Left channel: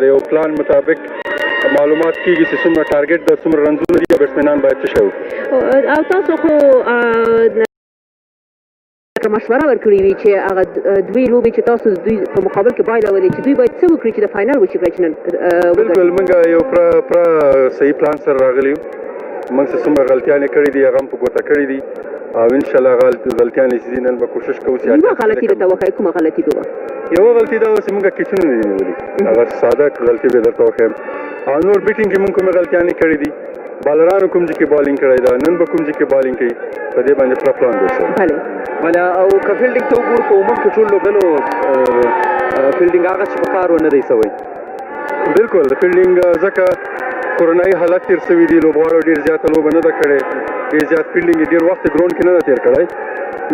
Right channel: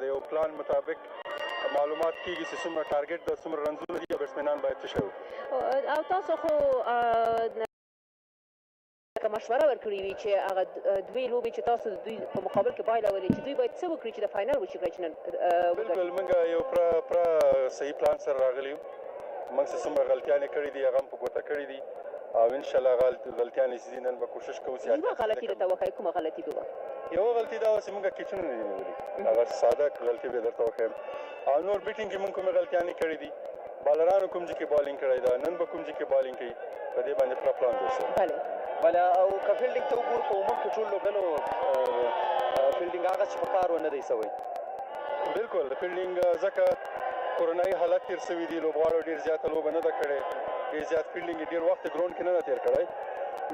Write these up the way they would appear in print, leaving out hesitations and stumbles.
د یو پلان مطابق معلومات کیږي چې څومره ټارګټ د څومره رنزونه دي او بیټسمینان باید څه شی وکړي. او تاسو خو مشوره ورکړې وي چې هغه دوی لوبې چې تاسو دوی په مقابل کې بایلولې چې دوی باید څه وکړي چې د فاینل وشي کړی چې نن بالکل موږ یو پوره صحیح پلان سره راغلي یو. موږ چې څومره غلطیانې کړي دي هغه هم په ګوته کړي دي او انشاءالله غلطیانې چې دي نن به کوشش کوو چې یوه غلطي درته وښایي. کومه غلطي به وه؟ یوه غلطي دا وه چې موږ کیچونه نه دي نیولي. هغه ساده غلطي به درته وښیم. او نور بیټینګ کې موږ کومې غلطیانې کړي دي، بالرانو کوم ځای کې بالینګ کړی ده، نن به کوم ځای کې بالینګ کوي، په دې باندې پوره پلان جوړ شوی. بله او که فیلډینګ ته وګورو په عموم کې ټول لوبډلو فیلډینګ هغه چې په کار ونه دی سوی. بالکل د فیلډینګ ځکه کورونایي حالت تېر سوي دي، لوبغاړو ډېر زیاته لوبه نه ده کړې، ډېر زیات فیلډینګ یې ډېر وخت ګراونډ کې نه ده تېر کړی،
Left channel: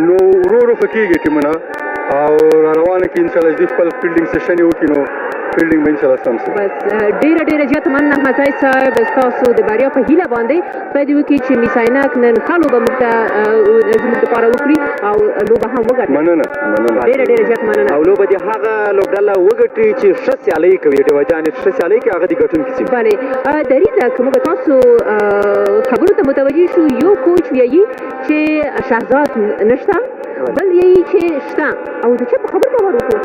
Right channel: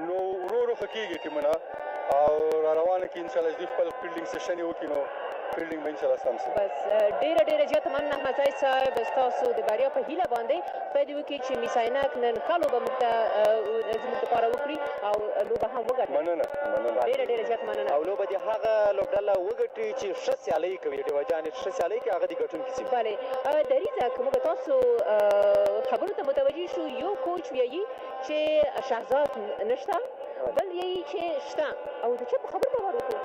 نو ورو ورو ښه کېږي ټیمونه او را روانه کې انشاءالله دوی خپل فیلډینګ سیشن یې وکړي نو فیلډینګ به انشاءالله سم شي. بس ډېره زیاته مننه احمدزی صاحب ستاسو د بریا په هیله باندې. خدای دې وکړي چې میس عینک نن ښه لوبه موږ دپاره وکړي او لوبه هم وګټي. مننه ډېره زیات مننه. او لوبه دې هغه لوبډله وګټي چې ښه سیالۍ کوي، ډېوه جانې ښه سیالۍ کوي هغه دې ګټونکي شي. بلې دریځه که موږ تاسو خبرو ته متوجه شو، یو کوچ ویایي چې شهزاد نشته، بل یایي چې شته، او د چا په خبر باور وکړو؟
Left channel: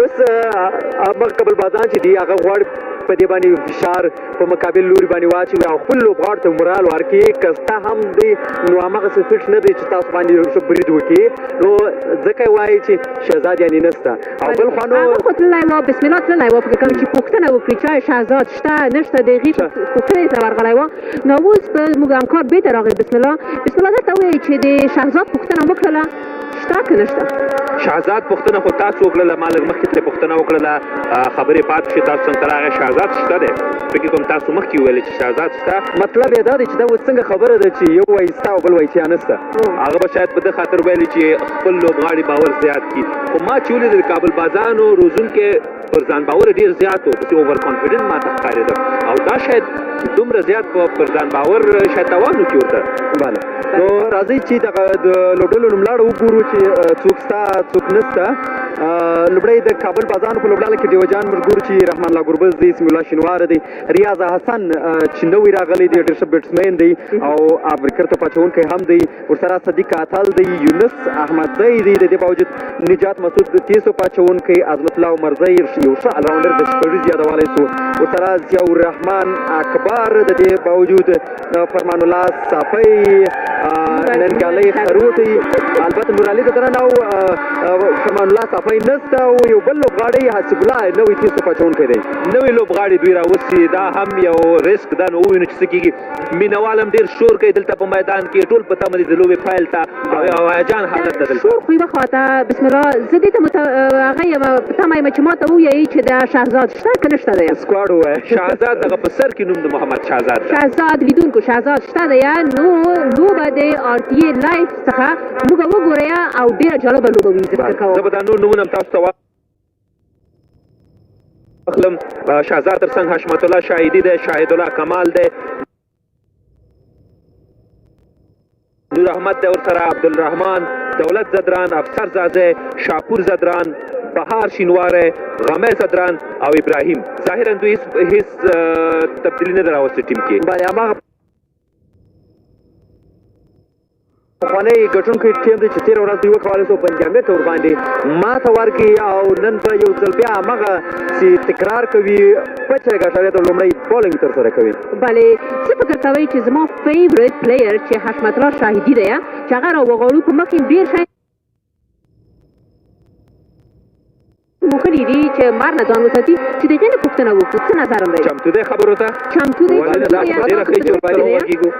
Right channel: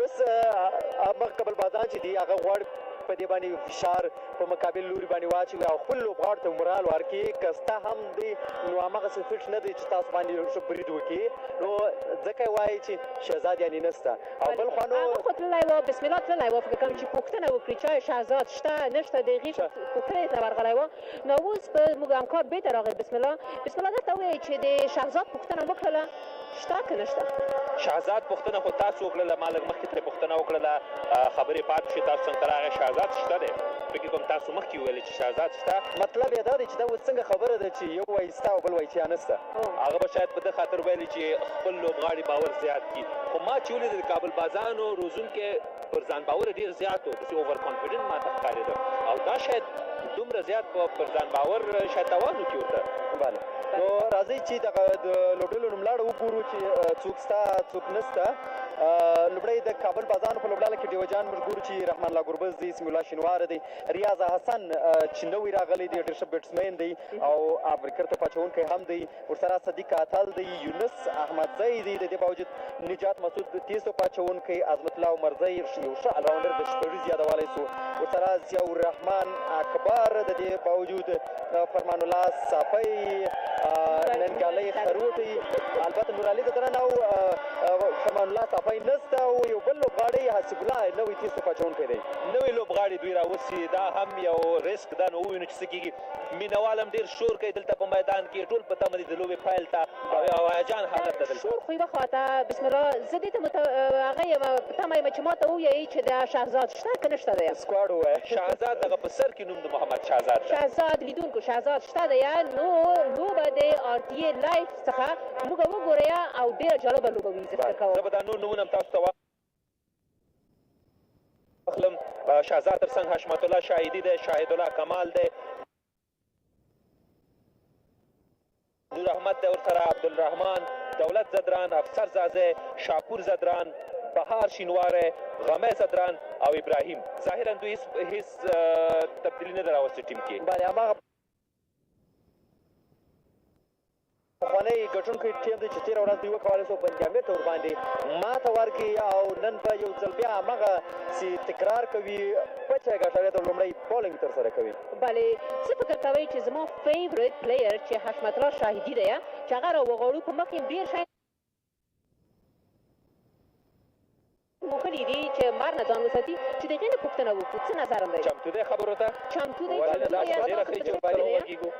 اوس هغه قبل بازان چې دي هغه غواړي په دې باندې فشار په مقابل لوري باندې واچوي او خپل لوبغاړو ته مورال ورکړي. که ستا هم دی نو هماغسې فټ نه دی چې تاسو باندې ښه برید وکړي، نو ځکه یې وایي چې شهزاد یعنې نشته. او بل خوا نو هغه خو تللی وه، بسم الله تللی وه، فکر کوم چې پوښتنه وکړي چې آیا شهزاد شته نشته، د هغې پوښتنې ته ورغلی وه. نو اوس به زموږ همکار بېرته راغی بسم الله درته ووایي چې د شهزاد پوښتنه وکړله شته که نشته. شهزاد پوښتنه خو تاسو وکړله، ما لږ مخکې ترې پوښتنه وکړله، خبرې پاتې شوې تاسو څنګ ته راغی. شهزاد شته دی، فکر کوم تاسو مخکې وویلې چې شهزاد شته. مطلب یې دا دی چې دا اوس څنګه خبره ده چې یو وایي شته او بل وایي چې یا نشته. هغه به شاید په دې خاطر ویلي چې خپل لوبغاړي باور زیات کړي. خو ما چې ولید د کابل بازانو روزونکي پر ځان باور ډېر زیات و، داسې اوور کانفیډنټ ما ته ښکارېده او دا شاید دومره زیات پر ځان باور شاید توان وکړي ورته. بله نو راځئ چې دغه د لوبډلو نوملاړه وګورو چې څوک شته څوک نشته. لومړی د کابل بازانو په لوبډله کې ډیوه جان موږ ګورو چې رحمان الله ګربز دی، اسم الله شینواره دی، ریاض حسن چې نوی راغلی دی ډېر ښه بیټسمین دی او ابریکر ته پاچونکی هم دی، ورسره صدیق اتل دی، یونس احمدزی دی، د دې باوجود نجات مسعود تیسو پاچونکی، عظمت الله عمرزی یو ښه الراونډر د شپږیز یادولی سو، ورسره ضیاء الرحمن اکبر، د دې باوجود فرمان الله صافی، ننګالی خروټی، البته نورعلي د درن او فرمان الله صافی نسته او یو بل لوبغاړی حسیب الله نوی تیسو پاچونکی دی. نوی لوبغاړي دوی راوستي، دا هم یو ریسک ده. نو ووینو چې څه کېږي. مینوال هم ډېر شور کوي دلته په میدان کې، ټول په تمه دي د لوبې پیل ته او هیجان حالت ده دلته. شور خو یوه خواته بسم الله زه دې ته هغه یم په تمه یم چې ما ته ووایي چې د شهزاد شته که نشته دی. سکواډ ووایه شهزاد دغه په سر کې نوم د محمد شهزاد ده. شهزاد لیدونکو شهزاد شته دی، نو لوبه د RTA لایف څخه موږ وګورئ او ډېره جالبه لوبه وي. زه به دا نور نومونه هم تاسو ته واخلم. شهزاد تر څنګ حشمت الله شاهدي دی، شاهد الله کمال دی، نور احمد دی، ورسره عبدالرحمن، دولت زدران، افسر زازی، شاپور زدران، بهار شینواره، غمه زدران او ابراهیم. ظاهرا دوی هیڅ تبدیلي نه ده راوستې ټیم کې. پخوانی ګټونکی ټیم دی چې تېره ورځ دوی وکولی سو بنجامیر ته ورباندې ماته ورکړي او نن به یو ځل بیا همغه چې تکرار کوي پچه ګټلې ته لومړی بالینګ ترسره کوي. بلې څه فکر کوئ چې زما فیورټ پلیر چې حشمت الله شاهدي دی چې هغه راوغواړو په مخ کې ډېر شی موخلي دي چې مار نه ځان وساتي چې د هغې نه پوښتنه وکړو. څه نظر هم دی؟ چمتو دی خبرو ته؟ چمتو دی. ډېره ښه چې ورباندې وغږېږو.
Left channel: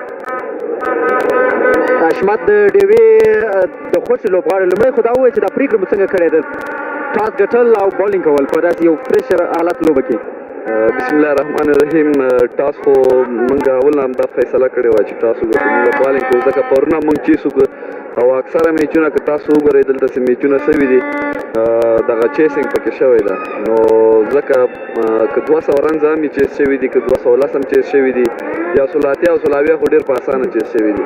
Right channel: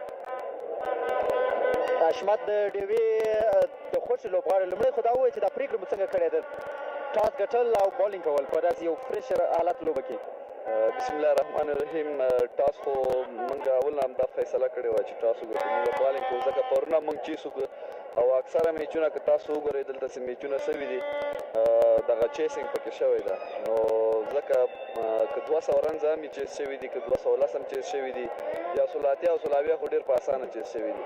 حشمت د ډیوې د خوښې لوبغاړی لومړی خو دا ووایي چې دا پرېکړه مو څنګه کړې ده ټاس ګټل او بالینګ کول په داسې یو فرش حالت لوبه کې؟ بسم الله الرحمن الرحیم. ټاس خو موږ اول نه همدا فیصله کړې وه چې ټاس وګټو، موږ بالینګ کوو ځکه پرونه موږ چیس وکړو او اکثره میچونه که تاسو وګورئ دلته چې میچونه سوي دي دغه چیسینګ پکې شوی ده، نو ځکه که 200 رنز هم یې چیس شوي دي، که 210 هم چیس شوي دي، یا 100 او 100 خو ډېر په اسانه چیس شوي دي.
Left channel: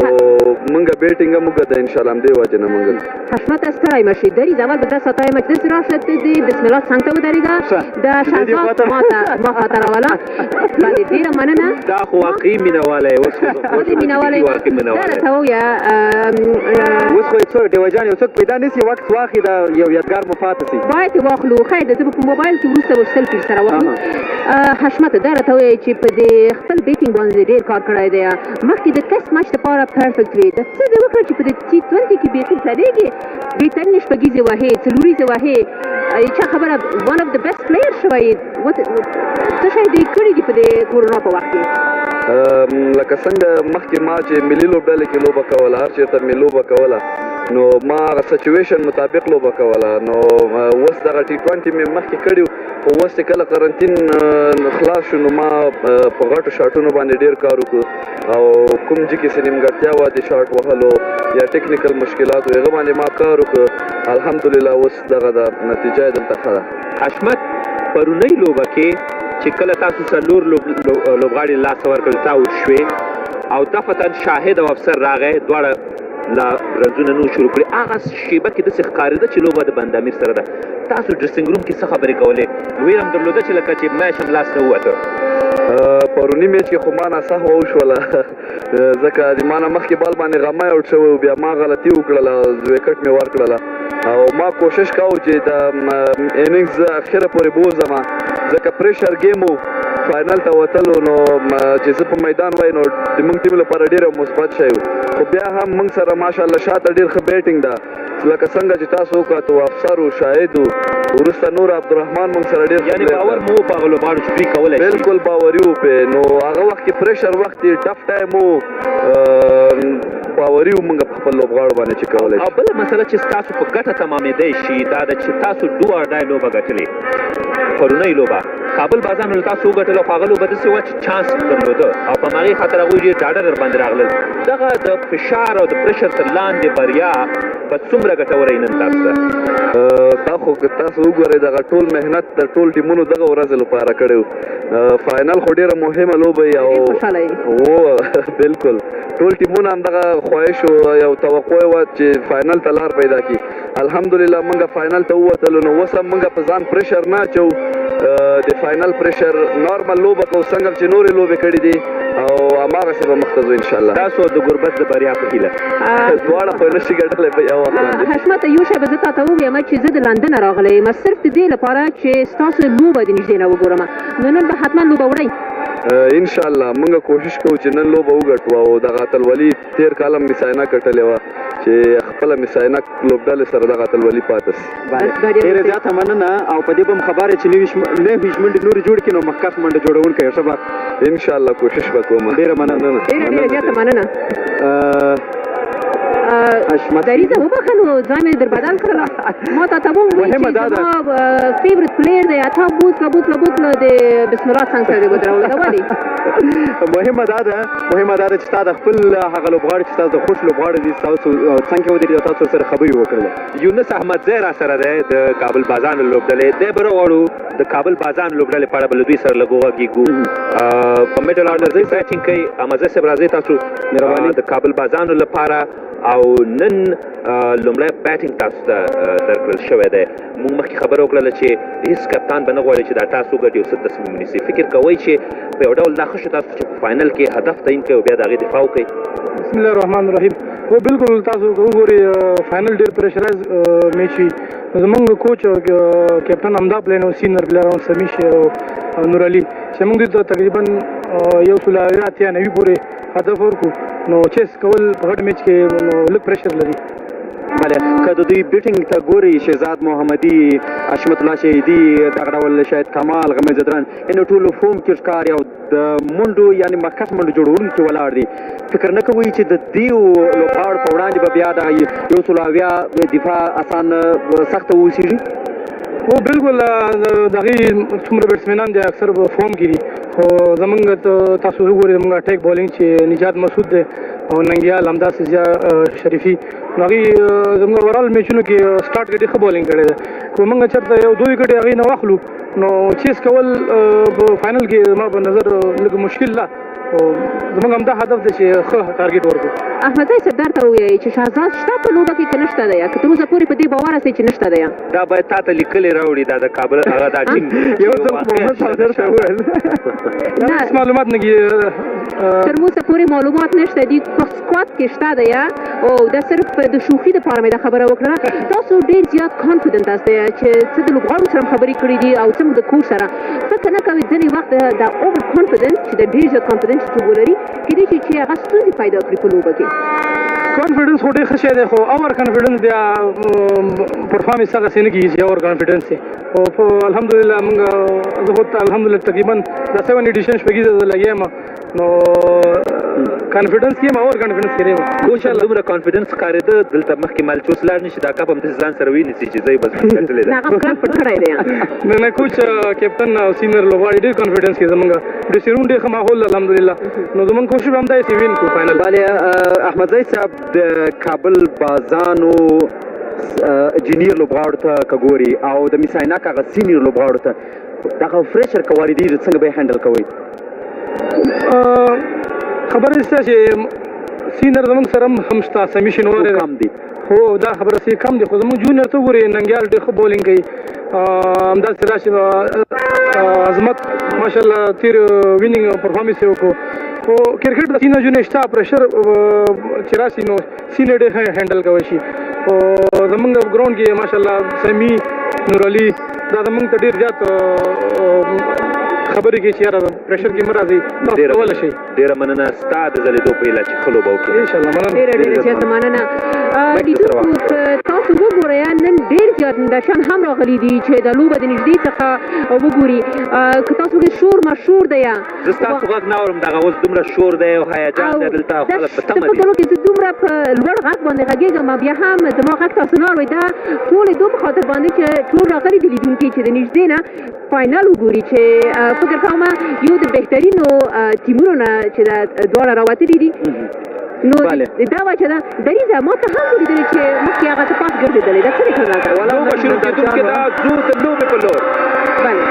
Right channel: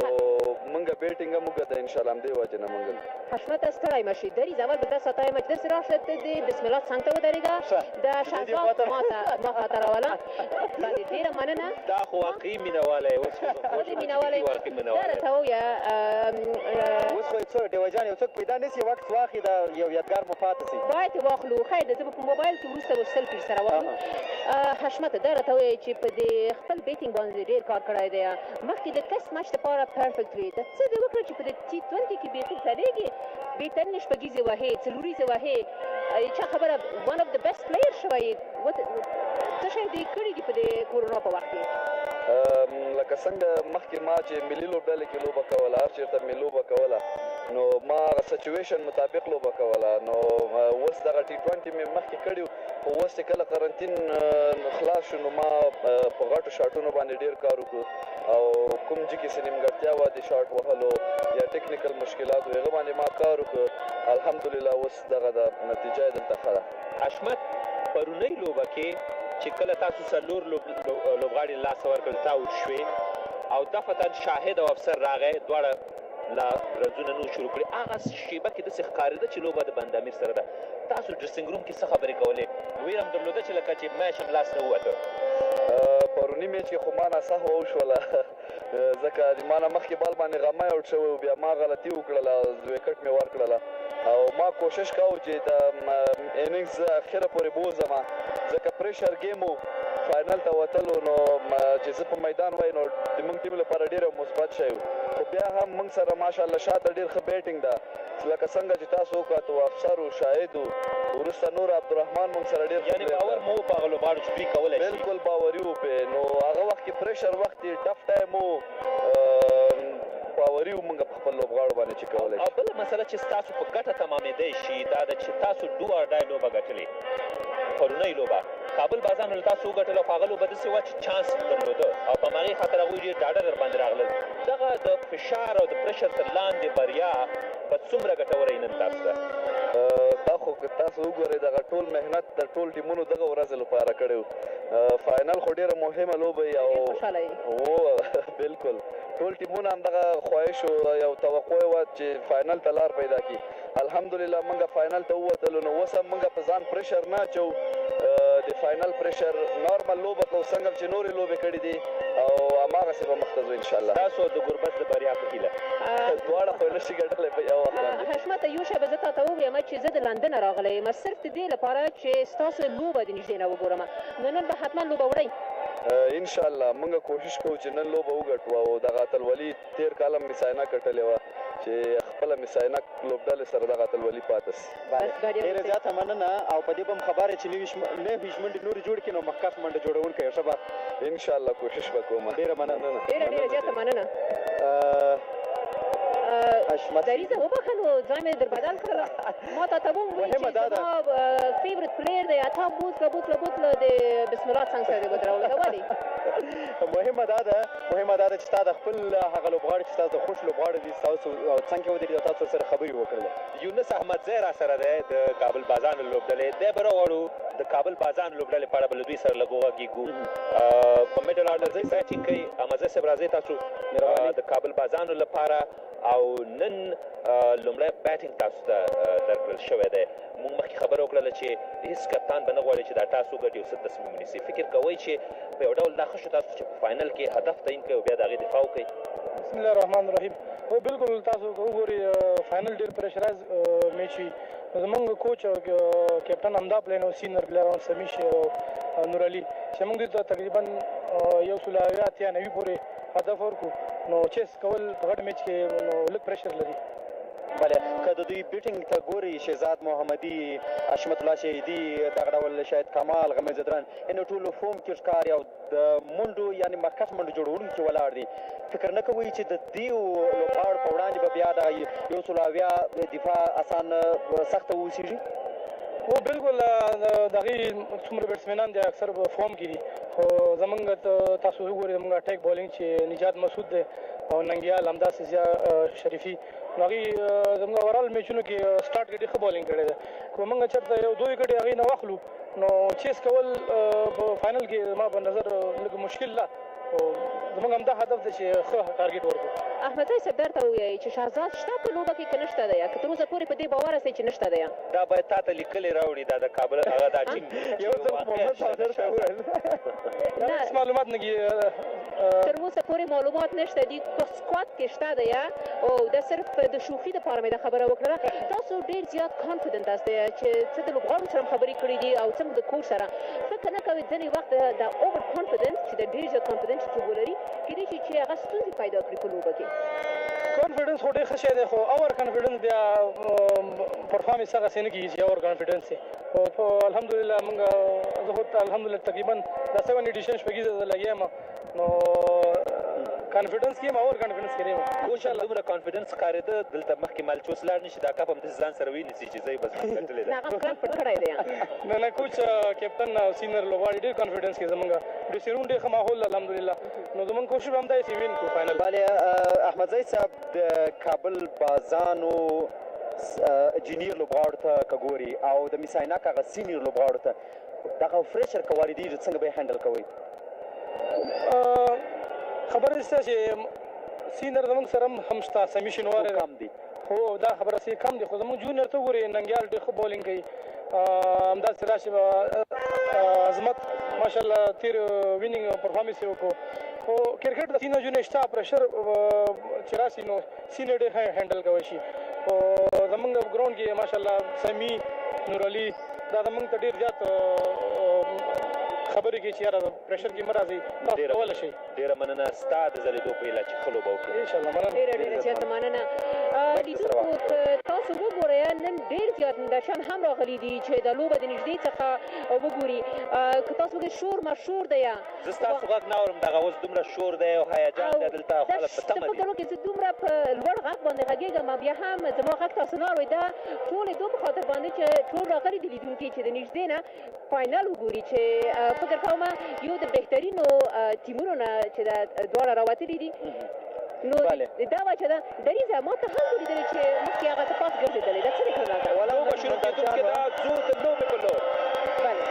نو موږ بیټینګ هم وکړه ان شاء الله همدې وجې نه موږ حشمت ستړی مشي دریز اول به 10 ساعته مچ داسې راشه دی بسم الله څنګ ته ودرېږه د شهزاد ما خاطر راوله باندې ډېره مننه دا خو واقعي مینهوالی اوس دا راته ووایه اوس خو څوک ډیوجان یو څوک پیدا نشي وخت واخلي دا یو یادګار مو پاتې شي باید یې واخلو ښایي د زه به په موبایل کې وروسته به سلفي سره واخلو حشمت دا راته ووایه چې په دې خپل بیټینګ باندې ډېر کار کړی دی مخکې د ټیسټ میچ دپاره پرفیکټ وي د څه دې وکړه چې په دې t20 کې بیخي سړېږي بهترینې شپږیزې وهې څلوریزې وهې چا خبره one of the best player شوی څه شی دې کړي دي په دې کورونا په وخت کې لکه څنګه مخکې ما چې ملي لوبډلې کې لوبه کوله هر چېرته مې لوبه کوله نو ما هغه سچویشن مطابق لوبه کوله نو اوس دغه t20 مې مخکې کړي خو اوس چې کله قرنطین خلاص شو نو ما په غټو شاټونو باندې ډېر کار وکړو او کوم ځای کې څه نیمګړتیا وه د شاټ وهلو یا ټیکنیکل مشکلات و هغه باندې ما کار وکړو الحمدلله اوس دغه د نتیجه یې دلته ښه ده حشمت پرونۍ لوبه کې چې کله تاسو څلور لوبغاړي لاسته ورکړل تا اوټ شوې او دفتاً شاهد او افسر راغی دواړه لا رنځونه نو شروع کړي هغه شیبه کې داسې ښکارېده چې لوبه د بند امیر سره ده تاسو ډریسنګ روم کې څه خبرې کولې ویره هم درلوده چې لکه چې میچ هم لاس نه ووته پروني میچ کې خو ما ناڅاپه وشوله ځکه د ما نه مخکې بال باندې غمی اوټ شوی و بیا ما غلطي وکړله ویکټ مې ورکړله او ما کوشش کوو چې د اننګز اخره پورې بوځم ځکه پریشر ګیم و فاینل ته وتلو نو چې زه په میدان وای نو د موږ ټیم لپاره ډېره مثبت شی و خو بیا هم موږ سره ماشاءالله شاته ډېر ښه بیټینګ ده لکه څنګه چې تاسو وکړو افسر و شاهد و وروسته نور عبدالرحمن موږ سره ډېر یعنې باور مو په هغه لوبغاړو چې دوی کولی شي بالکل باوري و پې نو هغه وخت کې پریشر وخت یې ټف ټایم و باوري و موږ په خپل لوبغاړو باندې چې کولی شي او بله مسله چې ستاسو په ګټه تمامېدی شي دا ده چې تاسو ډو اور ډای لوبه ګټلې پرونۍ لوبه کابل بازانو له تاسو وګټله خو هغه لوبه داسې وه چې چانس درلوده او په هماغې خاطر هغوی ډېر ډاډه در باندې راغلل دغه د فشار او د پریشر تر لاندې بریا به څومره ګټوره نن تاسو ته دا خو که تاسو وګورئ دغه ټول محنت د ټول ټیمونو دغه ورځې لپاره کړی و فاینل خو ډېره مهمه لوبه وي او بالکل ټول ټیمونه هم دغه خواهش یو توقع یې وه چې فاینل ته لار پیدا کړي الحمدلله موږ فاینل ته ووتلو نو اوس هم موږ په ځان پریشر نه اچوو د فاینل پریشر نارمل لوبه کوو څنګه چې نورې لوبې کړي دي او هماغسې به مخته ځو انشاءالله تاسو د ګربت د بریا په هیله دواړه خو یې نشي ګټلی په یو وخت باندې حشمت یو شی به زه تا ته ووایم چې زه د لندن راغلی یم صرف د دې لپاره چې ستاسو لوبه د نږدې نه وګورم نو نن به حتما لوبه وړئ انشاءالله موږ کوشش کوو چې نن لوبه وګټو او دغه اتلولي تېر کال هم مس عینک ګټلې وه چې خپله مس عینک لوبډلې سره دغه اتلولي پاته سي ډېره زیاته مننه او په دې به م خبره چې نوي منډې نورې جوړ کړي نو مخکښ منډه جوړونکی ښه به انشاءالله کوشش به کوم ډېره مننه ډېره زیاته مننه دریزه وبخه نو ځای مې در بدل کړله ما تا ته ووایي چې زما فیورټ پلیر دی تا بوتله د بسم الله څنګ سره دې ودرولو دا ولې مهمه دا ده چې تا د خپل هغه لوبغاړي چې تاسو د خوښ لوبغاړي دي تاسو څنګ کې ودرېد او تاسو سره خبرې وکړلې یونس احمدزی را سره دی د کابل بازانو لوبډلې دی به راغواړو د کابل بازانو لوبډلې په اړه به له دوی سره لږ وغږېږو په میډل آرډر کې بیټینګ کوي احمدزی صاحب راځئ تاسو د کابل بازانو لپاره او نن لومړی بیټینګ تاسو ته درکړل شوی دی موږ مخکې خبره وکړله چې هېڅ کپتان به نه غواړي چې دا ټاس وګټي او څه تصمیم ونیسي فکر کوئ چې په یو ډول دا ښه شو تاسو چې په فاینل کې هدف تعین کوئ او بیا د هغې دفاع وکړئ بسم الله الرحمن الرحیم هو بالکل تاسو وګورئ فاینل ډېر پریشرایز میچ وي زموږ کوچ کیپټن همدا پلین او سینر پلیر سمیش نور علي چې موږ دوی ته تقریبا 190 پورې هدف ورکړو نو چیس کول په غټ میچ کې نو لږ پریشر لري بله که د دوی بیټینګ ته ګورئ شهزاد محمدي حشمت الله شهیدي دغه ډول شاید کمال غمی زدران یعنې ټولو فوم کې ښکاري او د منډو یعنې مخکښ منډو جوړونکي ولاړ دي فکر نه کوئ چې د دې لوبغاړو په وړاندې به بیا دغه 180 دفاع اسان سخته واوسېږي هو بالکل دغې څومره بیټسمینان دي اکثر په فوم کې دي خو زمونږ تاسو وګورئ زمونږ اټیک بالینګ چې نجات مسعود دی او ننګیال همداسې ضیا شریفي نو هغې زموږ اورال میچونو کې سټارټ کې ډېر ښه بالینګ کړی دی خو موږ چېرته یو 2 وکټې هغې نه واخلو نو چیس کول په فاینل کې زما په نظر لږ مشکل ده زموږ همدا هدف دی چې ښه ټارګېټ ورکړو. احمدزی سردار ته ووایي چې شهزاد شته په لوبه کې که نشته دی که تر اوسه پورې په دې باور هستئ چې نشته دی دا باید تا ته لیکلې راوړي دا د کابل هغه دا ټیم یو ځل محمد صادر ته وویل هیڅ معلومات نه تر اوسه پورې معلومات نشته دي په سکواډ کې شته دی او دا صرف د شوخي دپاره مې دا خبره وکړه. تاسو ډېر زیات کانفیډنټ یاستئ چې څه د لوبغاړو سره خبرې کړي دي او څه د کوچ سره فکر نه کوئ ځینې وخت دا اوور کانفیډنس چې د ډېر زیات کانفیډنس چې ولري کېدای شي چې هغه ستونزې پیدا کړي په لوبه کې. کانفیډنس خو ډېر ښه شی دی خو اور کانفیډنس بیا پرفارمنس هغسې نه کېږي چې اور کانفیډنس دی. خو الحمدلله موږ زه خو الحمدلله تقریبا دا 7 ایډیشن شپږیزه زه لګیا یم نو کانفیډنس کې یم اور کانفیډنس کې یم. کوچ دومره کانفیډنس ښکارېده دلته مخکې مالچوس لاړ نه شي دا کپ هم داسې ځان سره وینیسي چې زه یې بس ګټلې ده. هغه پلان پټ کړی دی نه کوچ کیپټن او سینیئر لوبغاړي ډېر کانفیډنس کې زموږ ډرېسینګ روم ډېر ښه ماحول الحمدلله نو زموږ کوشش به همدا چې وین کړو فاینل. بله احمدزی صاحب د کابل بازانو جونیئر لوبغاړو ته که ګوري او د میس عینک هغه سینیئر لوبغاړو ته دغه فریشر که واردېږي څنګه به یې هینډل کوئ؟ خبره دې شته چې سینیئر زموږ سره هم شته سمی شینواری کم دي هو دا خبره سي کم دي خو زموږ جونیئر ته وګورئ ننګیال ډېر ښه بولینګ کوي همداسې راشي عظمت ماشاءالله تېر وینینګ پرفارمنس یې وکړو خو کرکټ د سینیئر جونیئر شته پریشر چې راشي نو سینیئر ډېر ښه هینډل کولی شي خو زموږ ګراونډ کې ماشاءالله سمی نورعلي دا زموږ ته ډېر زیات خبرې کوي چې یاره پریشر کې مه راځئ تاسو کولی شئ. ډېره مننه ستا د ځلېدو په هیله چې ښه لوبه وکړې. انشاءالله مننه ډېره زیاته مننه. لیدونکو تاسو وګورئ نن ډېر زیات نندارچیان هم راغلي دي چې د لوبه د نږدې څخه وګوري که تاسو وګورئ شور مشهور دی زه ستاسو غږ نه اورم دغه اوس دومره شور دی او هیجان دی دلته او خلک په تمه دي. فکر وکړئ زه دومره په لوړ غږ باندې غږېږم بیا هم زما غږ تاسو نه اورئ دا ټول یې دوه په خاطر باندې چې ټول راغلي دي لیدونکي چې د نږدې نه فاینل وګوري چې فکر کوم یو د بهترینو ټیمونو نه چې دا دواړه راوتلي دي نو دا وجه ده دریځه ما ته هم ولیدلې چې مخکې هغه ته پاس ګرځېدلی دا څه دی کړل لوبه شروع کېدونکې ده ځو د لوبې په لور. بله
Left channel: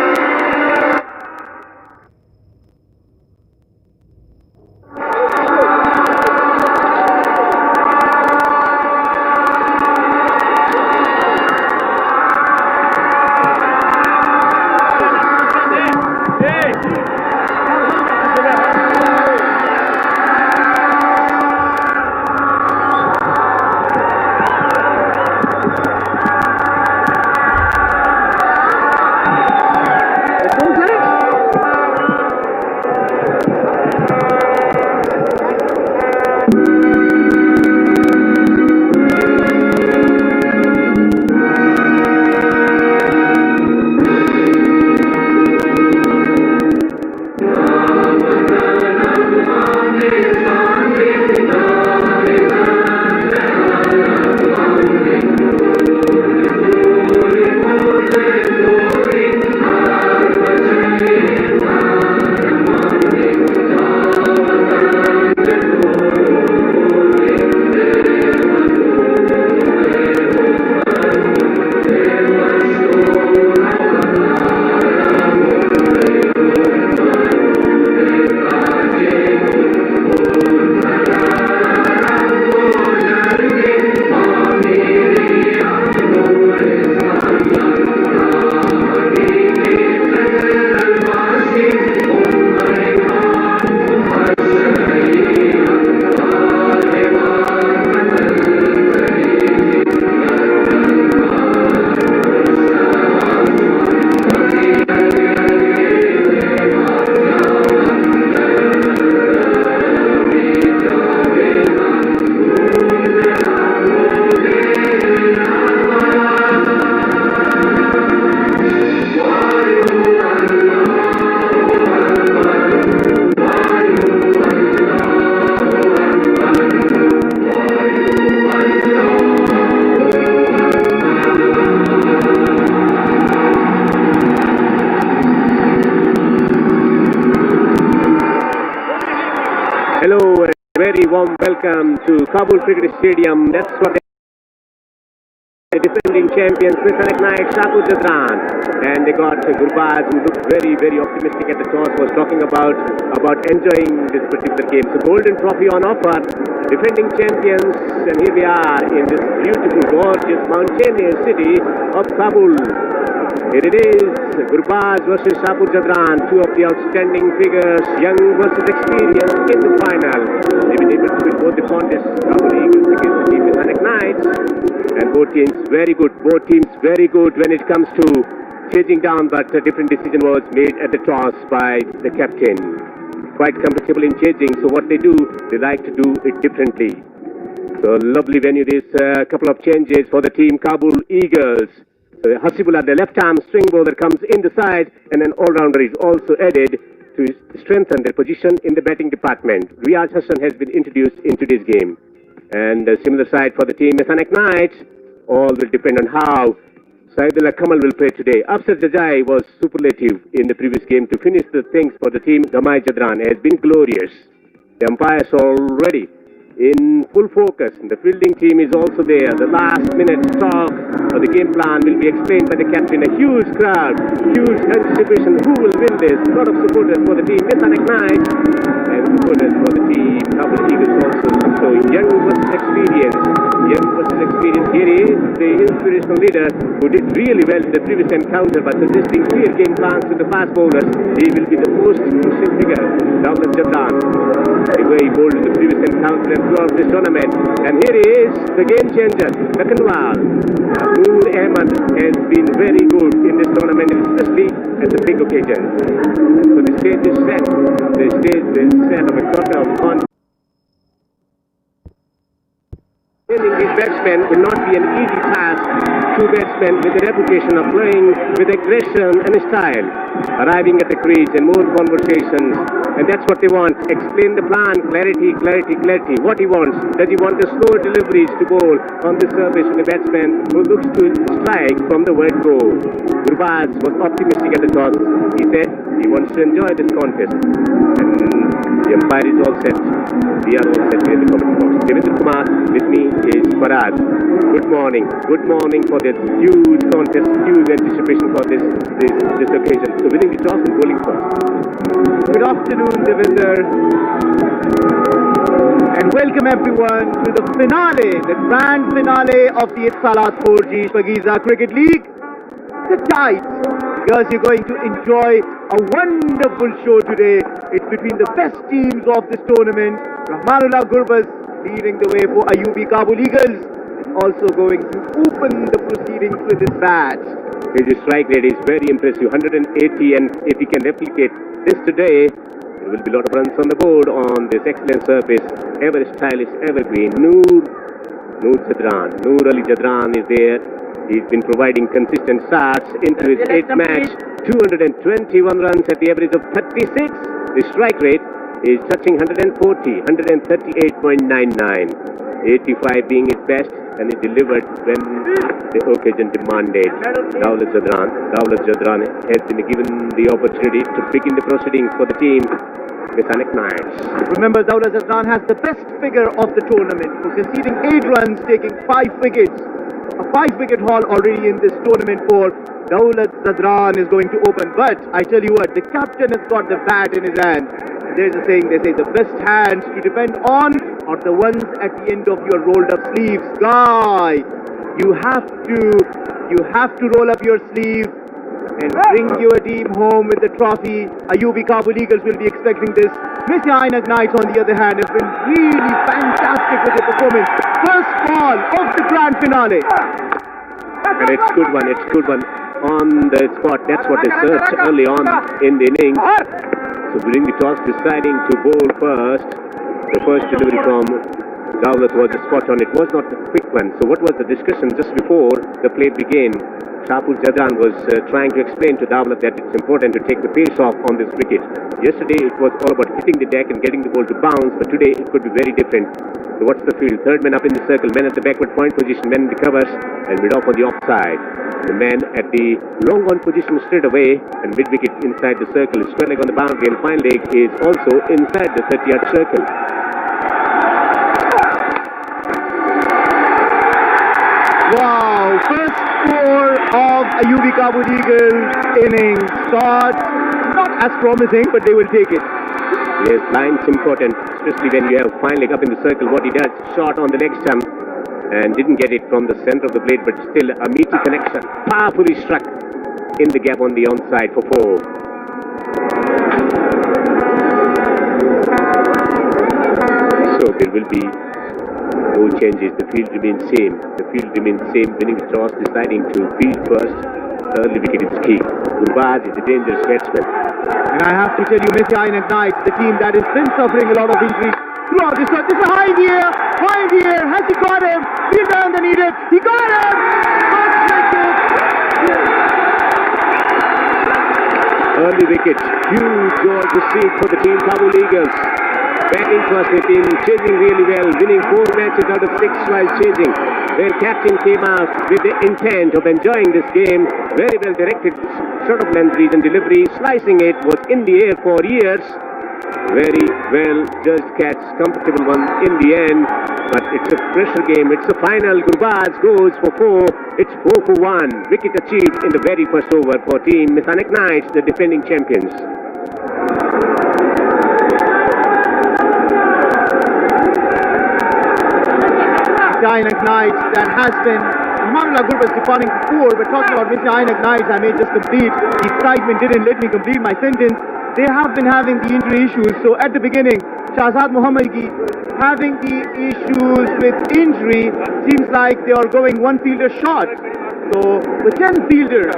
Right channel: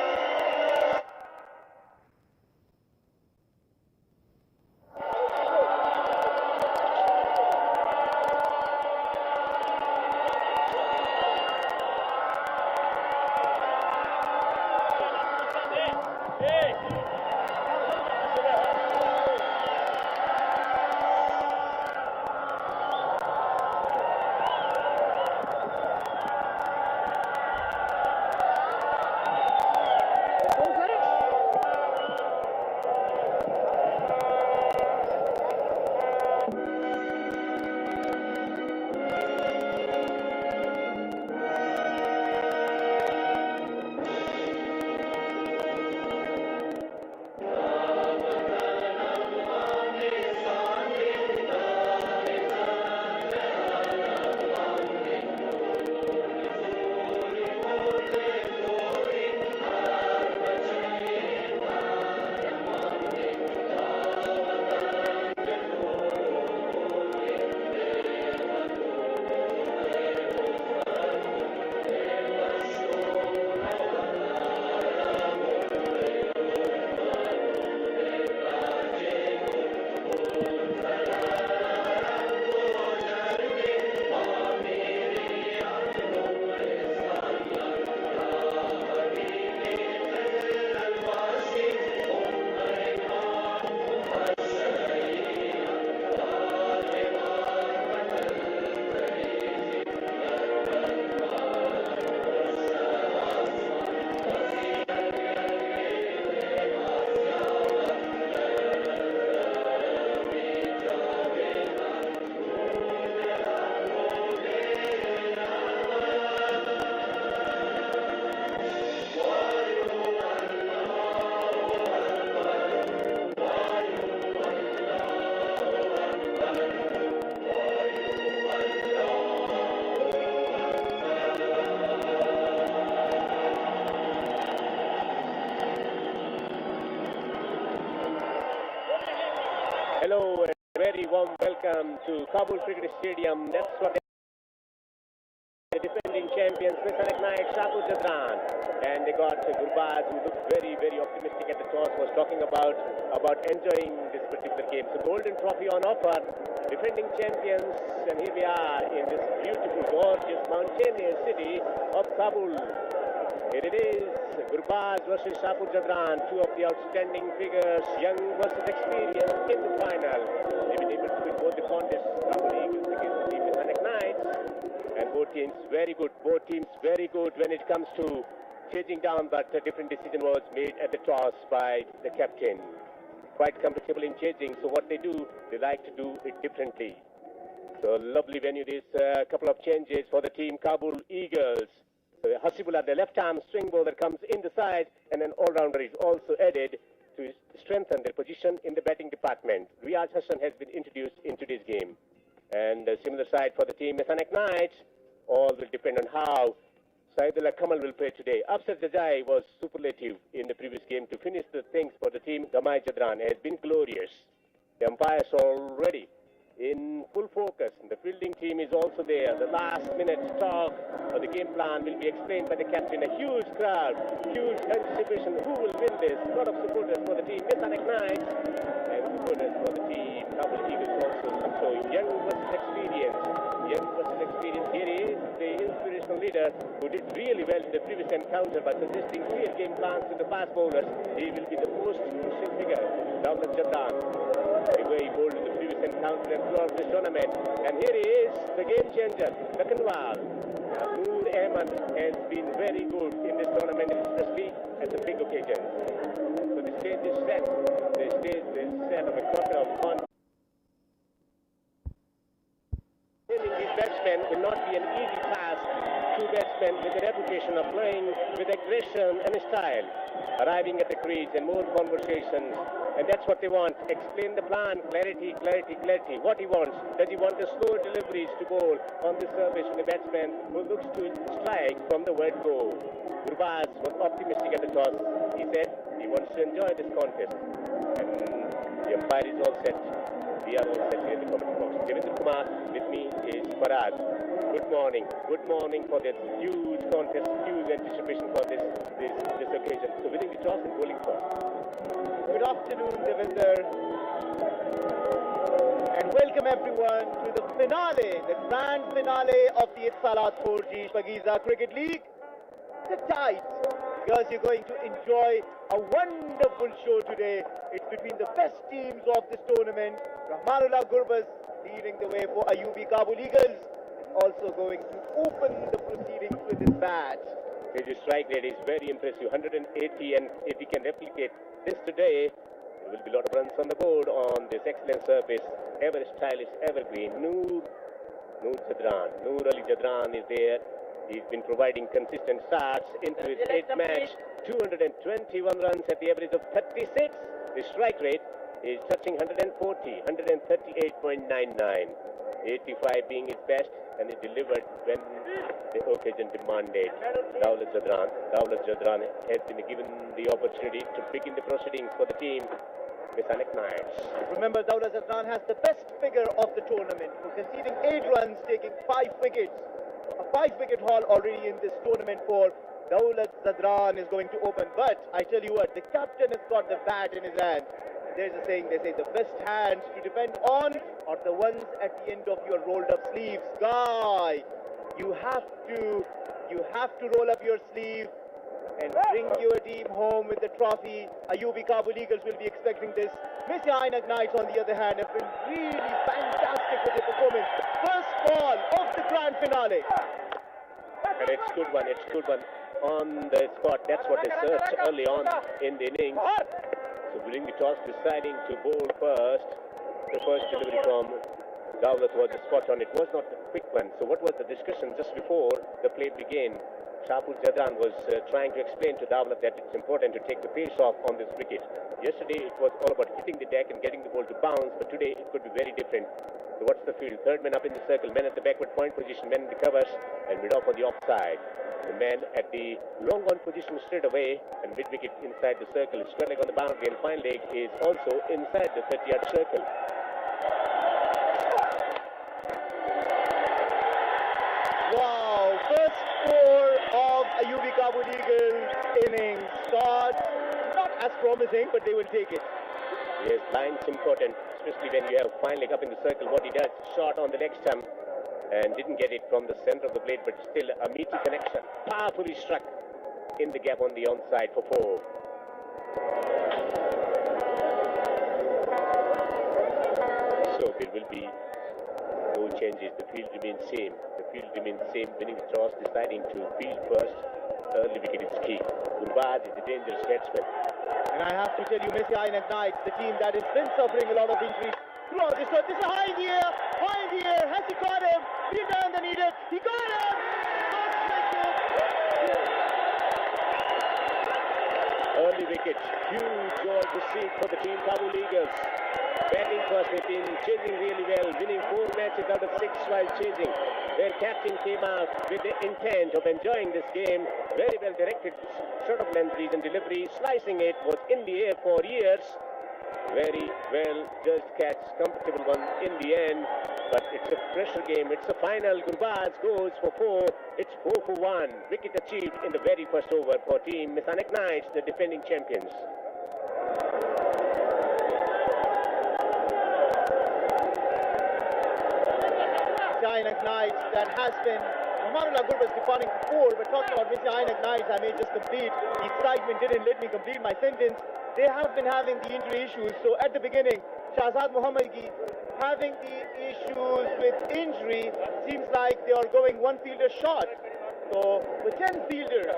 Welcome to Kabul Cricket Stadium. That's what defending champions, Ainak Knight, Shpageeza. And they got Gurbaz, who looked very, very optimistic at the toss, was talking about enjoying this particular game. So golden trophy on offer, defending champions, and here we are in this beautiful, gorgeous, mountainous city of Kabul. Here it is, Gurbaz versus Shpageeza, two of the outstanding figures, young versus experienced in the final. They've been able to win both the contests, Kabul Eagles against the team Ainak Knights. And both teams very good when it comes to chasing down, but a different decision was made at the toss by the captain. Quite comfortable in chasing, so what they do, they like to do it differently. So lovely venue, this couple of changes for the team Kabul Eagles. Hasibullah, the left-arm string bowler, comes in the side, and an all-rounder is also added to strengthen their position in the batting department. Riyaz Hassan has been introduced into this game. And a similar side for the team Ainak Knights. All will depend on how Saidullah Kamal will play today. Afsar Jajai was superlative in the previous game to finish the things for the team. Gamai Jadran has been glorious. The umpires already in full focus. The fielding team is also there. The last minute talk of the game plan will be explained by the captain. A huge crowd, huge anticipation. Who will win this? A lot of supporters for the team Ainak Knights and supporters for the team Kabul Eagles also. So young versus experienced. Young versus experienced. Here is the inspirational leader who did really well in the previous encounter by suggesting clear game plans to the fast bowlers. He will be the most crucial figure, Dawlat Jadran. The way he bowled in the previous encounter and throughout this tournament. And here is the game changer, Lakanwal. Noor Ahmed has been very good in this tournament, especially at the big occasions. So the stage is set. The stage is set of a quarter of confidence. Training these batsmen will not be an easy task. Two batsmen with a reputation of playing with aggression and style, arriving at the crease and more conversations, and that's what they want. Explain the plan, clarity, clarity, clarity. What he wants. Does he want the slow deliveries to bowl on the surface with a batsman who looks to strike from the word go? Gurbaz was optimistic at the toss. He said he wants to enjoy this contest. And the umpire is all set. We are all set here in the commentary box. Devendra Kumar, with me is Farad. Good morning for this huge contest, huge anticipation for this occasion. So winning the toss and bowling first. Good afternoon, Devendra. And welcome everyone to the finale, the grand finale of the Salat 4G Shpageeza Cricket League. Sit tight, because you're going to enjoy a wonderful show today. It's between the best teams of this tournament. Rahmanullah Gurbaz leading the way for Ayubi Kabul Eagles. Also going to open the proceedings with his bat. His strike rate is very impressive, 180, and if he can replicate this today, there will be a lot of runs on the board on this excellent surface. Ever stylish, evergreen. Noor Ali Jadran is there. He's been providing consistent starts into his 8th match. 221 runs at the average of 36. The strike rate is touching 140, 138.99. 85 being his best, and he delivered when the occasion demanded. Dawlat Jadran has been given the opportunity to begin the proceedings for the team Ainak Knights. Remember, Dawlat Jadran has the best figure of the tournament for conceding 8 runs, taking 5 wickets. A 5-wicket haul already in this tournament for Dawlat Jadran is going to open. But I tell you what, the captain has got the bat in his hand. There's a saying, they say the best hands to depend on are the ones at the end of your rolled up sleeves. Guy, you have to roll up your sleeve and bring your team home with the trophy. Ayubi Kabul Eagles will be expecting this. Mr. Ainak Knights, on the other hand, have been really fantastic with their performance. First ball of the grand finale. And it's good one on the spot. That's what they searched early on in the innings. So winning the toss, deciding to bowl first. The first delivery from Dawlat was a spot on. It was not a quick one. So what was the discussion just before the play began? Shpageeza was trying to explain to Dawlat that it's important to take the pace off on this wicket. Yesterday it was all about hitting the deck and getting the ball to bounce, but today it could be very different. So what's the field? Third man up in the circle, men at the backward point position, men in the covers, and mid-off on the offside. The man at the long on position straight away, and mid-wicket inside the circle. Square leg on the boundary, and fine leg is also inside the 30-yard circle. Wow, of UV Kabul Eagles innings. Start not as promising, but they will take it. Yes, line's important, especially when you have fine leg up in the circle. What he does, shot on the leg stump and didn't get it from the center of the blade, but still a meaty connection. Powerfully struck in the gap on the onside for 4. So there will be no changes. The field remains same. The field remains same. Winning the toss, deciding to field first. Early wicket is key. Gurbaz is a dangerous batsman. And I have to tell you, Messi Ainak Knights, the team that has been suffering a lot of injuries throughout this one. This is a high in the air. High in the air. Has he got him? Fielder underneath it. He got him. Early wicket. Huge goal to see for the team Kabul Eagles. Batting first, they've been chasing really well, winning 4 matches out of 6 while chasing. Their captain came out with the intent of enjoying this game. Very well directed, short of length, reason delivery, slicing it, was in the air for years. Very well judged catch, comfortable one in the end. But it's a pressure game, it's a final. Gurbaz goes for 4, it's 4 for 1. Wicket achieved in the very first over for team Ainak Knights, the defending champions. Ainak Knights that has been Rahmanullah Gurbaz departing for 4, but talking about Mr. Ainak Knights, I may just complete. The excitement didn't let me complete my sentence. They have been having the injury issues. So at the beginning, Shahzad Mohammadi having the issues with injury, seems like they are going 1 fielder short. So with 10 fielders,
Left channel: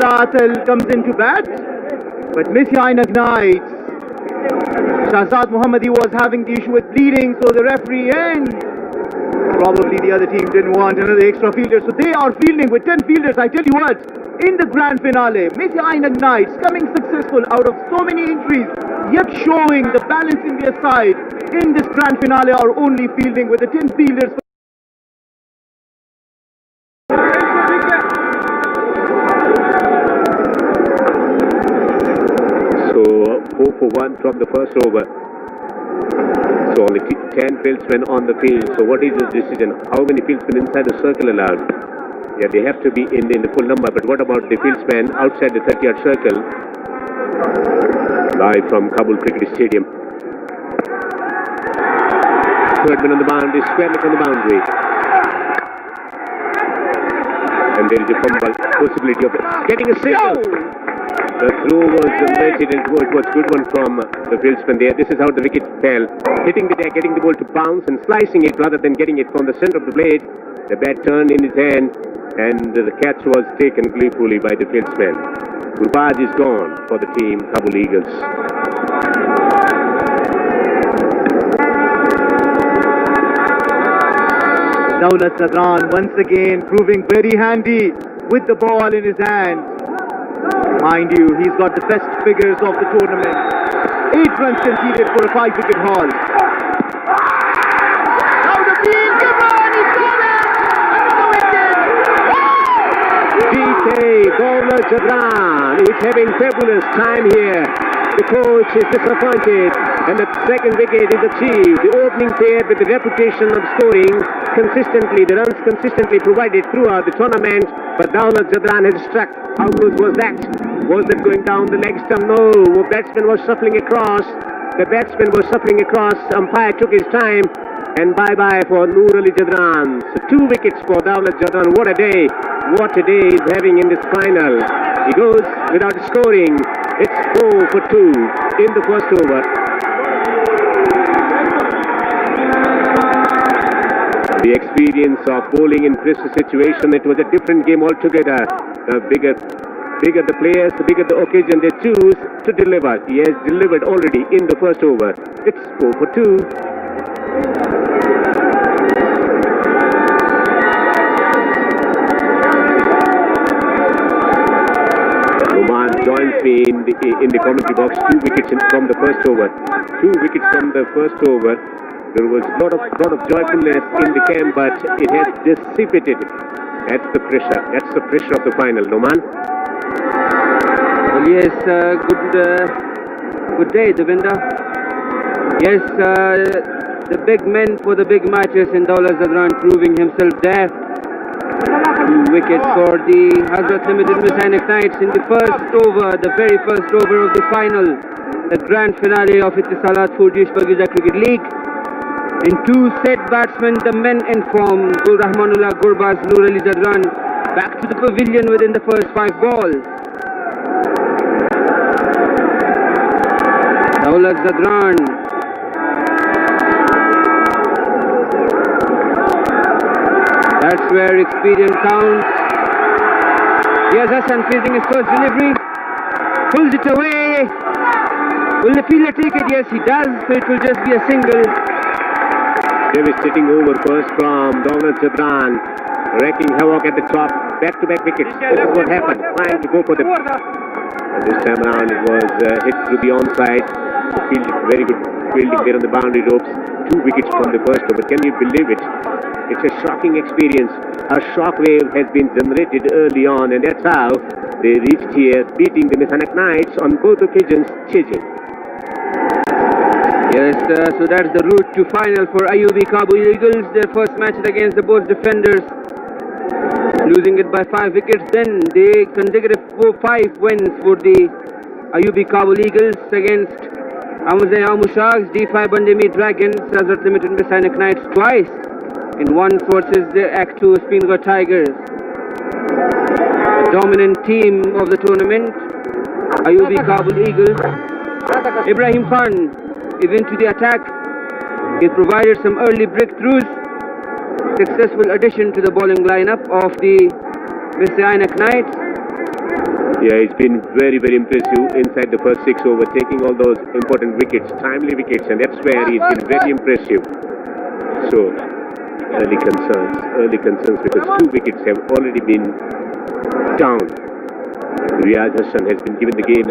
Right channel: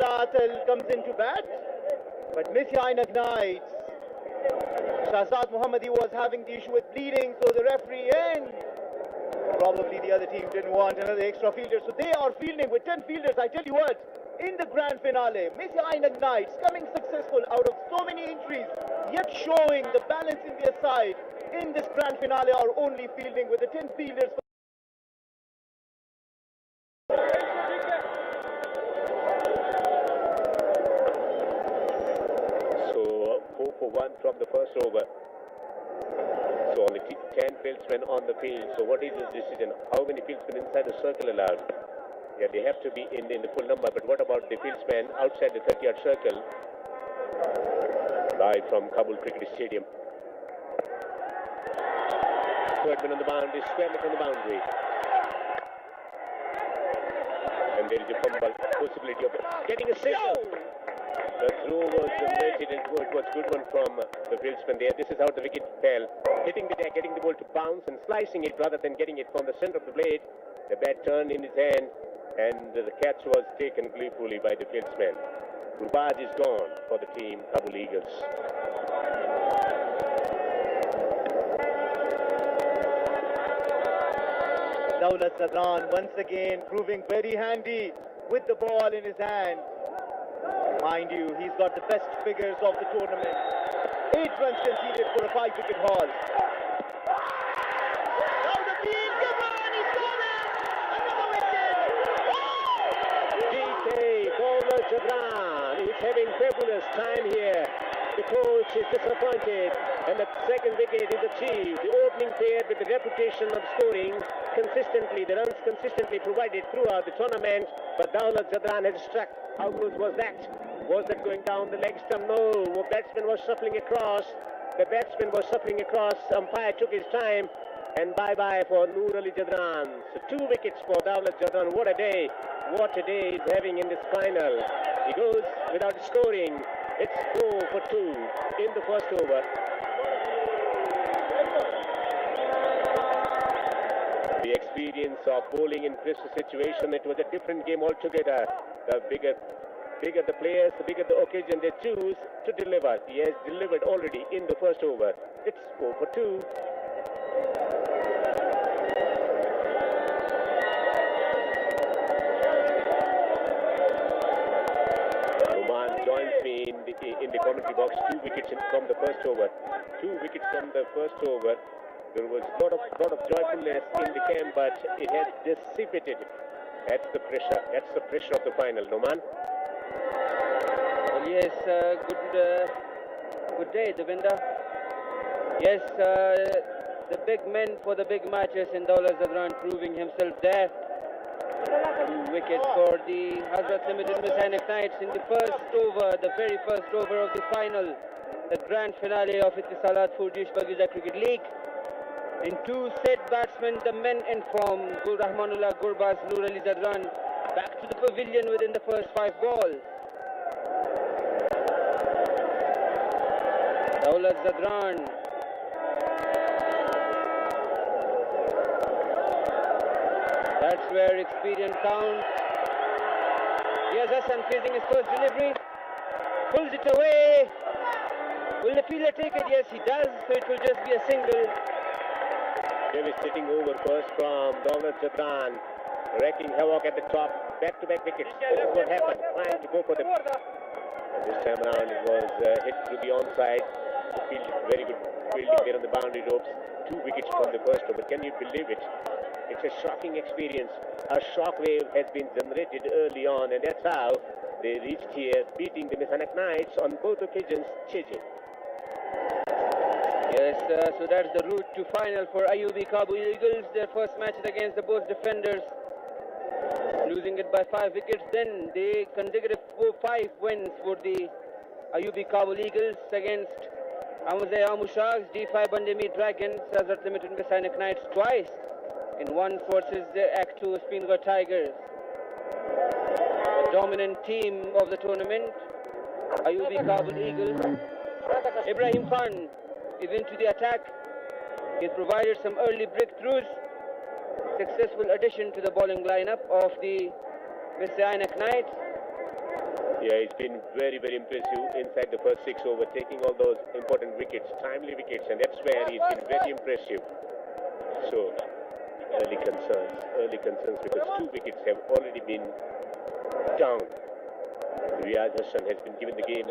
Atal comes into bat, but Messi Ainak Knights, Shahzad Mohammadi was having the issue with bleeding, so the referee and probably the other team didn't want another extra fielder, so they are fielding with 10 fielders. I tell you what, in the grand finale, Messi Ainak Knights coming successful out of so many injuries, yet showing the balance in their side in this grand finale, are only fielding with the 10 fielders. For 1 from the first over. So only 10 fieldsmen on the field. So what is the decision? How many fieldsmen inside the circle allowed? Yeah, they have to be in the full number. But what about the fieldsmen outside the 30-yard circle? Live from Kabul Cricket Stadium. Third man on the boundary, square leg on the boundary. And there is a fumble possibility of getting a single. The throw was it was a good one from the fieldsman there. This is how the wicket fell. Hitting the deck, getting the ball to bounce and slicing it rather than getting it from the center of the blade. The bat turned in his hand and the catch was taken gleefully by the fieldsman. Gurbaz is gone for the team Kabul Eagles. Daulat Zadran once again proving very handy with the ball in his hand. Mind you, he's got the best figures of the tournament. 8 runs conceded for a 5-wicket haul. Now the field, Gibran, he's got it! Another wicket! DK, Daulat Zadran is having fabulous time here. The coach is disappointed and the second wicket is achieved. The opening pair with the reputation of scoring consistently, the runs consistently provided throughout the tournament, but Daulat Zadran has struck. How close was that? Was that going down the leg stump? No. The batsman was shuffling across. The batsman was shuffling across. Umpire took his time. And bye-bye for Noor Ali Zadran. So 2 wickets for Daulat Zadran. What a day. What a day he's having in this final. He goes without scoring. It's 4 for 2 in the first over. The experience of bowling in pressure situation, it was a different game altogether. The bigger the players, the bigger the occasion they choose to deliver. He has delivered already in the first over. It's 4 for 2. Oman joins me in the commentary box. 2 wickets from the first over. 2 wickets from the first over. There was a lot of joyfulness in the camp, but it has dissipated. That's the pressure. That's the pressure of the final. Noman? Well, yes, good day, Devinder. Yes, the big men for the big matches in Dawla Zadran proving himself there. 2 wickets for the Hazrat Limited Miss Ainak Knights in the first over, the very first over of the final, the grand finale of Ittisalat 4G Shpageeza Cricket League. In 2 set batsmen, the men in form, Gul Rahmanullah Gurbaz, Nur Ali Zadran, back to the pavilion within the first 5 balls. Dawla Zadran. That's where experience counts. Here's Hassan facing his first delivery. Pulls it away. Will the fielder take it? Yes, he does. So it will just be a single. Devastating over first from Dawla Zadran. Wrecking havoc at the top. Back-to-back wickets. This is what happened. Trying to go for the... And this time around it was hit through the onside. Very good fielding there on the boundary ropes. 2 wickets from the first over. Can you believe it? It's a shocking experience. A shockwave has been generated early on, and that's how they reached here, beating the Miss Ainak Knights on both occasions, chasing. Yes, so that's the route to final for IUB Kabul Eagles. Their first match against the both defenders, losing it by 5 wickets. Then the consecutive 5 wins for the IUB Kabul Eagles against Amuzaya Mushags, D5 Bandemi Dragons, Hazrat Limited Miss Ainak Knights twice. In one versus the Act 2 Spingar Tigers. The dominant team of the tournament, IUB Kabul Eagles. Ibrahim Khan is into the attack. He provided some early breakthroughs. Successful addition to the bowling lineup of the Miss Ainak Knights. Yeah, it's been very, very impressive inside the first 6 overs, taking all those important wickets, timely wickets, and that's where he's been very impressive. So, early concerns because 2 wickets have already been down. Riyaz Hassan has been given the game.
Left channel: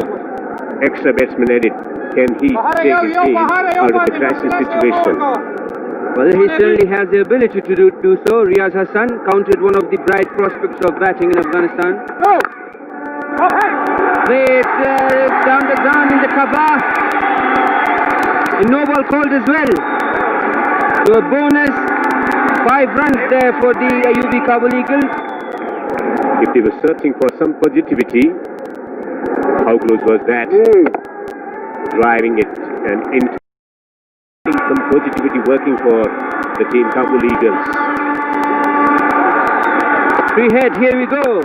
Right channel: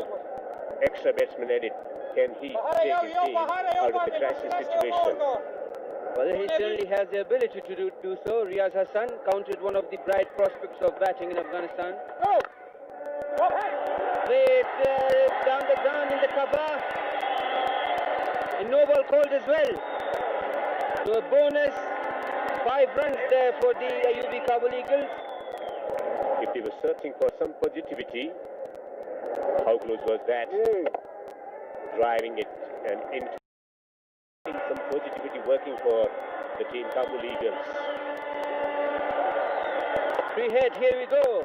Extra batsman added. Can he take his team out of the crisis situation? Well, he certainly has the ability to do so. Riyaz Hassan, counted one of the bright prospects of batting in Afghanistan. Played down the ground in the cover. A no ball called as well. So a bonus. 5 runs there for the IUB Kabul Eagles. If they were searching for some positivity, how close was that? Driving it and into some positivity working for the team Kabul Eagles. Free head, here we go.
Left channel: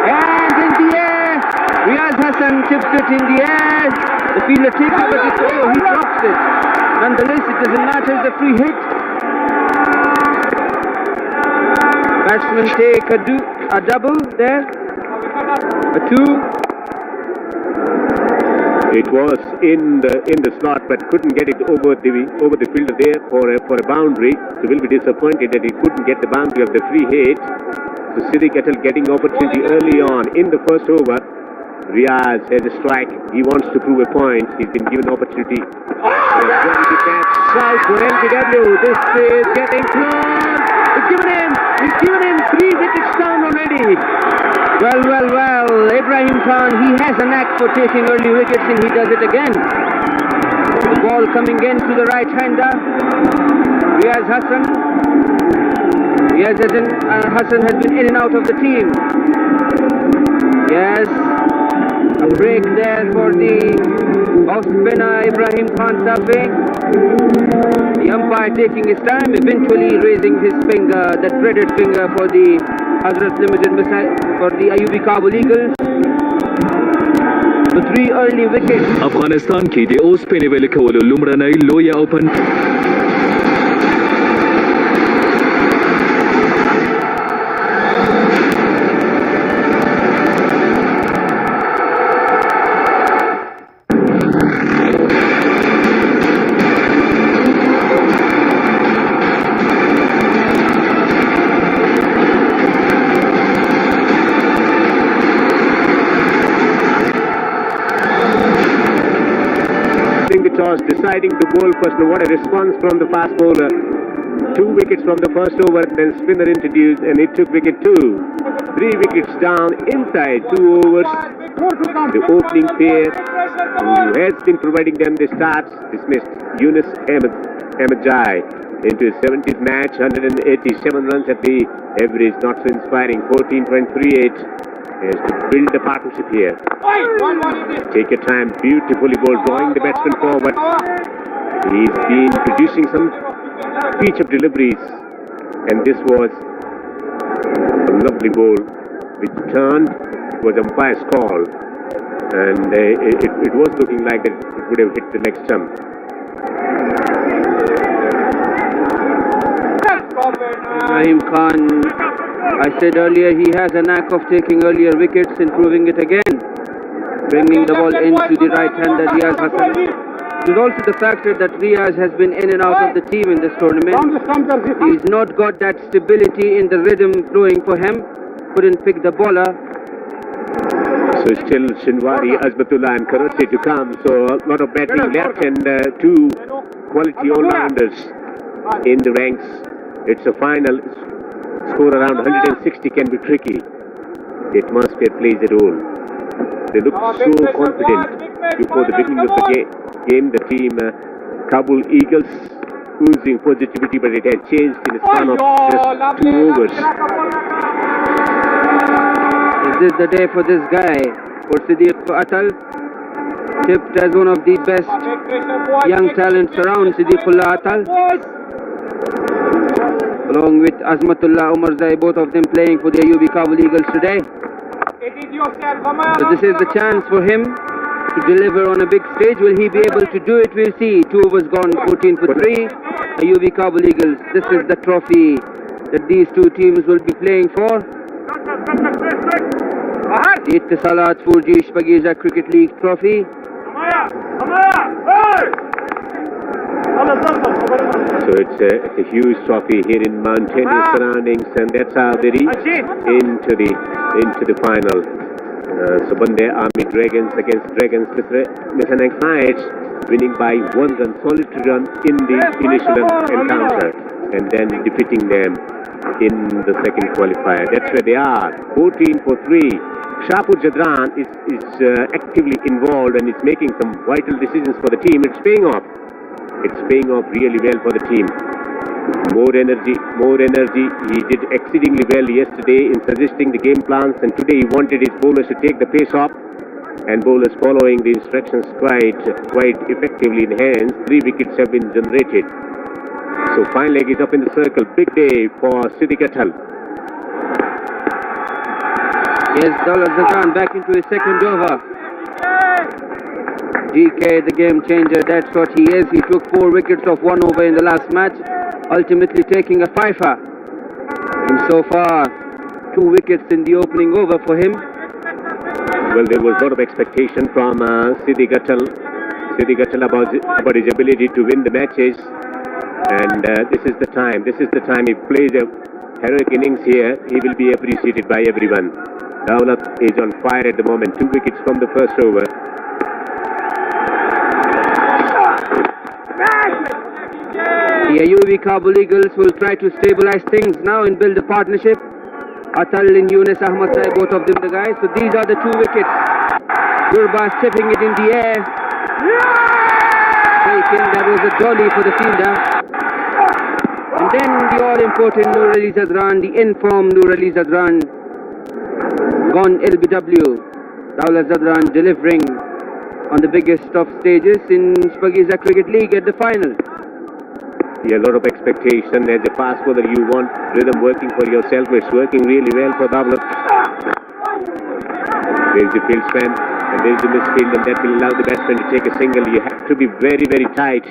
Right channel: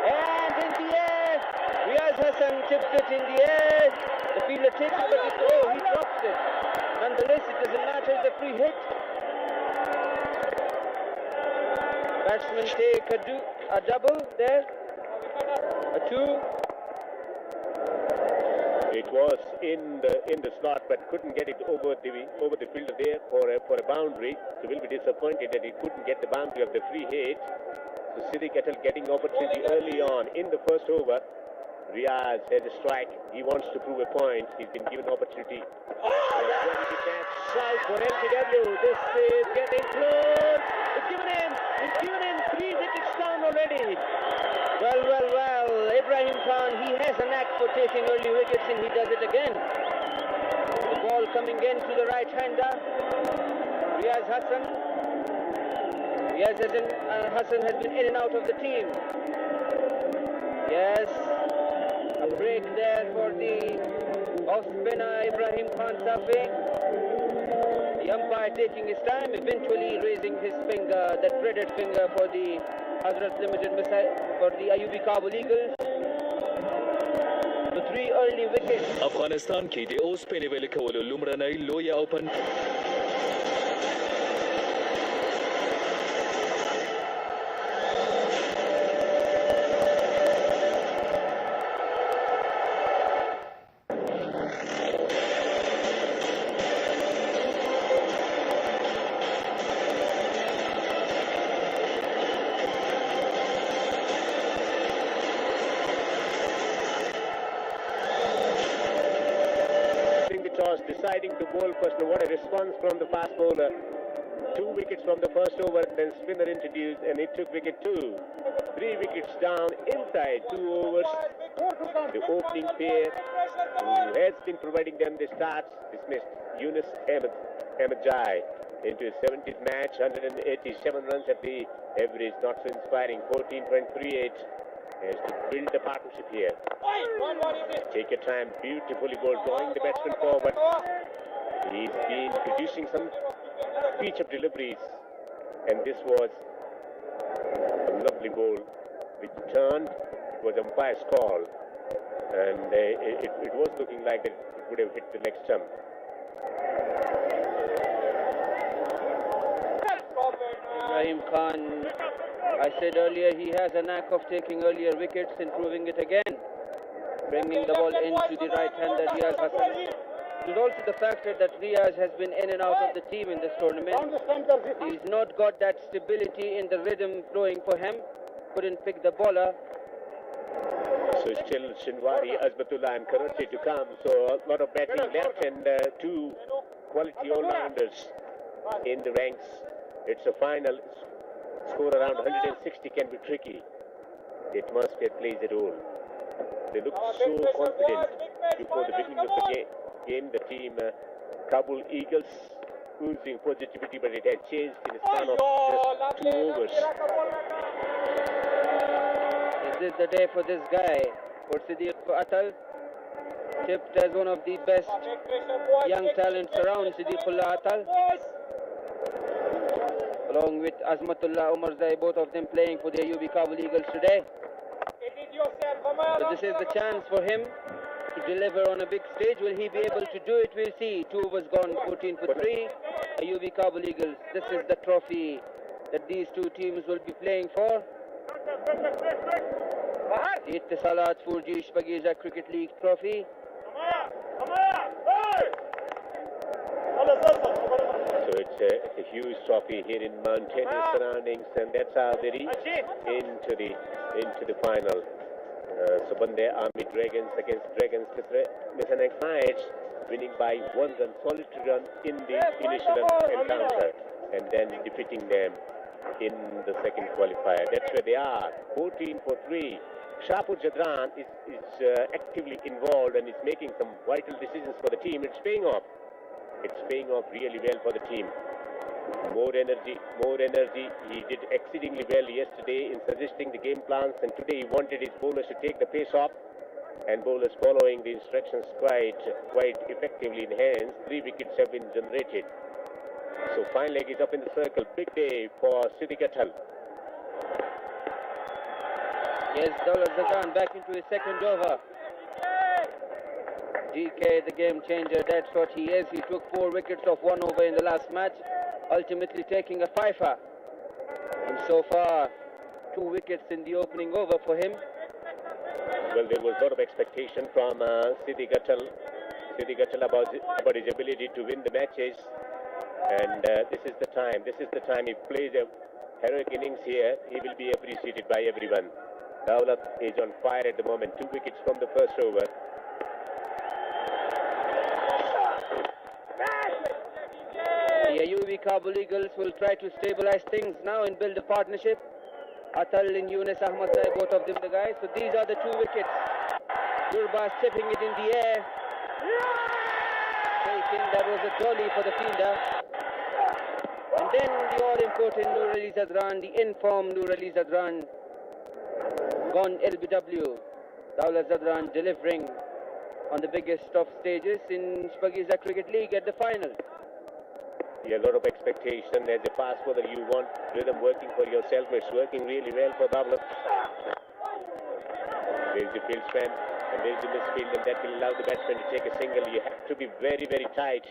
And in the air, Riyaz Hassan tips it in the air. The fielder takes it, but he drops it. Nonetheless, it doesn't matter, the free hit. Batsmen take a double there, a 2. It was in the slot, but couldn't get it over the fielder there for a boundary. So we'll be disappointed that he couldn't get the boundary of the free hit. So Siddiq Atal getting opportunity early on in the first over. Riyaz has a strike. He wants to prove a point. He's been given opportunity. South for MTW. This is getting close. He's given him 3 wickets down already. Well, Ibrahim Khan, he has a knack for taking early wickets, and he does it again. The ball coming in to the right-hander, Riyaz Hassan. Riyaz Hassan has been in and out of the team. Yes, a break there for the off-spinner Ibrahim Khan Safi. The umpire taking his time, eventually raising his finger, that dreaded finger for the Hazrat Limited for the IUB Kabul Eagles. The 3 early wickets. افغانستان کې د اوسپنې ویلې کولو لومړنۍ لویه اوپن deciding to bowl first. Now, what a response from the fast bowler. 2 wickets from the first over, then spinner introduced, and he took wicket 2. 3 wickets down inside 2 overs. The opening pair, who has been providing them the starts, dismissed Yunus Ahmed Jai into his 70th match, 187 runs at the average, not so inspiring, 14.38. He has to build the partnership here. Take your time, beautifully bowled, drawing the batsman forward. He's been producing some feature deliveries, and this was a lovely bowl which turned, was umpire's call, and it was looking like that it would have hit the leg stump. Ibrahim Khan, I said earlier, he has a knack of taking earlier wickets and proving it again, bringing the ball into the right-hander Riaz Hassan. It is also the factor that Riaz has been in and out of the team in this tournament. He's not got that stability in the rhythm flowing for him. Couldn't pick the bowler. So still Shinwari, Azmatullah and Karachi to come. So a lot of batting left and 2 quality all-rounders in the ranks. It's a final. Score around 160 can be tricky. The atmosphere plays a role. They look so confident before the beginning of the game. The team Kabul Eagles oozing positivity, but it has changed in the span of just 2 overs. Is this the day for this guy, for Siddiq Atal? Tipped as one of the best young talents around, Siddiqullah Atal, along with Azmatullah Umarzai, both of them playing for the Ayubi Kabul Eagles today. So this is the chance for him to deliver on a big stage. Will he be able to do it? We'll see. 2 overs gone, 14 for 3. Ayubi Kabul Eagles. This is the trophy that these 2 teams will be playing for. The Ittisalat 4G Shpageeza Cricket League trophy. So it's a huge trophy here in mountainous surroundings, and that's how they reach into the final. Subande Army Dragons against Dragons Mizanang Knights, winning by 1 run, solitary run in the initial encounter, and then defeating them in the second qualifier. That's where they are, 14 for 3. Shapur Jadran is actively involved and is making some vital decisions for the team. It's paying off. It's paying off really well for the team. More energy, more energy. He did exceedingly well yesterday in suggesting the game plans, and today he wanted his bowlers to take the pace off, and bowlers following the instructions quite effectively in hands. 3 wickets have been generated. So fine leg is up in the circle. Big day for Siddiq Atal. Yes, Dawlat Zafran back into his second over. DK, the game changer, that's what he is. He took 4 wickets off 1 over in the last match, ultimately taking a fifer. And so far, 2 wickets in the opening over for him. Well, there was a lot of expectation from Siddiq Atal about his ability to win the matches. And this is the time. This is the time he plays a heroic innings here. He will be appreciated by everyone. Dawlat is on fire at the moment. 2 wickets from the first over. The Ayubi Kabul Eagles will try to stabilize things now and build a partnership. Atal and Yunus Ahmed Zai, both of them the guys. So these are the 2 wickets. Gurbaz tipping it in the air. Taken, that was a jolly for the fielder. And then the all-important Noor Ali Zadran, the informed Noor Ali Zadran, gone LBW. Dawlat Zadran delivering on the biggest of stages in Shpageeza Cricket League at the final. Yeah, a lot of expectation. As a fast bowler, you want rhythm working for yourself. It's working really well for Dawlat. There's the field span, and there's the misfield, and that will allow the batsman to take a single. You have to be very, very tight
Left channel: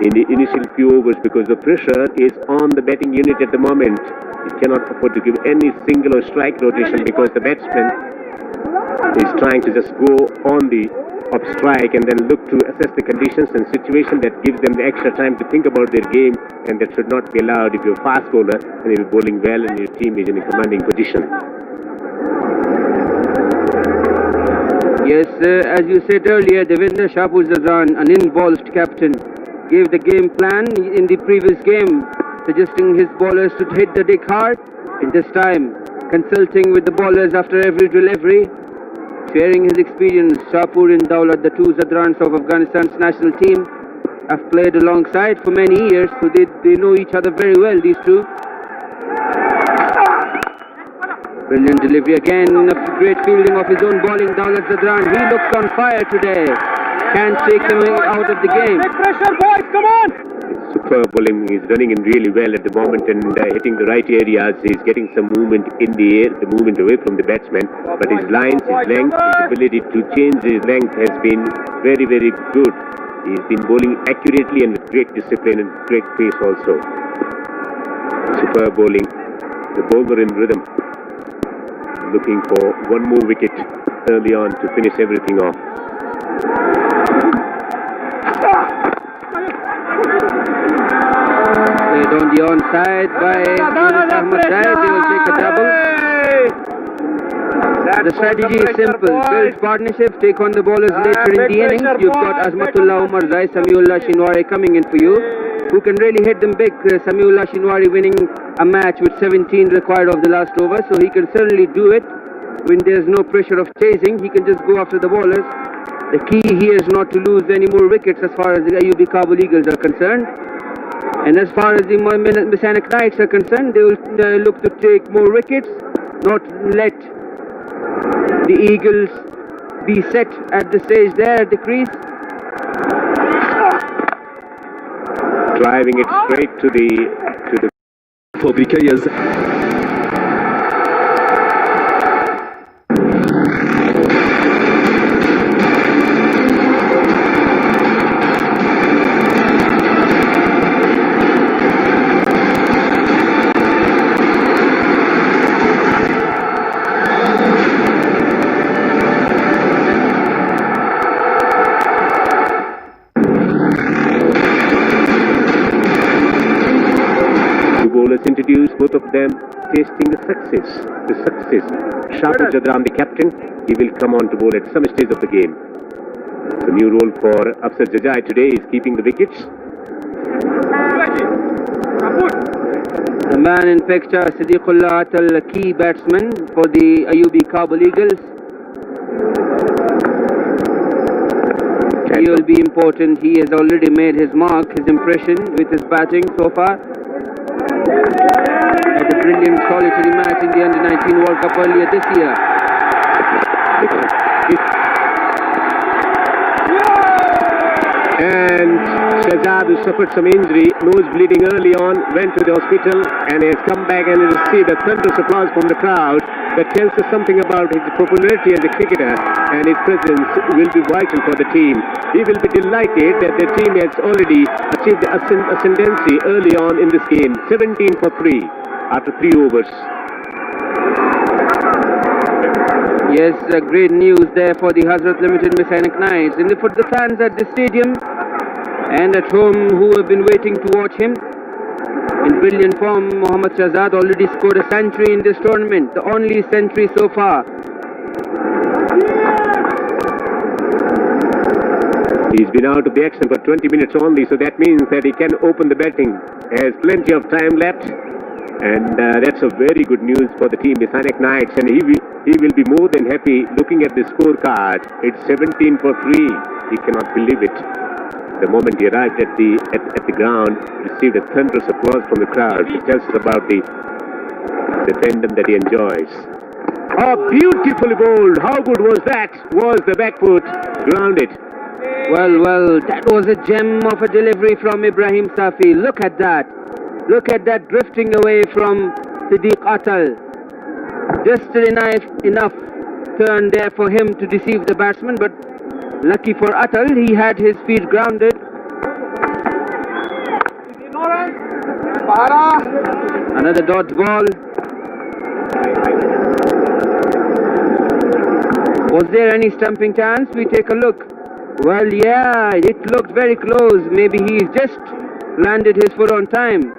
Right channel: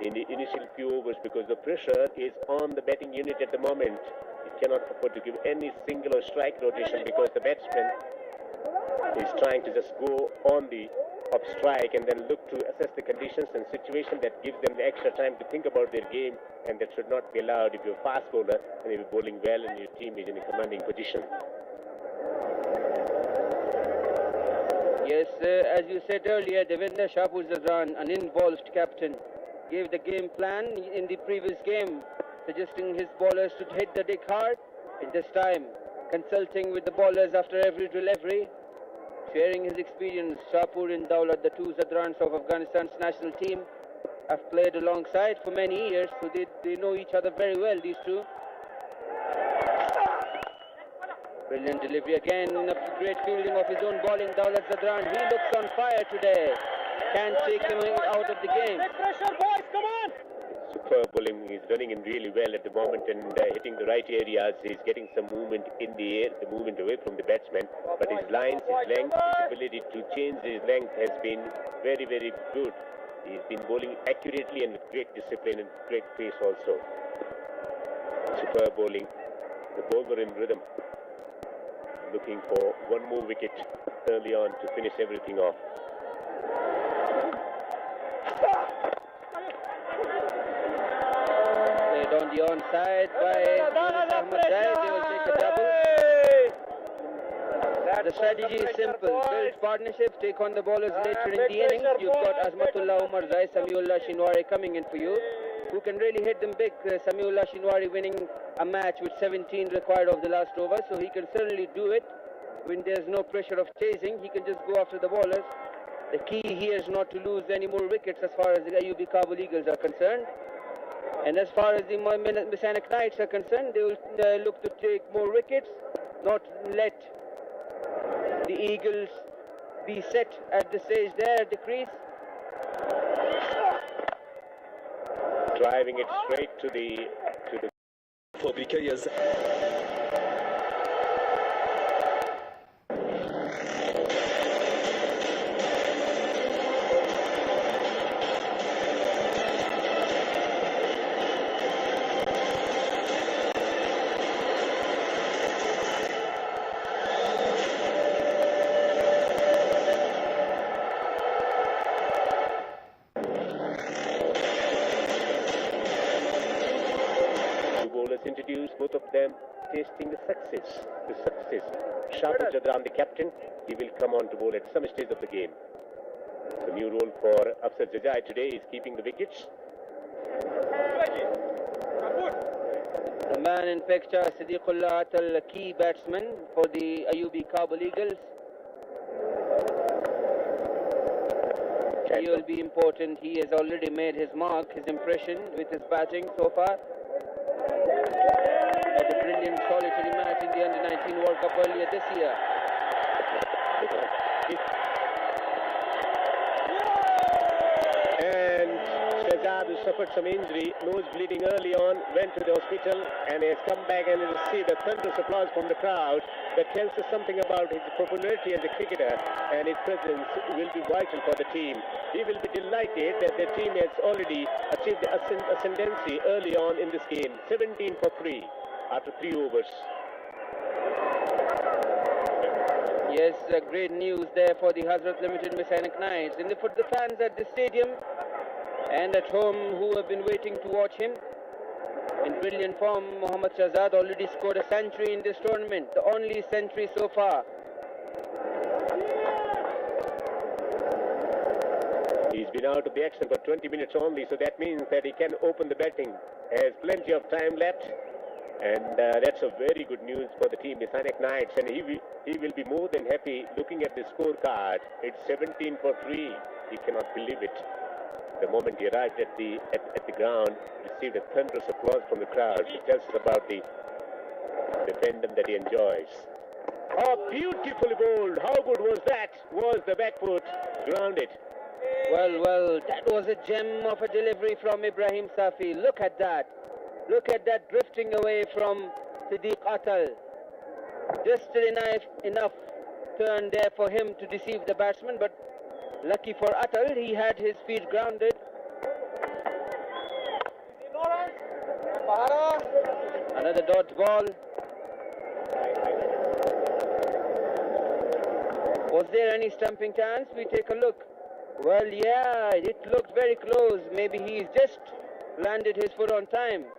in the initial few overs because the pressure is on the batting unit at the moment. You cannot afford to give any single or strike rotation because the batsman is trying to just go on the up strike and then look to assess the conditions and situation that gives them the extra time to think about their game, and that should not be allowed if you're a fast bowler and you're bowling well and your team is in a commanding position. Yes, as you said earlier, Devinder Shapur Zadran, an involved captain, gave the game plan in the previous game, suggesting his bowlers to hit the deck hard. And this time, consulting with the bowlers after every delivery, sharing his experience. Shapur and Daulat, the two Zadrans of Afghanistan's national team, have played alongside for many years, so they know each other very well, these two. Brilliant delivery again, a great fielding of his own bowling. Daulat Zadran, he looks on fire today. Can't take him out of the game. Pressure, boys, come on! Superb bowling. He's running in really well at the moment and hitting the right areas. He's getting some movement in the air, the movement away from the batsman. But his lines, his length, his ability to change his length has been very, very good. He's been bowling accurately and with great discipline and great pace also. Superb bowling. The bowler in rhythm. Looking for one more wicket early on to finish everything off. Played on the onside by Ahmad Dai. They will take a double. The strategy is simple. Build partnerships, take on the bowlers later in the innings. You've got Azmatullah Umar Zai, Samiullah Shinwari coming in for you, who can really hit them big. Samiullah Shinwari winning a match with 17 required of the last over, so he can certainly do it. When there's no pressure of chasing, he can just go after the bowlers. The key here is not to lose any more wickets as far as the Ayubi Kabul Eagles are concerned. And as far as the Ainak Knights are concerned, they will look to take more wickets, not let the Eagles be set at the stage there at the crease. Driving it straight to the فابریکه introduced, both of them tasting the success. Shapur Jadran, the captain, he will come on to bowl at some stage of the game. The new role for Afsar Jajai today is keeping the wickets. The man in picture, Siddiqullah Atal, a key batsman for the Ayubi Kabul Eagles. He will be important. He has already made his mark, his impression with his batting so far. Had a brilliant solitary match in the Under-19 World Cup earlier this year. And Shahzad, who suffered some injury, nose bleeding early on, went to the hospital and has come back and received a thunderous applause from the crowd. That tells us something about his popularity as a cricketer, and his presence will be vital for the team. He will be delighted that the team has already achieved ascendancy early on in this game. 17 for 3 after 3 overs. Yes, great news there for the Hazrat Limited Ainak Knights. And for the fans at the stadium and at home who have been waiting to watch him, in brilliant form, Mohammad Shahzad already scored a century in this tournament, the only century so far. He's been out of the action for 20 minutes only, so that means that he can open the batting. Has plenty of time left, and that's a very good news for the team, the Ainak Knights, and he will be more than happy looking at the scorecard. It's 17 for 3. He cannot believe it. The moment he arrived at the ground, received a thunderous applause from the crowd. It tells us about the tandem that he enjoys. Oh, beautifully bowled. How good was that? Was the back foot grounded? Well, that was a gem of a delivery from Ibrahim Safi. Look at that. Look at that drifting away from Siddiq Atal. Just enough turn there for him to deceive the batsman, but lucky for Atal, he had his feet grounded. Another dodge ball. Was there any stumping chance? We take a look. Well, yeah, it looked very close. Maybe he's just landed his foot on time.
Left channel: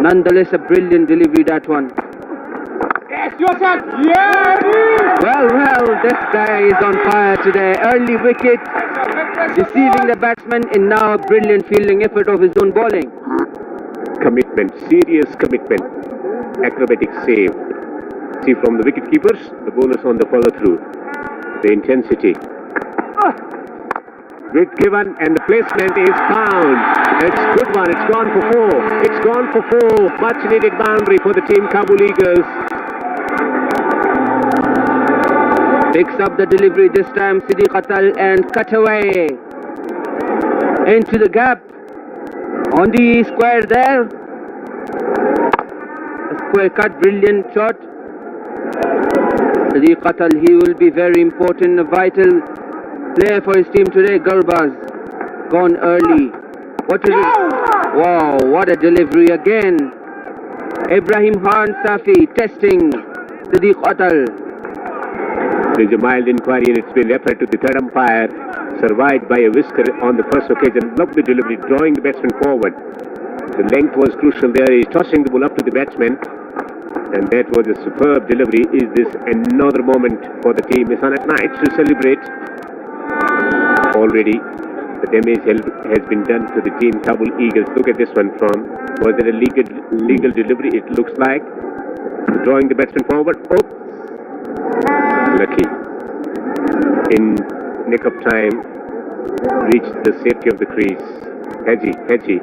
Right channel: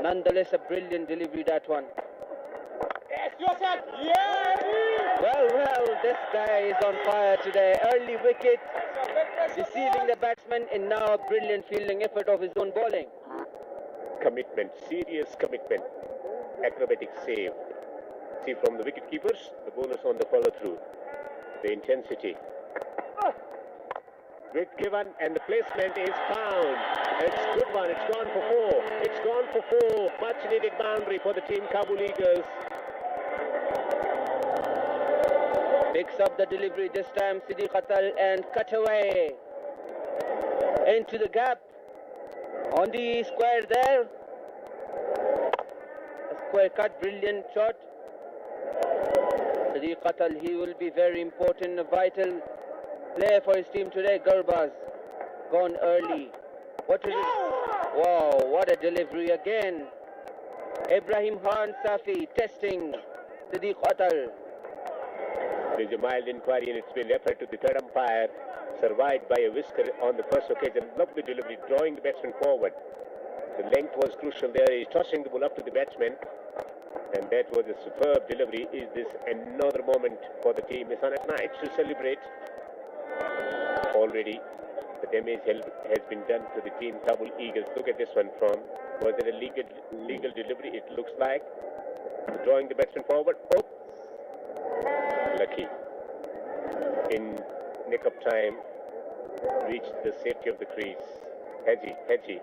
Nonetheless, a brilliant delivery, that one. Yes, yourself! Yeah! Well, this guy is on fire today. Early wicket, deceiving the batsman, and now a brilliant fielding effort of his own bowling. Commitment, serious commitment. Acrobatic save. See from the wicket keepers, the bowlers on the follow through. The intensity. With given and the placement is found. It's good one. It's gone for 4. It's gone for 4. Much needed boundary for the team Kabul Eagles. Picks up the delivery this time, Siddiq Atal, and cut away into the gap on the square there. A square cut, brilliant shot. Siddiq Atal, he will be very important, a vital player for his team today. Gurbaz gone early. What is it? Wow, what a delivery again. Ibrahim Khan Safi testing Siddiq Atal. There's a mild inquiry and it's been referred to the third umpire. Survived by a whisker on the first occasion. Lovely delivery, drawing the batsman forward. The length was crucial there. He's tossing the ball up to the batsman. And that was a superb delivery. Is this another moment for the team Ainak Knights to celebrate? Already the damage has been done to the team Kabul Eagles. Look at this one from, was it a legal delivery? It looks like. Drawing the batsman forward. Oops. Lucky. In nick of time, reached the safety of the crease. Hedgie.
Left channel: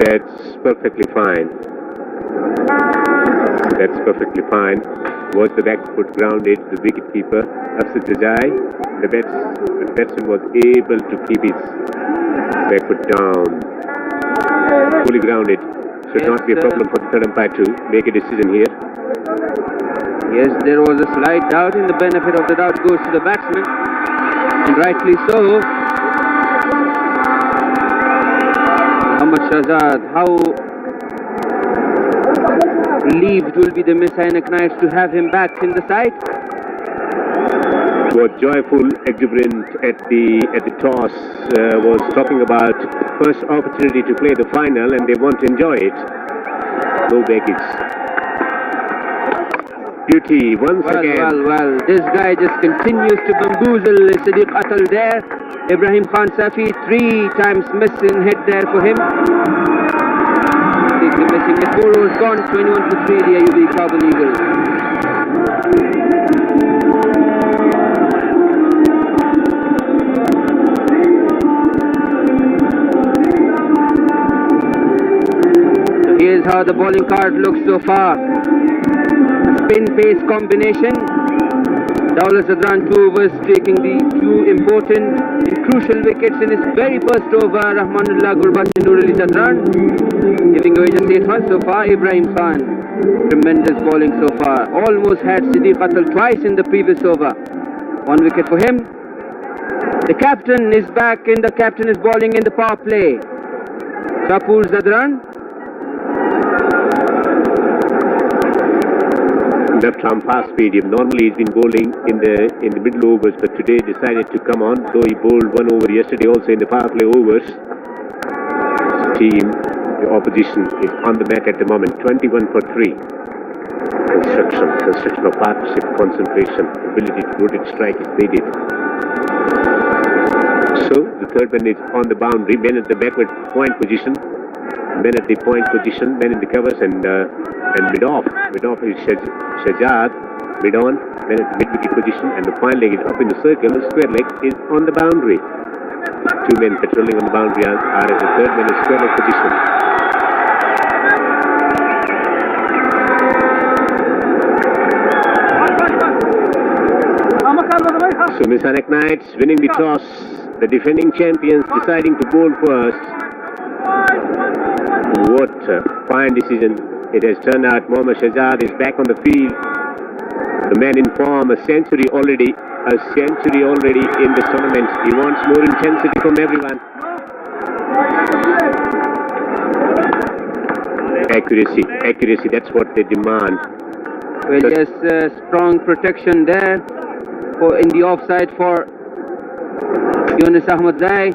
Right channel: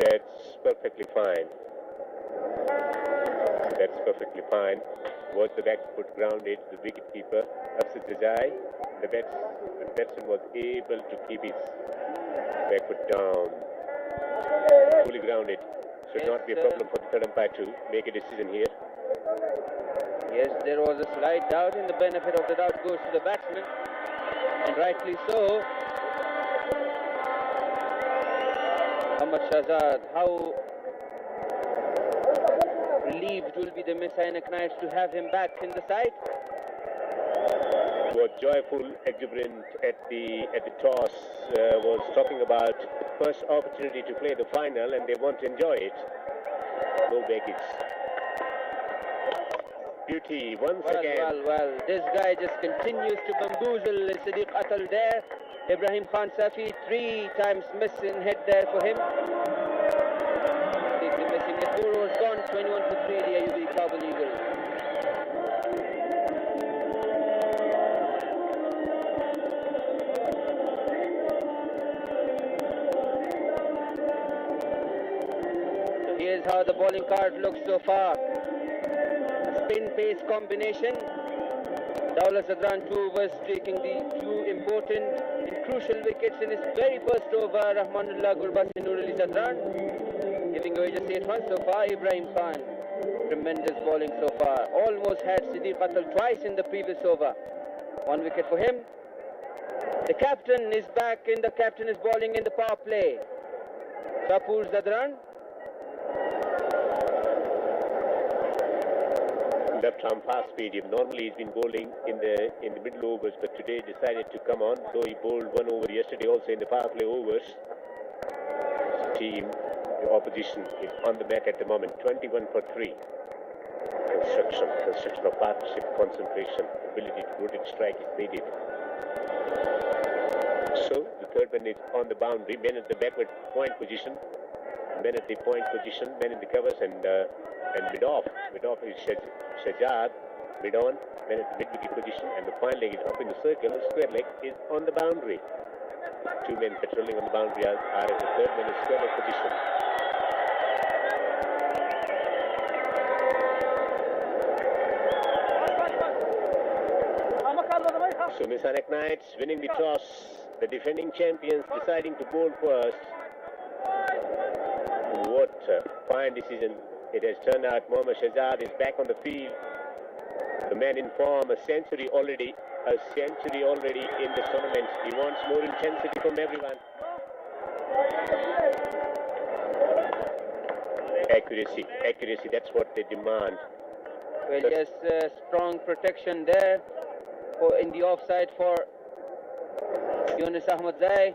That's perfectly fine. That's perfectly fine. Was the back foot grounded? The wicketkeeper, Shpageeza, the batsman was able to keep his back foot down. Fully grounded. Should not be a problem for the third umpire to make a decision here. Yes, there was a slight doubt, and the benefit of the doubt goes to the batsman, and rightly so. Muhammad Shahzad, how relieved will be the Ainak Knights to have him back in the side. Was joyful, exuberant at the toss. Was talking about first opportunity to play the final, and they want to enjoy it. No baggage. Beauty once again. Well, this guy just continues to bamboozle Siddiq Atal there. Ibrahim Khan Safi, 3 times miss in head there for him. Completely missing it. 4 overs gone, 21 for 3, the AUB Kabul Eagles. So here's how the bowling card looks so far. Spin-pace combination. Dawla Zadran 2 overs, taking the 2 important and crucial wickets in his very first over. Rahmanullah Gurbaz and Nurali Zadran giving away just 8 runs so far. Ibrahim Khan, tremendous bowling so far. Almost had Siddiq Atal twice in the previous over. 1 wicket for him. The captain is back, and the captain is bowling in the power play. Shapur Zadran. Left arm fast medium. Normally he's been bowling in the middle overs, but today decided to come on. Though he bowled 1 over yesterday also in the power play overs. Team, the opposition is on the mat at the moment. 21 for 3. Construction of partnership, concentration, ability to rotate strike is needed. So the third man is on the boundary. Men at the backward point position. Men at the point position. Men in the covers and mid off. Mid off is Shahzad. Mid on. Men at the mid wicket position, and the fine leg is up in the circle. The square leg is on the boundary. 2 men patrolling on the boundary are at the third man in square leg position. So Ainak Knights winning the toss. The defending champions deciding to bowl first. What a fine decision it has turned out. Mohammad Shahzad is back on the field. The man in form, a century already in the tournament. He wants more intensity from everyone. Accuracy, that's what they demand. Well, yes, strong protection there in the offside for Yunus Ahmadzai.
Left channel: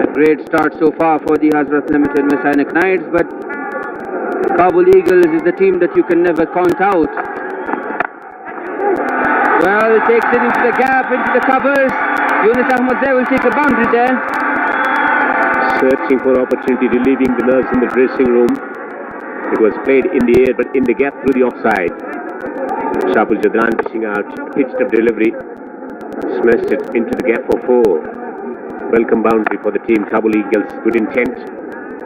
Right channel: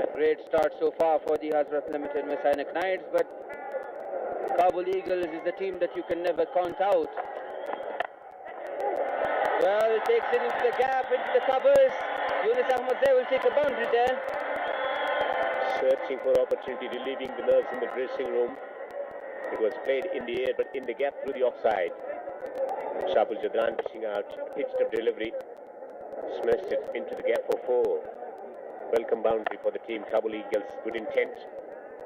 A great start so far for the Hazrat Limited Miss Ainak Knights, but Kabul Eagles is the team that you can never count out. Well, it takes it into the gap, into the covers. Yunus Ahmadzai will take a boundary there. Searching for opportunity, relieving the nerves in the dressing room. It was played in the air, but in the gap through the offside. Shpageeza pushing out, pitched up delivery, smashed it into the gap for 4. Welcome boundary for the team. Kabul Eagles, good intent,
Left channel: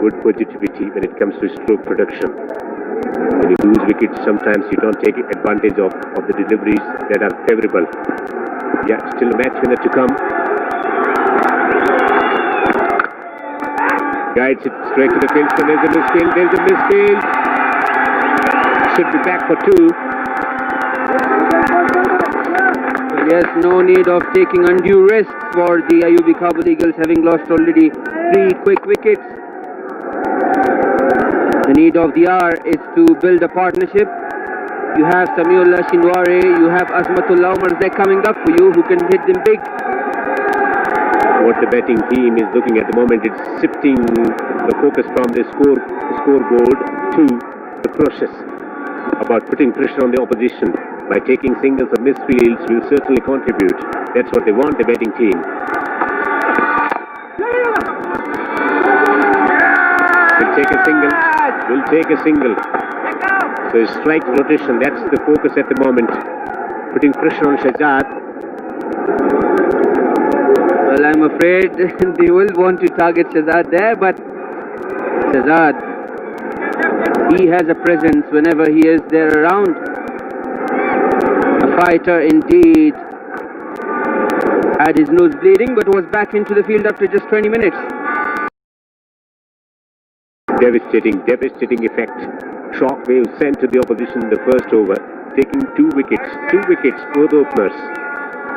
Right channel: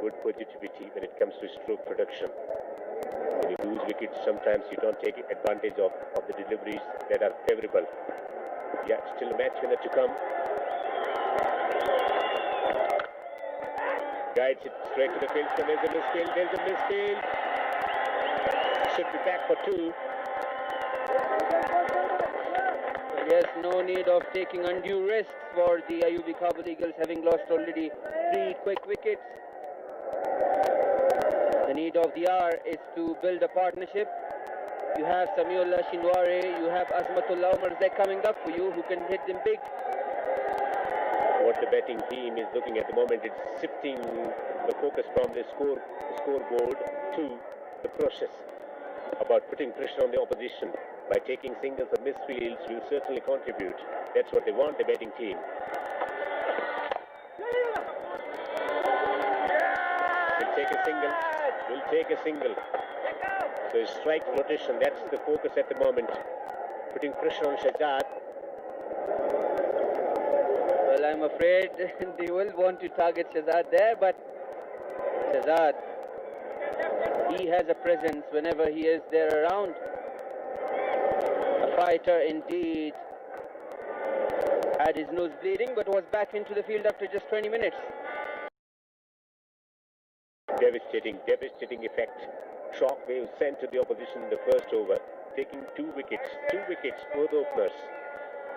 good positivity when it comes to stroke production. When you lose wickets, sometimes you don't take advantage of the deliveries that are favourable. Yeah, still a match winner to come. Guides it straight to the fieldsman. There's a misfield. There's a misfield. Should be back for 2. Well, yes, no need of taking undue risks for the IUB Kabul Eagles, having lost already 3 quick wickets. The need of the hour is to build a partnership. You have Samiullah Shinwari, you have Azmatullah Umarzai coming up for you, who can hit them big. What the batting team is looking at the moment, it's shifting the focus from the scoreboard to the process about putting pressure on the opposition. By taking singles or misfields will certainly contribute. That's what they want, the batting team. Will take a single. Will take a single. So a strike rotation, that's the focus at the moment. Putting pressure on Shahzad. Well, I'm afraid they will want to target Shahzad there, but Shahzad, he has a presence whenever he is there around. A fighter indeed. Had his nose bleeding, but was back into the field after just 20 minutes. Devastating effect. Shockwave sent to the opposition in the first over, taking 2 wickets. 2 wickets, both openers.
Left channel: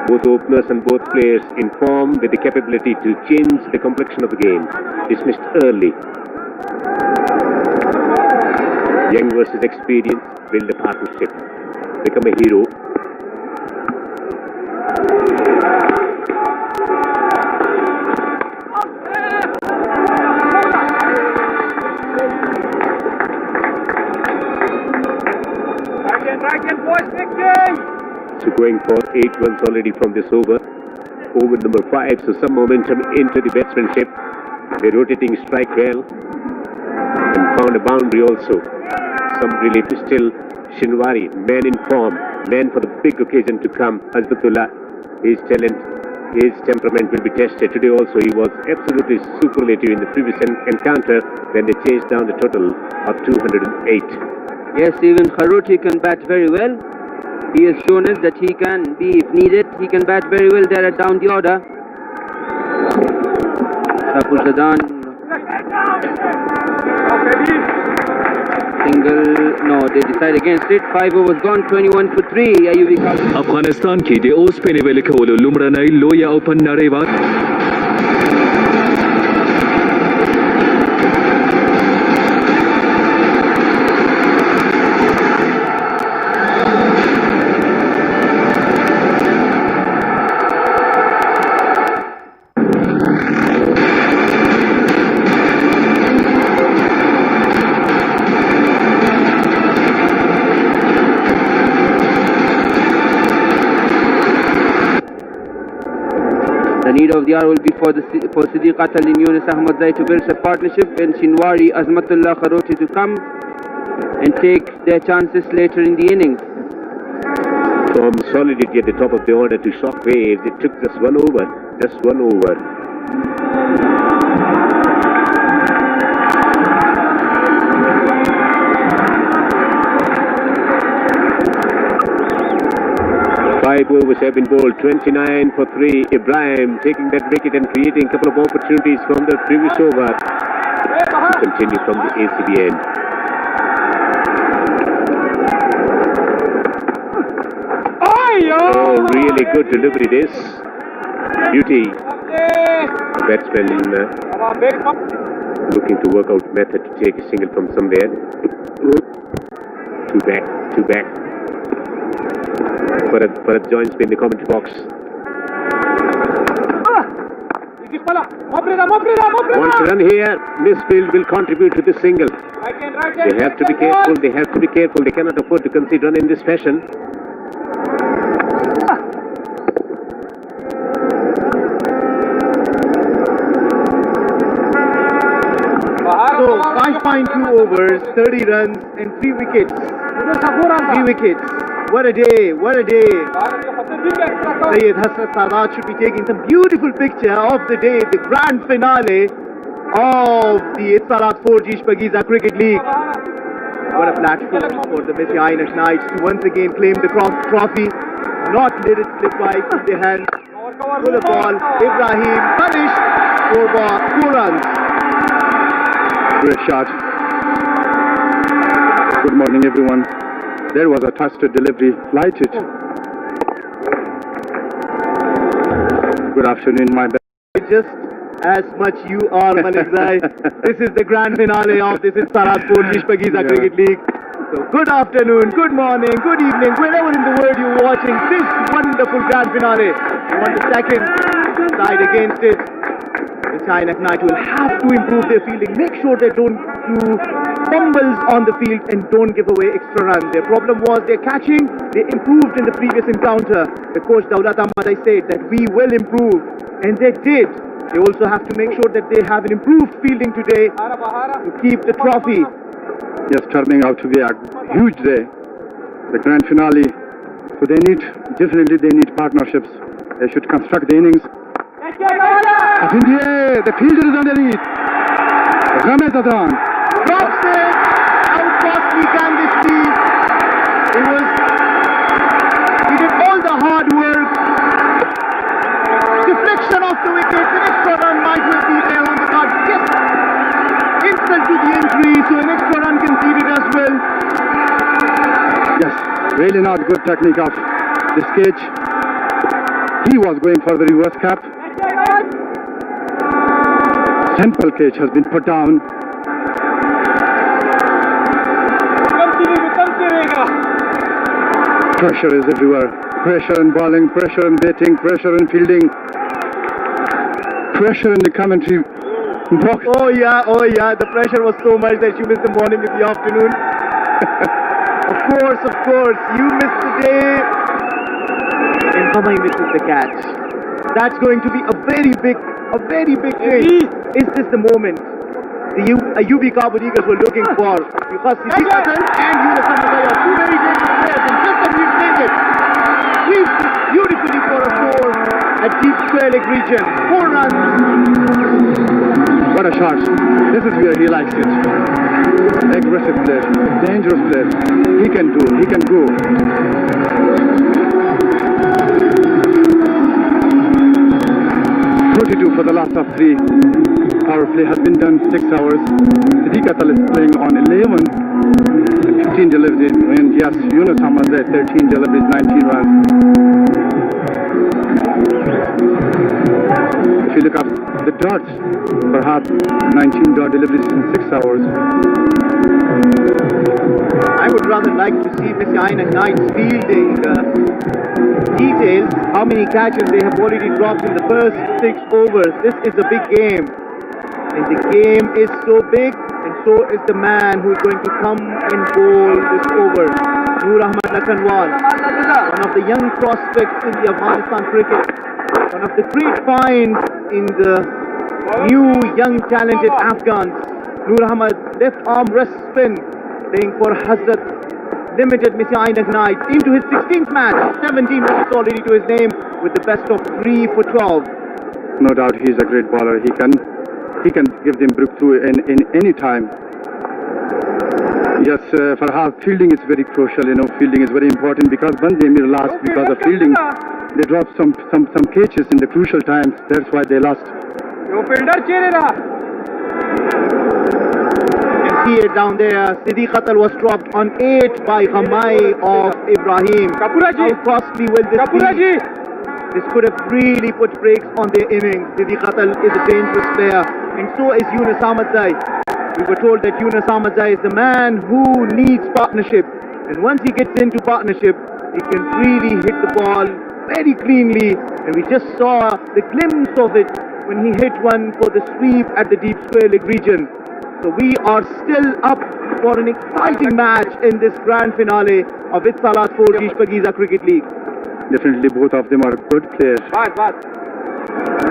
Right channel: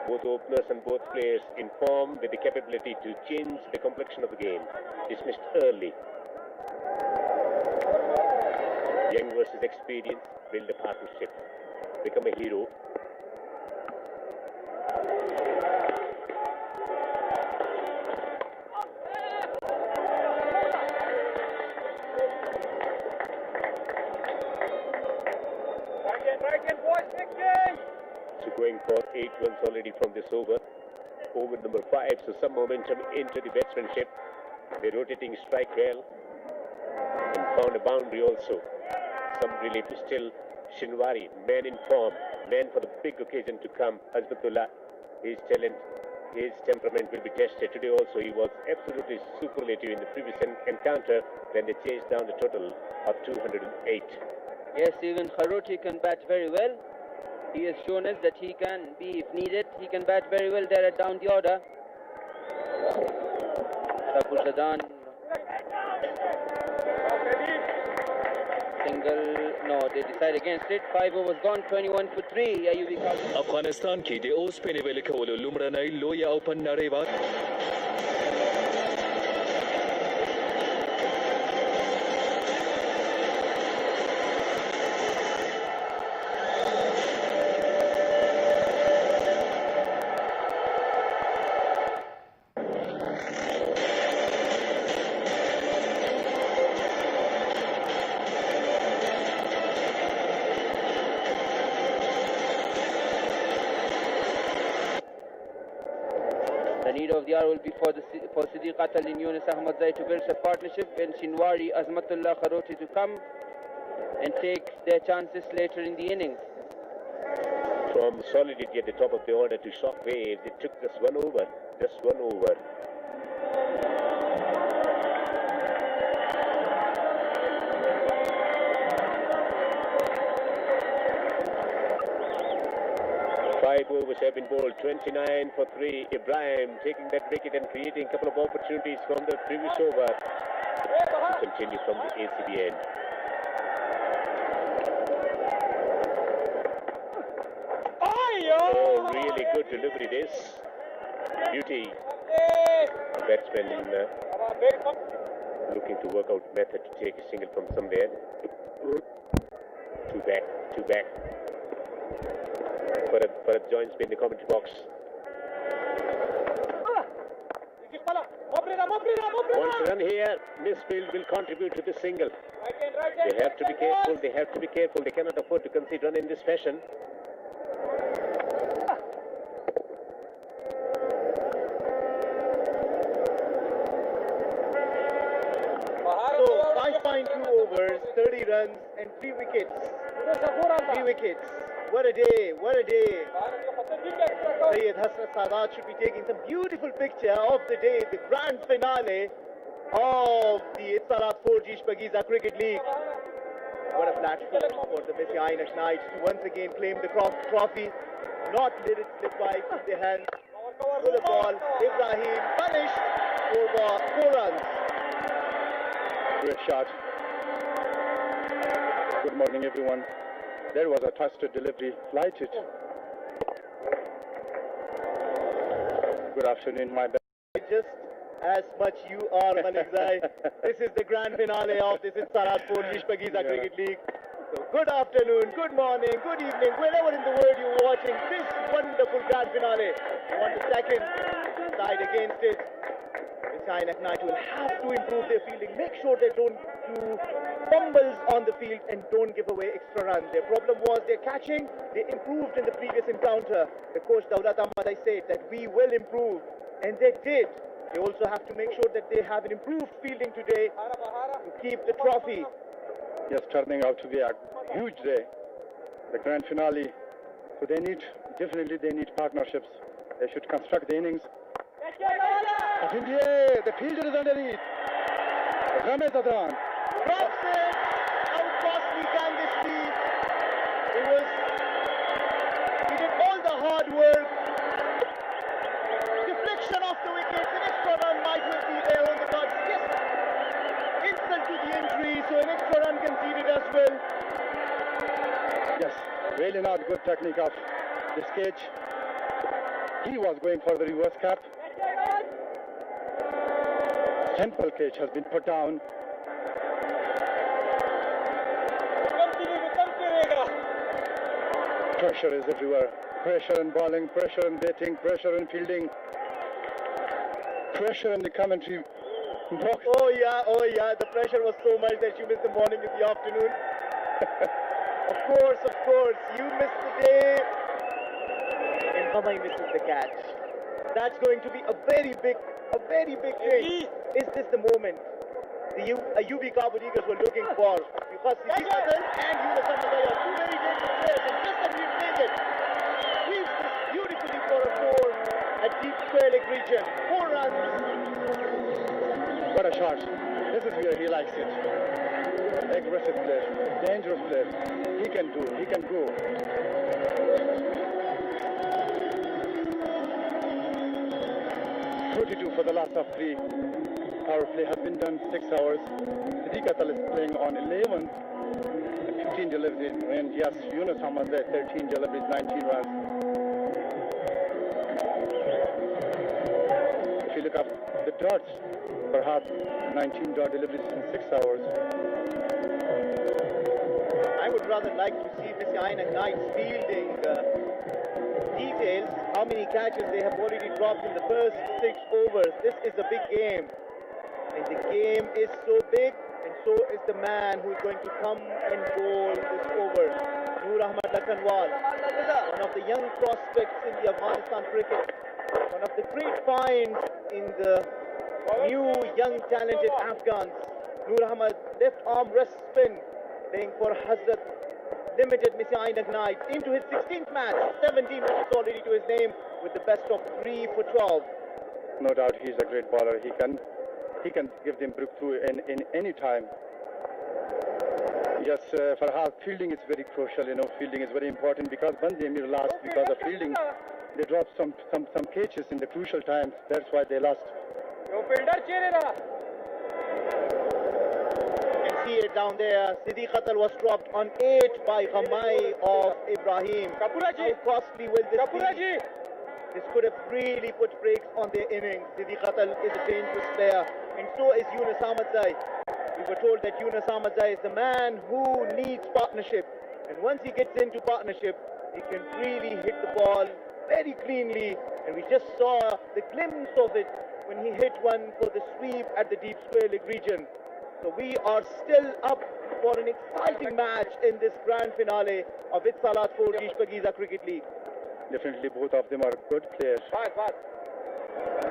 Both openers and both players in form with the capability to change the complexion of the game. Dismissed early. Young versus experience, build a partnership. Become a hero. So going for 8 runs already from this over. Over number 5, so some momentum into the batsmanship. They're rotating strike well. And found a boundary also. Some relief still. Shinwari, man in form, man for the big occasion to come. Azbatullah, his talent, his temperament will be tested. Today also he was absolutely superlative in the previous encounter when they chased down the total of 208. Yes, even Kharoti can bat very well. He has shown us that he can be, if needed, he can bat very well there at down the order. Shpageeza. Single, no, they decide against it. 5 overs gone, 21 for 3. IUB Kabul. افغانستان کې د اوسپنې ویلې کولو لومړنۍ لویه اوپن نړیوال The need of the hour will be for Siddiq Atal and Yunus Ahmadzai to build a partnership, and Shinwari, Azmatullah Kharoti to come and take their chances later in the innings. From solidity at the top of the order to shockwaves, it took just 1 over. Just 1 over. Five overs have been bowled, 29 for 3. Ibrahim taking that wicket and creating a couple of opportunities from the previous over. To continue from the ACB end. Oh, really good delivery this. Beauty. Batsman looking to work out method to take a single from somewhere. Two back. Bharat joins me in the commentary box. Wants to run here. Misfield will contribute to the single. They have to be careful. They cannot afford to concede run in this fashion. So 5.2 overs, 30 runs and 3 wickets. 3 wickets. What a day. Syed Hasrat Sadat should be taking some beautiful picture of the day, the grand finale of the Itzalat 4G Shpageeza Cricket League. What a platform for the Messi Ainak Knights to once again claim the trophy, not let it slip by from their hands. Full of ball, Ibrahim punished for 4 runs. Great shot. Good morning, everyone. There was a twisted delivery. Light it. Good afternoon, my bad. Just as much you are, Malik Zai. This is the grand finale of this Itzalat 4G Shpageeza Cricket League. So good afternoon, good morning, good evening, wherever in the world you're watching this wonderful grand finale. On the second side against it, the Ainak Knight will have to improve their fielding. Make sure they don't do fumbles on the field and don't give away extra runs. Their problem was their catching. They improved in the previous encounter. The coach Daulat Ahmad, I said that we will improve, and they did. They also have to make sure that they have an improved fielding today to keep the trophy. Yes, turning out to be a huge day. The grand finale. So definitely they need partnerships. They should construct the innings. Up in the air, the fielder is underneath. Ramesh Adran. Drops it. How costly can this be? He did all the hard work. Deflection off the wickets. An extra run might well be there on the cards. Yes. Insult to the entry, so an extra run conceded as well. Yes, really not good technique of this catch. He was going for the reverse cap. Simple catch has been put down. Pressure is everywhere. Pressure in bowling, pressure in batting, pressure in fielding, pressure in the commentary box. Oh yeah, the pressure was so much that you missed the morning with the afternoon. Of course, you missed the day. And Hamai misses the catch. That's going to be a very big thing. Is this the moment the UB Kabul Eagles were looking for? Because Siddiq and Yunus Ahmad are two very dangerous players, and just as we've played it, we've beautifully for a 4 at deep square leg region. 4 runs. What a shot. This is where he likes it. Aggressive player, dangerous player. He can go. For the last of 3. Power play has been done 6 hours. Siddiq is playing on 11, 15 deliveries, and yes, Yunus Ahmad 13 deliveries, 19 runs. If you look at the dots, perhaps 19 dot deliveries in 6 hours. I would rather like to see Messi Ainak Knights fielding details, how many catches they have already dropped in the first 6 overs. This is a big game, and the game is so big, and so is the man who is going to come and bowl this over. Noor Ahmad Lakhanwal, one of the young prospects in the Afghanistan cricket, one of the great finds in the new young talented Afghans. Noor Ahmad, left arm wrist spin, playing for Hazrat Limited Messi Ainak Knights into his 16th match, 17 wickets already to his name with the best of 3 for 12. No doubt he is a great bowler. He can give them breakthrough in any time. Yes, Farhad, fielding is very crucial. Fielding is very important because Bande Mir lost because of fielding. They dropped some catches in the crucial times. That's why they lost. See it down there. Siddiq Qatal was dropped on 8 by Ghamai of Ibrahim. How costly will this be? This could have really put brakes on their innings. Siddiq Qatal is a dangerous player. and so is Yunus Ahmadzai. We were told that Yunus Ahmadzai is the man who needs partnership, and once he gets into partnership, he can really hit the ball very cleanly, and we just saw the glimpse of it when he hit one for the sweep at the deep square leg region. So we are still up for an exciting match in this grand finale of Itsalat 4G Shpageeza Cricket League. Definitely both of them are good players.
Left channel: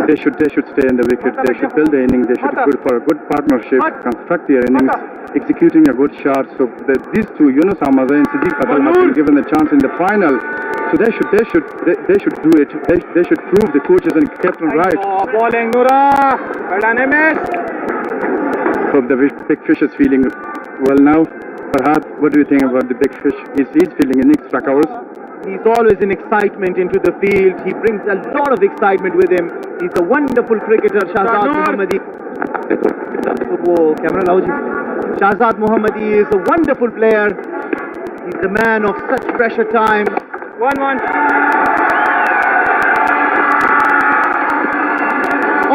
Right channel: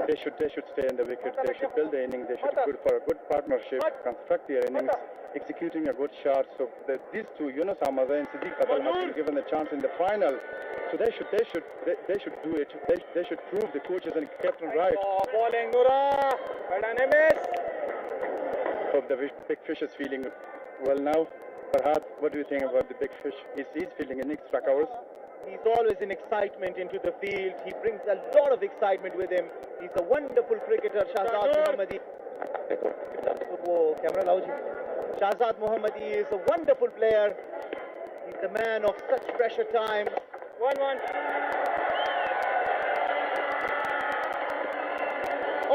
They should stay in the wicket, they should build the innings, they should go for a good partnership, construct their innings, executing a good shot. So these two, Yunus Ahmadzai and Siddiq Patel, have been given the chance in the final. So they should do it. They should prove the coaches and captain right. Bowling Nura, Hope the big fish is feeling well now. Farhad, what do you think about the big fish? He's feeling in extra covers. He's always an excitement into the field. He brings a lot of excitement with him. He's a wonderful cricketer, Shahzad Mohammadi. Shahzad Mohammadi is a wonderful player. He's the man of such pressure time. 1-1.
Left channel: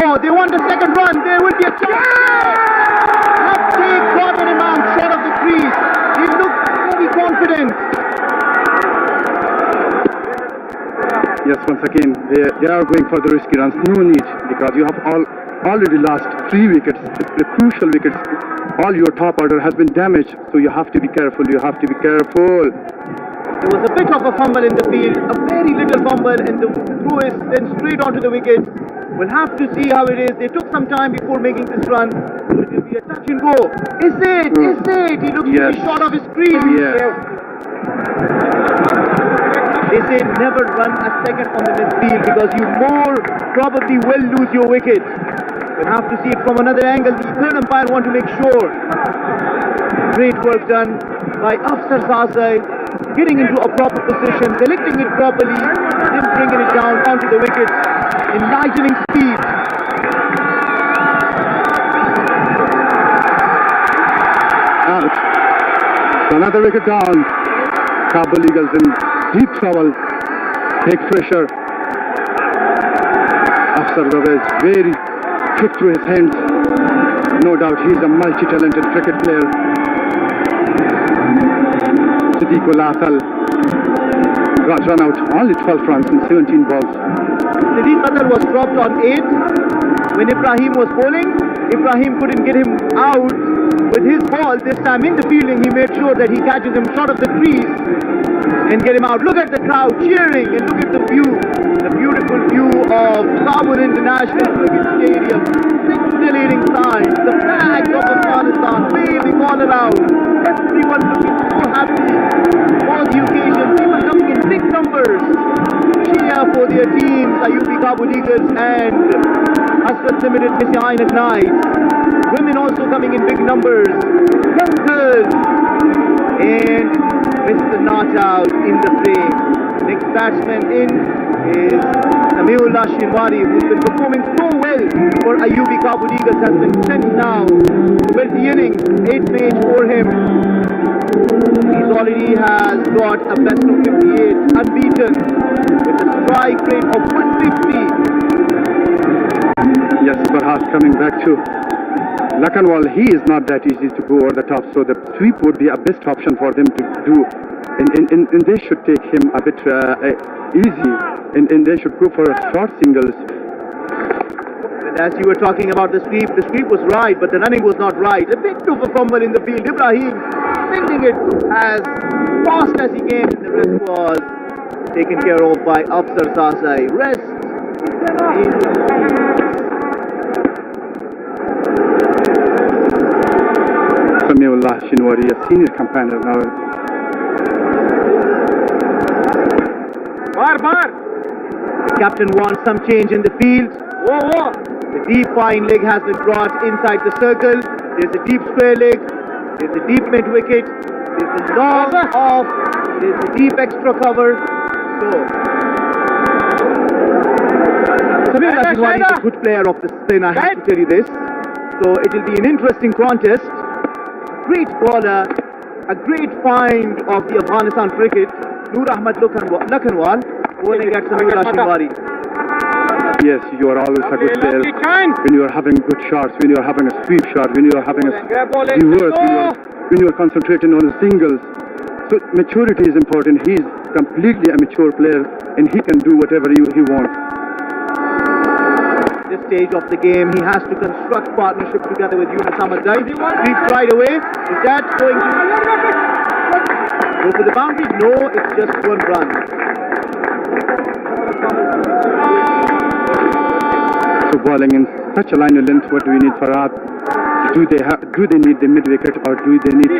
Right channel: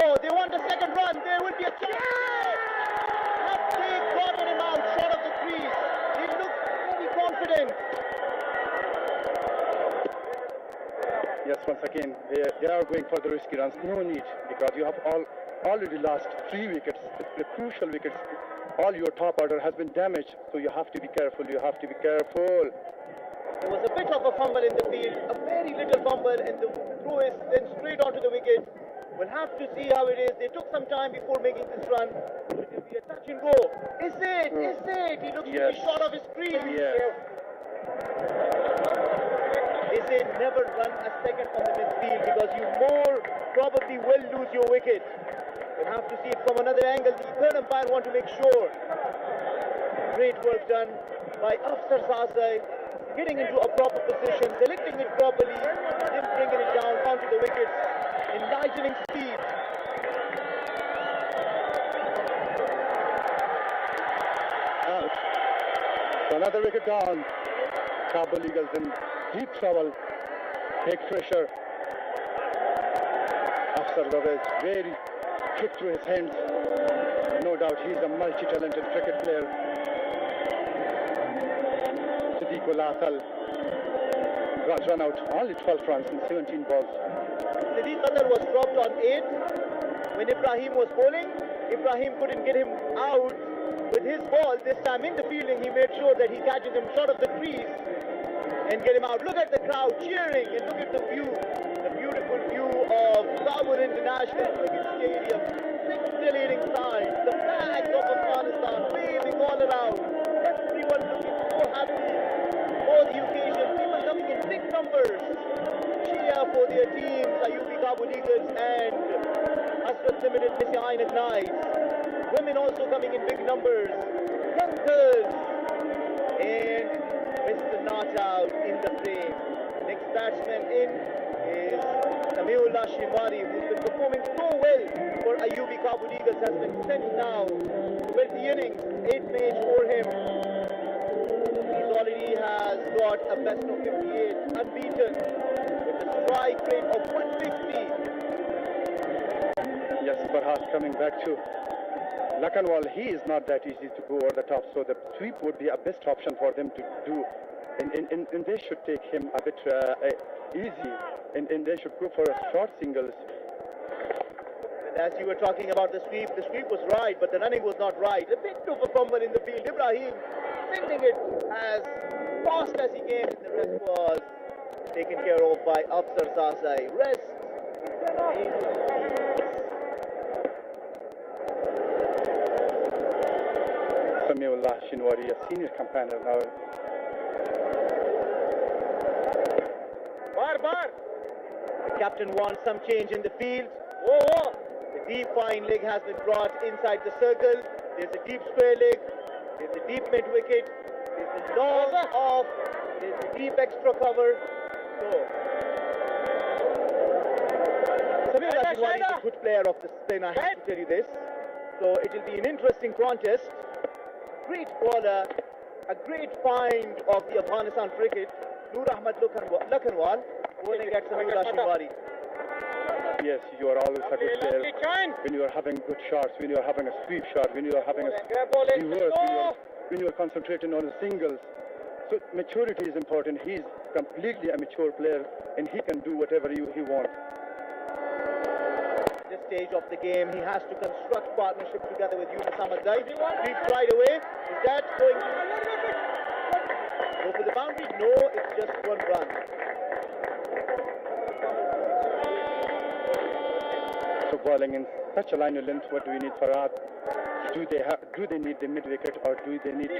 Oh, they want the second run. There will be a chance. Have they gotten him out short of the crease? He looked very confident. Yes, once again, they are going for the risky runs. No need, because you have already lost 3 wickets, the crucial wickets. All your top order has been damaged, so you have to be careful. You have to be careful. There was a bit of a fumble in the field, a very little fumble, and the throw is then straight onto the wicket. We'll have to see how it is. They took some time before making this run. It will be a touch and go. Is it? Is it? He looks to be short of his crease. Yes. They say never run a second on the midfield because you more probably will lose your wicket. We'll have to see it from another angle. The third umpire want to make sure. Great work done by Afsar Zazai, getting into a proper position, selecting it properly, then bringing it down onto the wickets in lightning speed. Out. Another wicket down. Kabul Eagles in deep trouble. Take pressure. Afsar Zazai is very quick through his hands. No doubt he's a multi-talented cricket player. Siddiq Patel got run out, only 12 runs in 17 balls. Siddiq Patel was dropped on 8. When Ibrahim was bowling, Ibrahim couldn't get him out with his ball. This time in the fielding, he made sure that he catches him short of the crease and get him out. Look at the crowd cheering and look at the view. The beautiful view of Kabul International Cricket Stadium. Scintillating signs, the flag of Afghanistan waving all around. Everyone looking so happy for the occasion. People coming in big numbers. Cheer for their teams, Ayubi Kabul Eagles and Asrat Limited Mr. Ainak Knights. Women also coming in big numbers. Young girls. And Mr. Not Out in the frame. Next batsman in is Samiullah Shinwari, who's been performing so well for Ayubi Kabul Eagles, has been sent now to build the innings. 8th match for him. He already has got a best of 58, unbeaten, with a strike rate of 150. Yes, Farhad coming back to Lakanwal. He is not that easy to go over the top, so the sweep would be a best option for them to do. And they should take him a bit easy, and they should go for a short singles. And as you were talking about the sweep was right, but the running was not right. A bit of a fumble in the field. Ibrahim sending it as fast as he came, and the rest was taken care of by Afsar Zazai. Rest Samiullah Shinwari, a senior campaigner now. The captain wants some change in the field. The deep fine leg has been brought inside the circle. There's a deep square leg. There's a deep mid wicket. There's a long off. There's a deep extra cover. So, Samiullah Shinwari is a good player of the spin, I have to tell you this. So it will be an interesting contest. Great bowler, a great find of the Afghanistan cricket. Nur Ahmad Lakanwal bowling at Samiullah Shinwari. Yes, you are always a good player when you are having good shots, when you are having a sweep shot, when you are having a reverse, when you are concentrating on the singles. So maturity is important. He is completely a mature player and he can do whatever he wants. This stage of the game, he has to construct partnership together with Yunus Ahmadzai. Sweeps right away. Is that going to go for the boundary? No, it's just one run. So bowling in such a line of length, what do we need for that? Do they need the mid wicket, or do they need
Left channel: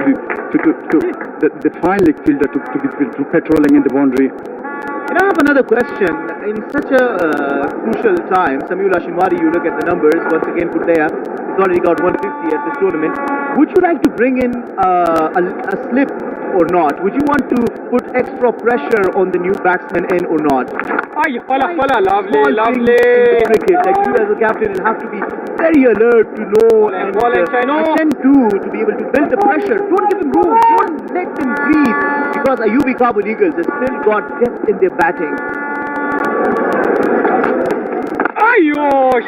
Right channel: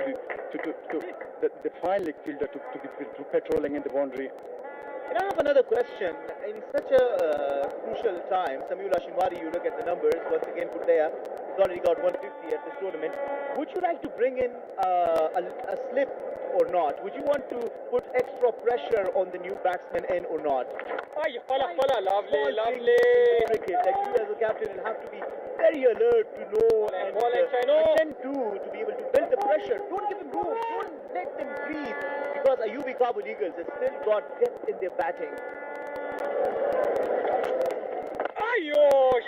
the fine leg fielder to patrolling in the boundary? And I have another question. In such a crucial time, Sameul Ashinwari, you look at the numbers, once again Putaya, he's already got 150 at this tournament. Would you like to bring in a slip or not? Would you want to put extra pressure on the new batsman in or not? Lovely. Cricket, like you as a captain will have to be very alert to know and attend to be able to build the pressure. Don't give him room. Don't let him breathe. Because Ayubi Kabul Eagles has still got depth in their batting. Only one more to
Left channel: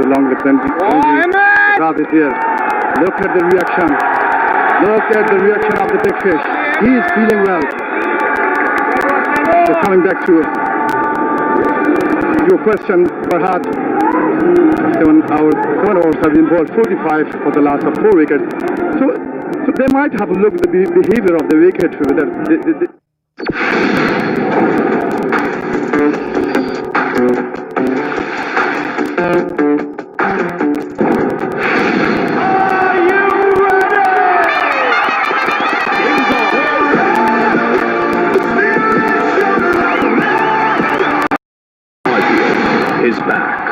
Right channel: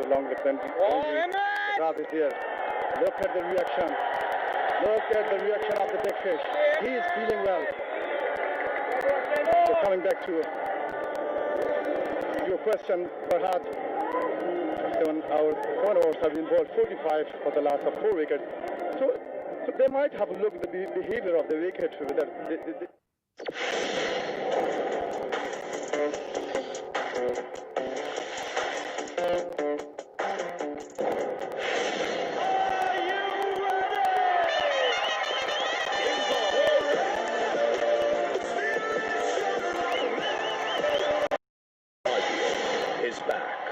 the long left-hand. Rad is here. Look at the reaction. Look at the reaction of the big fish. He is feeling well. So coming back to your question, Farhad. 7 overs have been bowled, 45 for the last of 4 wickets. So they might have a look at the behavior of the wicket. Is back.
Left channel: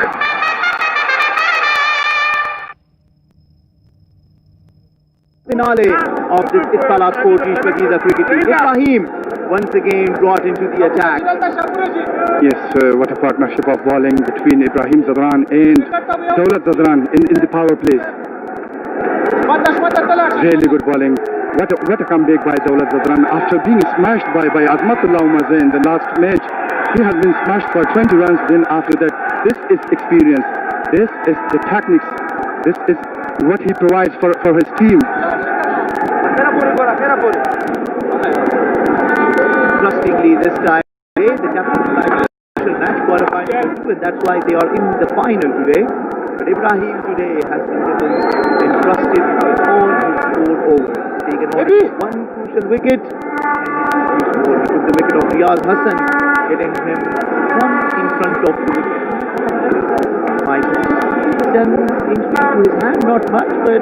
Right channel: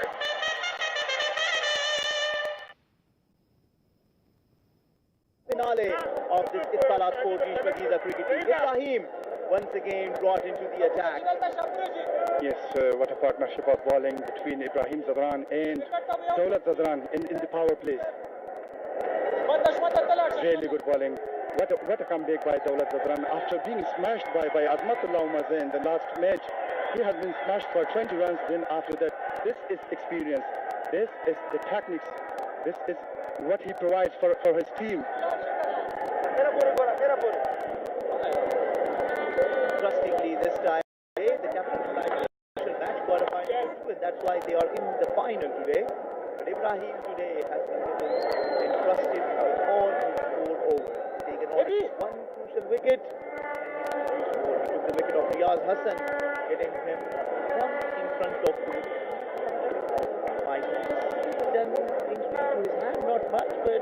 Finale of this Itfalat Shpageeza cricket team. Ibrahim once again brought into the attack. Yes, what a partnership of bowling between Ibrahim Zadran and Daulat Zadran in the power plays. Really good bowling. What a comeback by Daulat Zadran after being smashed by Azmatullah Umarze in the last match. He has been smashed for 20 runs. Then after that, this is experience. This is the techniques. This is what he provides for his team. Trustingly this time, the captain decided to match qualifying, and that's why they are in the final today. But Ibrahim today has been entrusted with all his 4 overs. Taken on one crucial wicket, and he took the wicket of Riyaz Hassan, getting him one in front of the wicket. Might have done injury to his hand, not much, but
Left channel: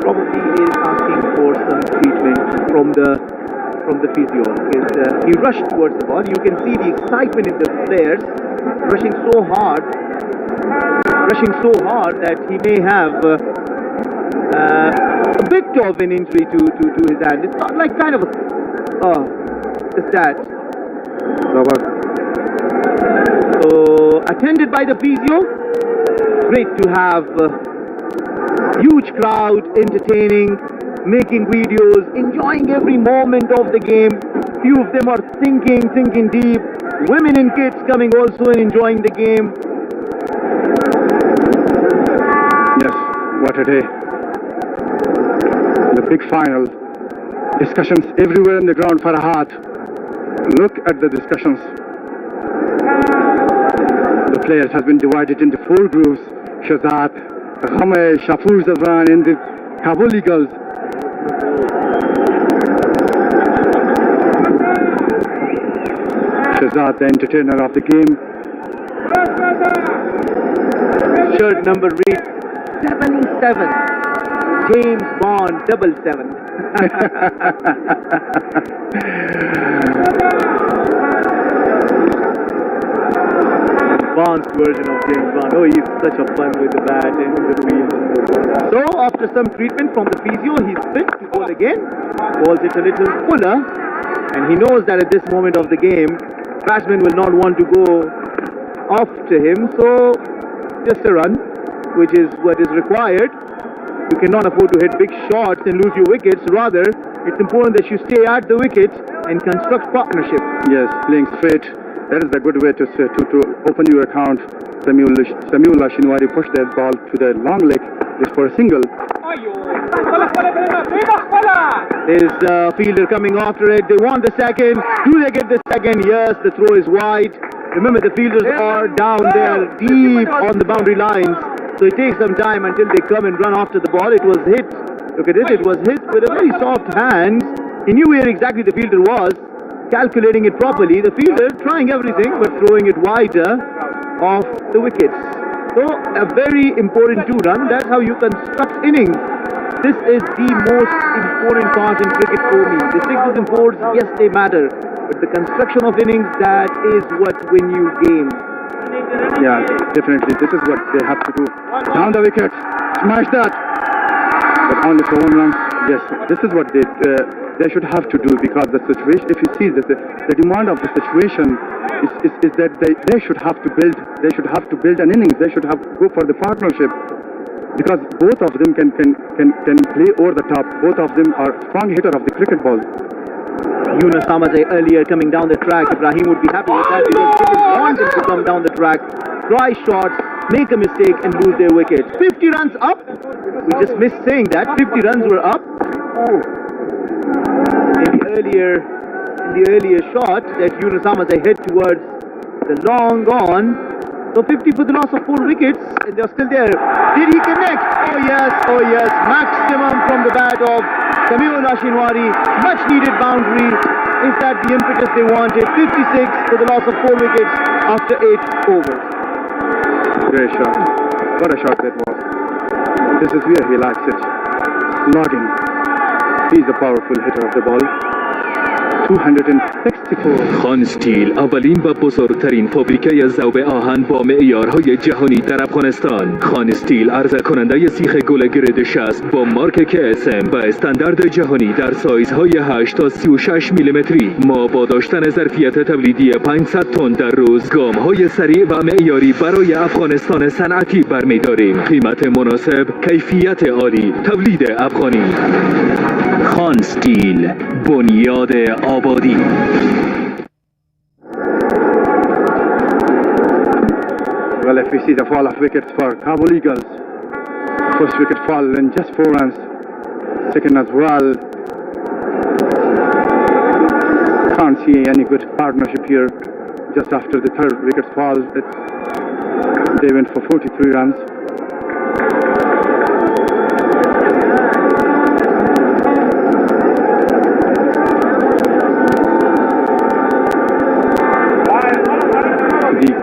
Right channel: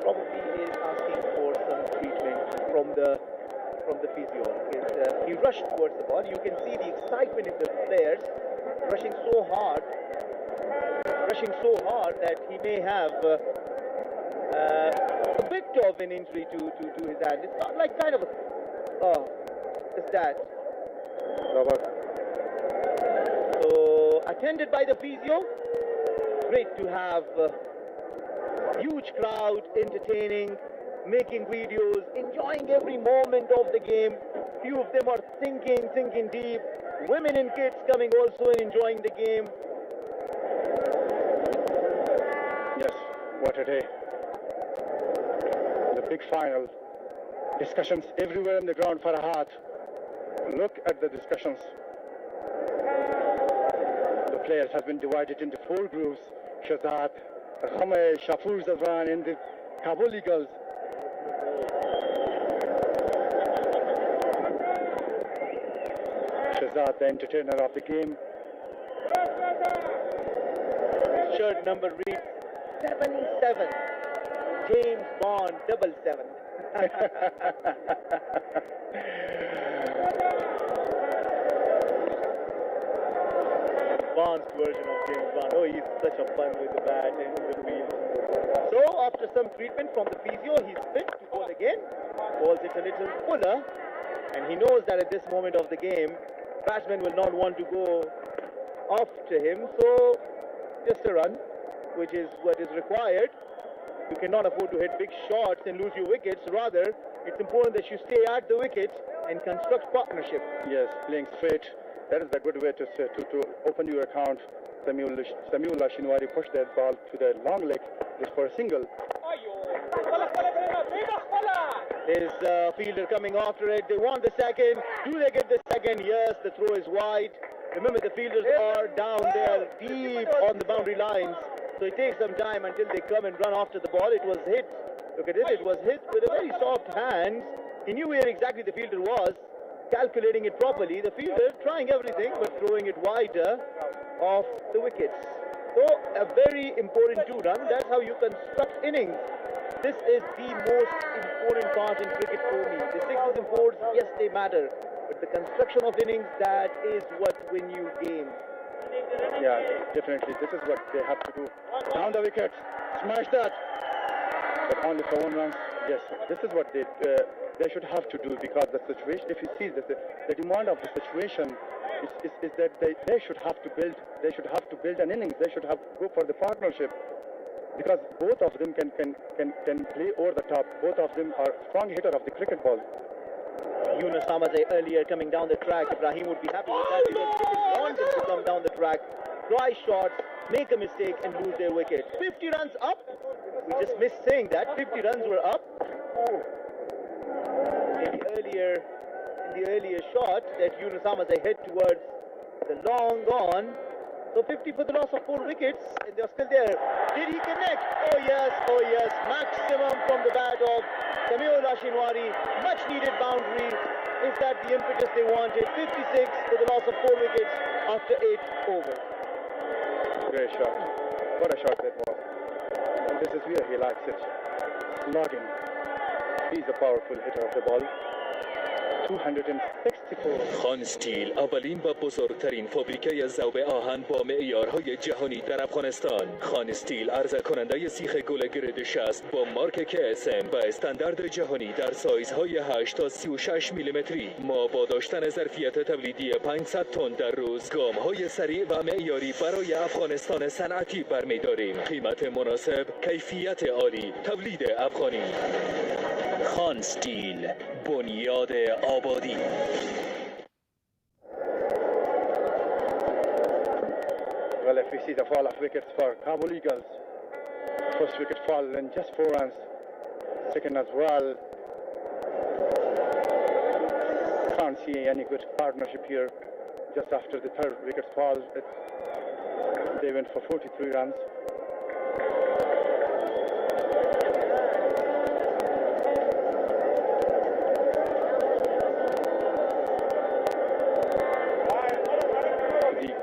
probably is asking for some treatment from the physio. Because he rushed towards the ball. You can see the excitement in the players, rushing so hard that he may have a bit of an injury to his hand. It's not like kind of just that. So attended by the physio. Great to have huge crowd entertaining, making videos, enjoying every moment of the game. Few of them are thinking deep. Women and kids coming also and enjoying the game. Yes, what a day. The big final. Discussions everywhere in the ground, Farhad. Look at the discussions. The players have been divided into 4 groups. Shazad, Ghamay, Shafur Zadran and the Kabul Eagles. Shazad, the entertainer of the game. Shirt number reads 77. James Bond 77. Advanced version of James Bond. Oh, he's such a fun with the bat and the wheel. So, after some treatment from the physio, he's fit to bowl again. Balls it a little fuller. And he knows that at this moment of the game, batsman will not want to go off to him. So, just a run, which is what is required. You cannot afford to hit big shots and lose your wickets. Rather, it's important that you stay at the wicket and construct partnership. Yes, playing straight. That is a good way to open your account. Samuel Shinwari pushed that ball to the long leg. It's for a single. Is fielder coming after it? They want the second. Do they get the second? Yes, the throw is wide. Remember, the fielders are down there deep on the boundary lines. So it takes some time until they come and run after the ball. It was hit. Look at it. It was hit with a very soft hand. He knew where exactly the fielder was, calculating it properly. The fielder trying everything but throwing it wider off the wickets. So a very important 2-run. That's how you construct innings. This is the most important part in cricket for me. The 6s and 4s, yes, they matter. But the construction of innings, that is what win you games. Yeah, definitely. This is what they have to do. Down the wicket. Smash that. But only for 1 run. Yes, this is what they should have to do, because the situation, if you see that the demand of the situation is that they should have to build an innings. They should have go for the partnership, because both of them can play over the top. Both of them are strong hitter of the cricket ball. Yunus Ahmad earlier coming down the track. Ibrahim would be happy with that, because they didn't want them to come down the track, try shots, make a mistake and lose their wicket. 50 runs up. We just missed saying that. 50 runs were up. In the earlier shot that Yunus Ahmad hit towards the long on. So 50 for the loss of 4 wickets, and they're still there. Did he connect? Oh yes. Maximum from the bat of Samuel Shinwari. Much needed boundary. Is that the impetus they wanted? 56 for the loss of 4 wickets after 8 overs. Great shot. What a shot that was. This is where he likes it. Slogging. He's a powerful hitter of the ball. 264. خان استیل اولین و بزرگترین فابریکه ذوب آهن با معیارهای جهانی در افغانستان. خان استیل عرضه کننده سیخ گل گرید 60 با مارک KSM و استاندارد جهانی در سایزهای 8 تا 36 میلیمتری. ما با داشتن ظرفیت تولیدی 500 تن در روز، گام‌های سریع و معیاری برای افغانستان صنعتی برمی‌داریم. قیمت مناسب، کیفیت عالی، تولید افغانی. خان استیل، بنیاد آبادی. Well, if we see the fall of wickets for Kabul Eagles, first wicket fall in just 4 runs, second as well. Can't see any good partnership here. Just after the third wicket fall, they went for 43 runs.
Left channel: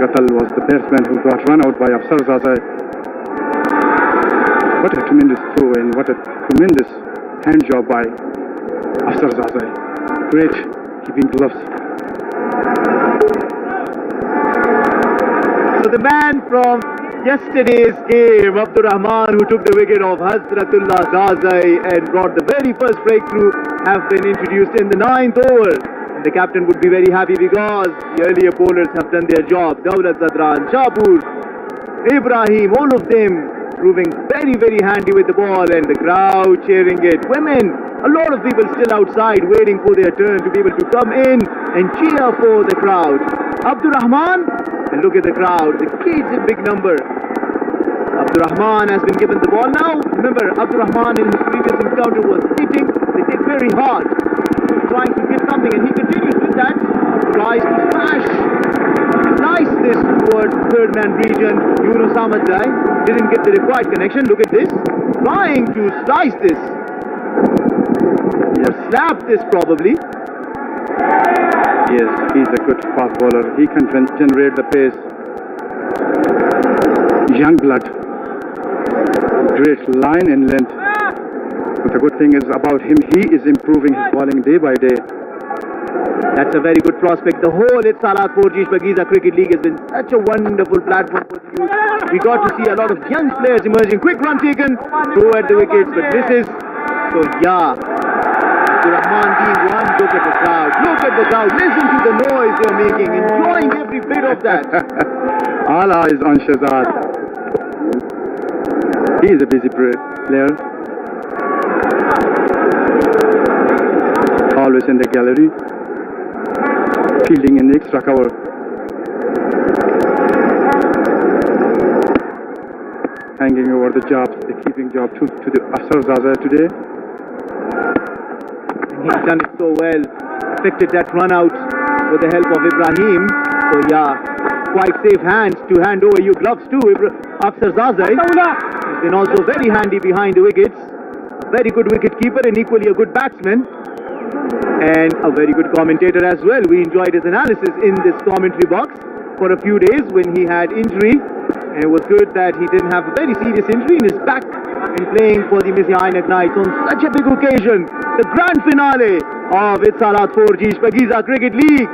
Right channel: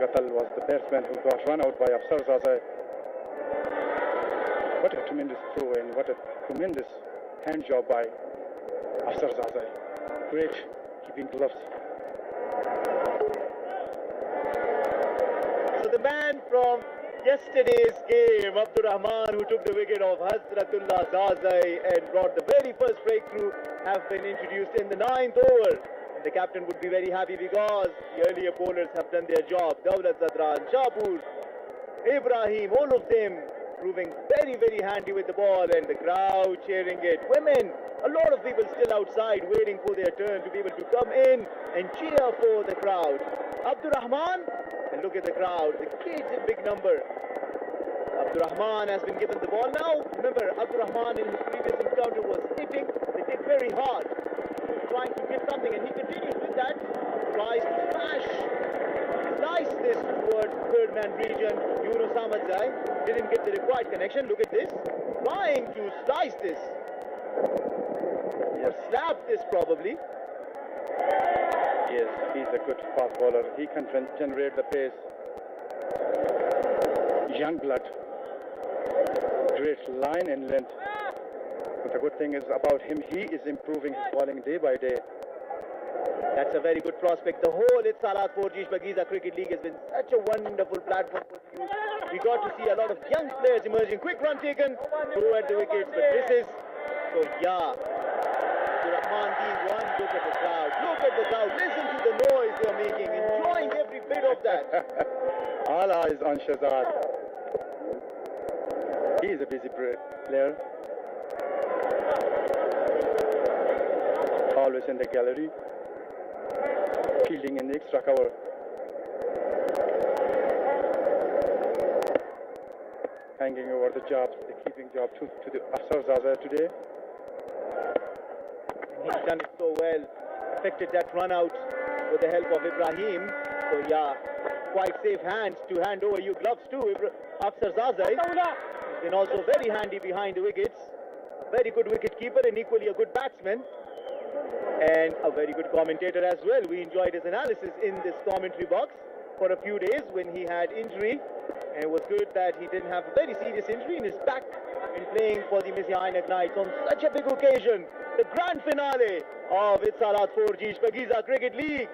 Qatal was the batsman who got run out by Shpageeza. What a tremendous throw and what a tremendous hand job by Shpageeza. Great keeping gloves. So the man from yesterday's game, Abdur Rahman, who took the wicket of Hazratullah Zazai and brought the very first breakthrough, have been introduced in the 9th over. The captain would be very happy because the earlier bowlers have done their job. Dawlat Zadran, Shapur, Ibrahim, all of them proving very, very handy with the ball, and the crowd cheering it. Women, a lot of people still outside waiting for their turn to be able to come in and cheer for the crowd. Abdur Rahman, and look at the crowd, the kids in big number. Abdur Rahman has been given the ball now. Remember, Abdur Rahman in his previous encounter was hitting. They hit very hard, trying to get something, and he continues with that. Tries to smash, slice this towards third man region. Yunus Ahmad didn't get the required connection. Look at this, trying to slice this, or slap this probably. Yes, he's a good fast bowler. He can generate the pace. Young blood, great line and length. But the good thing is about him, he is improving his bowling day by day. That's a very good prospect. The whole Salat 4G Shpageeza Cricket League has been such a wonderful platform for the youth. We got to see a lot of young players emerging. Quick run taken, throw at the wickets, but misses. So yeah, the Rahman being one. Look at the crowd. Look at the crowd. Listen to the noise they're making, enjoying every bit of that. All eyes on Shahzad. He is a busy player. Always in the gallery, fielding in the extra cover. hanging over the jobs, the keeping job to the Shpageeza today. He's done it so well. Affected that run out with the help of Ibrahim. So yeah, quite safe hands to hand over your gloves to Shpageeza. He's been also very handy behind the wickets. A very good wicket keeper and equally a good batsman. And a very good commentator as well. We enjoyed his analysis in this commentary box for a few days when he had injury. And it was good that he didn't have a very serious injury in his back in playing for the Ainak Knights on such a big occasion. The grand finale of Itzalat 4G Shpageeza Cricket League.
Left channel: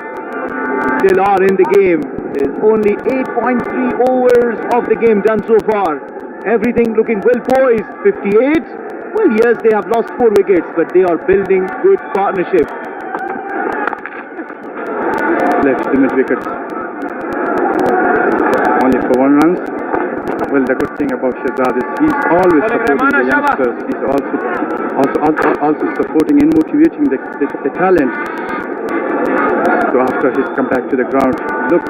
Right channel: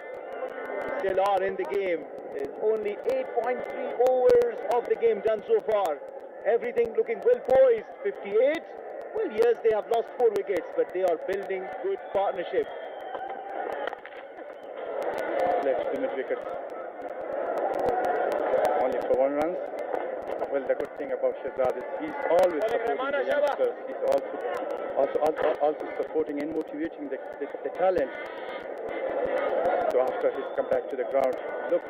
Still are in the game. There's only 8.3 overs of the game done so far. Everything looking well poised. 58. Well, yes, they have lost 4 wickets, but they are building good partnership. Left the mid wickets. Only for 1 run. Well, the good thing about Shahzad is he's always supporting the youngsters. He's also supporting and motivating the talent. So after his comeback to the ground, look,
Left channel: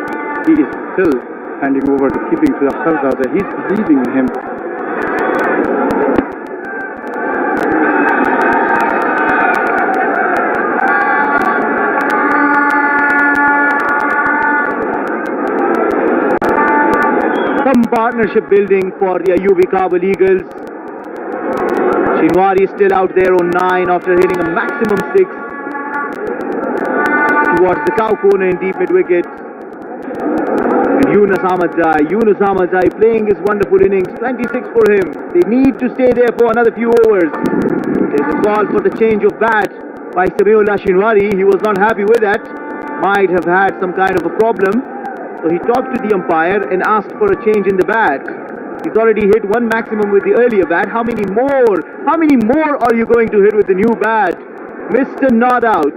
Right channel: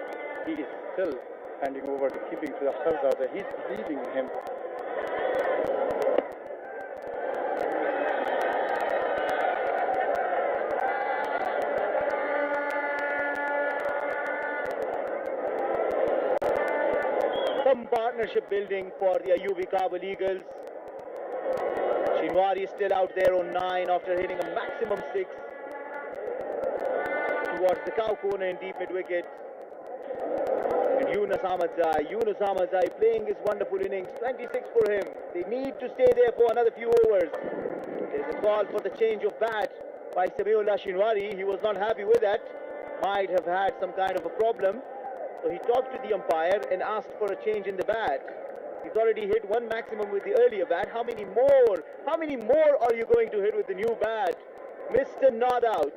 he is still handing over the keeping to the Shpageeza. He's believing in him. Partnership building for the Ayubi Kabul Eagles. Shinwari is still out there on 9 after hitting a maximum 6 towards the cow corner in deep mid wicket. And Yunus Ahmadzai playing his wonderful innings, 26 for him. They need to stay there for another few overs. There's a call for the change of bat by Samiullah Shinwari. He was not happy with that. Might have had some kind of a problem. So he talked to the umpire and asked for a change in the bat. He's already hit 1 maximum with the earlier bat. How many more are you going to hit with the new bat? Mr. Not Out.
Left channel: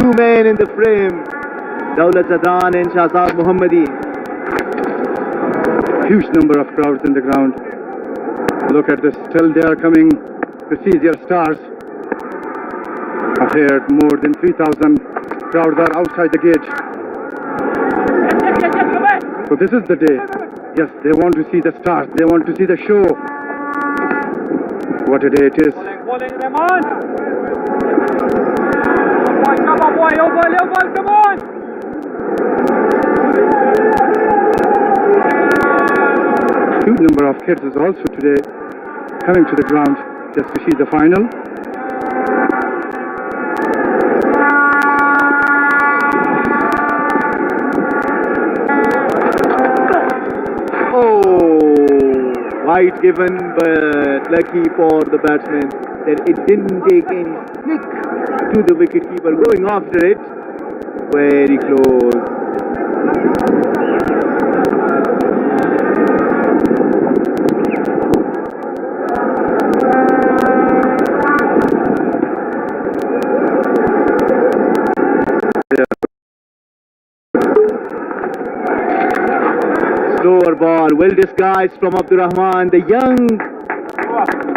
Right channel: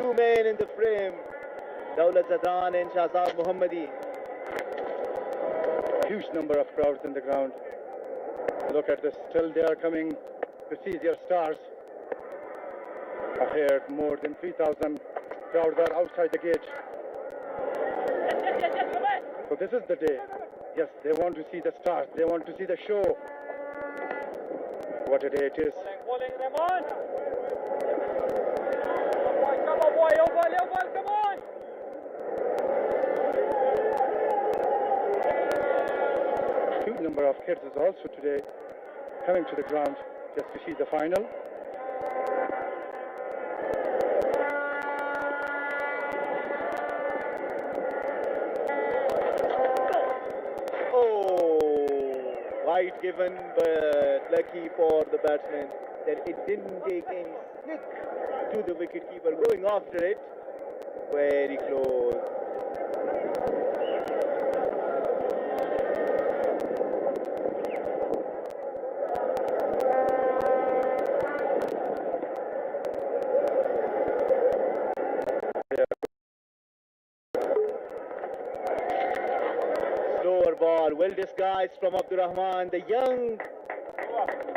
2 men in the frame. Daulat Zadran and Shahzad Mohammadi. Huge number of crowds in the ground. Look at this. Still they are coming to see their stars. I've heard more than 3,000 crowds are outside the gate. So this is the day. Yes, they want to see the stars. They want to see the show. What a day it is. Come on, boy. Come on. Huge number of kids is also today coming to the ground just to see the final. Wide given, but lucky for the batsman that it didn't take any snick to the wicketkeeper going after it. Very close. Slower ball, well disguised from Abdurrahman, the young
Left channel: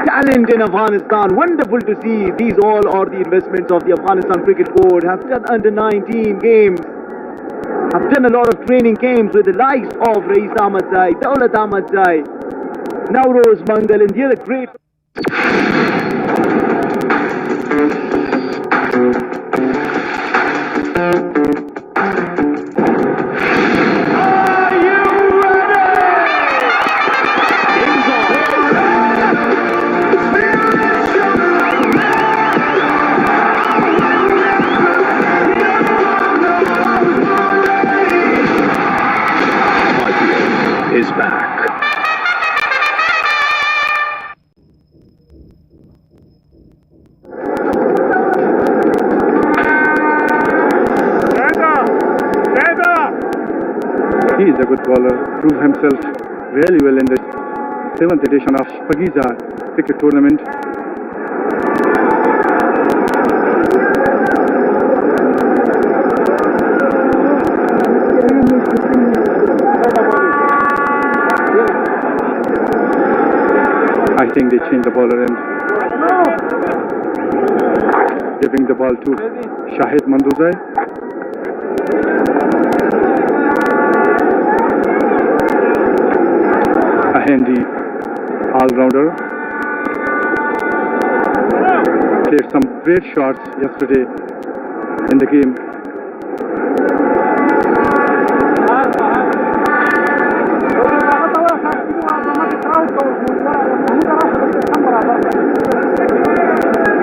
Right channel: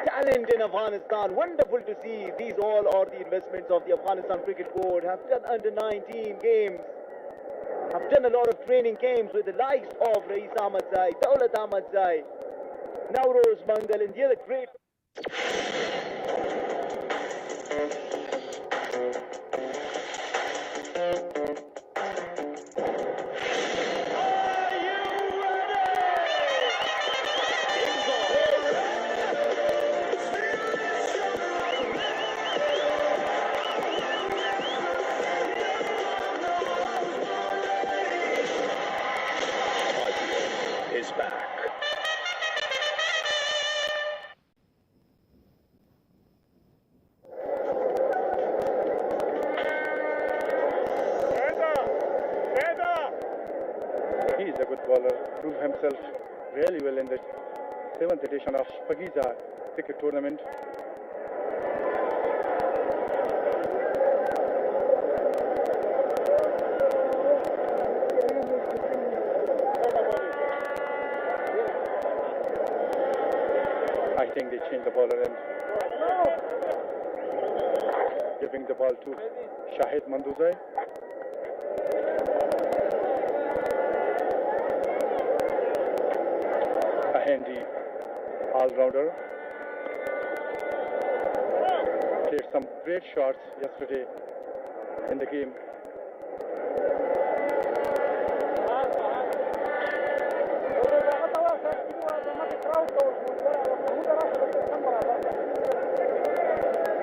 talent in Afghanistan. Wonderful to see. These all are the investments of the Afghanistan Cricket Board. Have done under 19 games. Have done a lot of training games with the likes of Rais Ahmadzai, Daulat Ahmadzai, Nauroz Mangal and the other great... is back. He is a good bowler, proved himself really well in the 7th edition of Shpageeza cricket tournament. I think they changed the bowler and giving the ball to Shahid Manduzai. a handy all-rounder. Played some great shots yesterday in the game.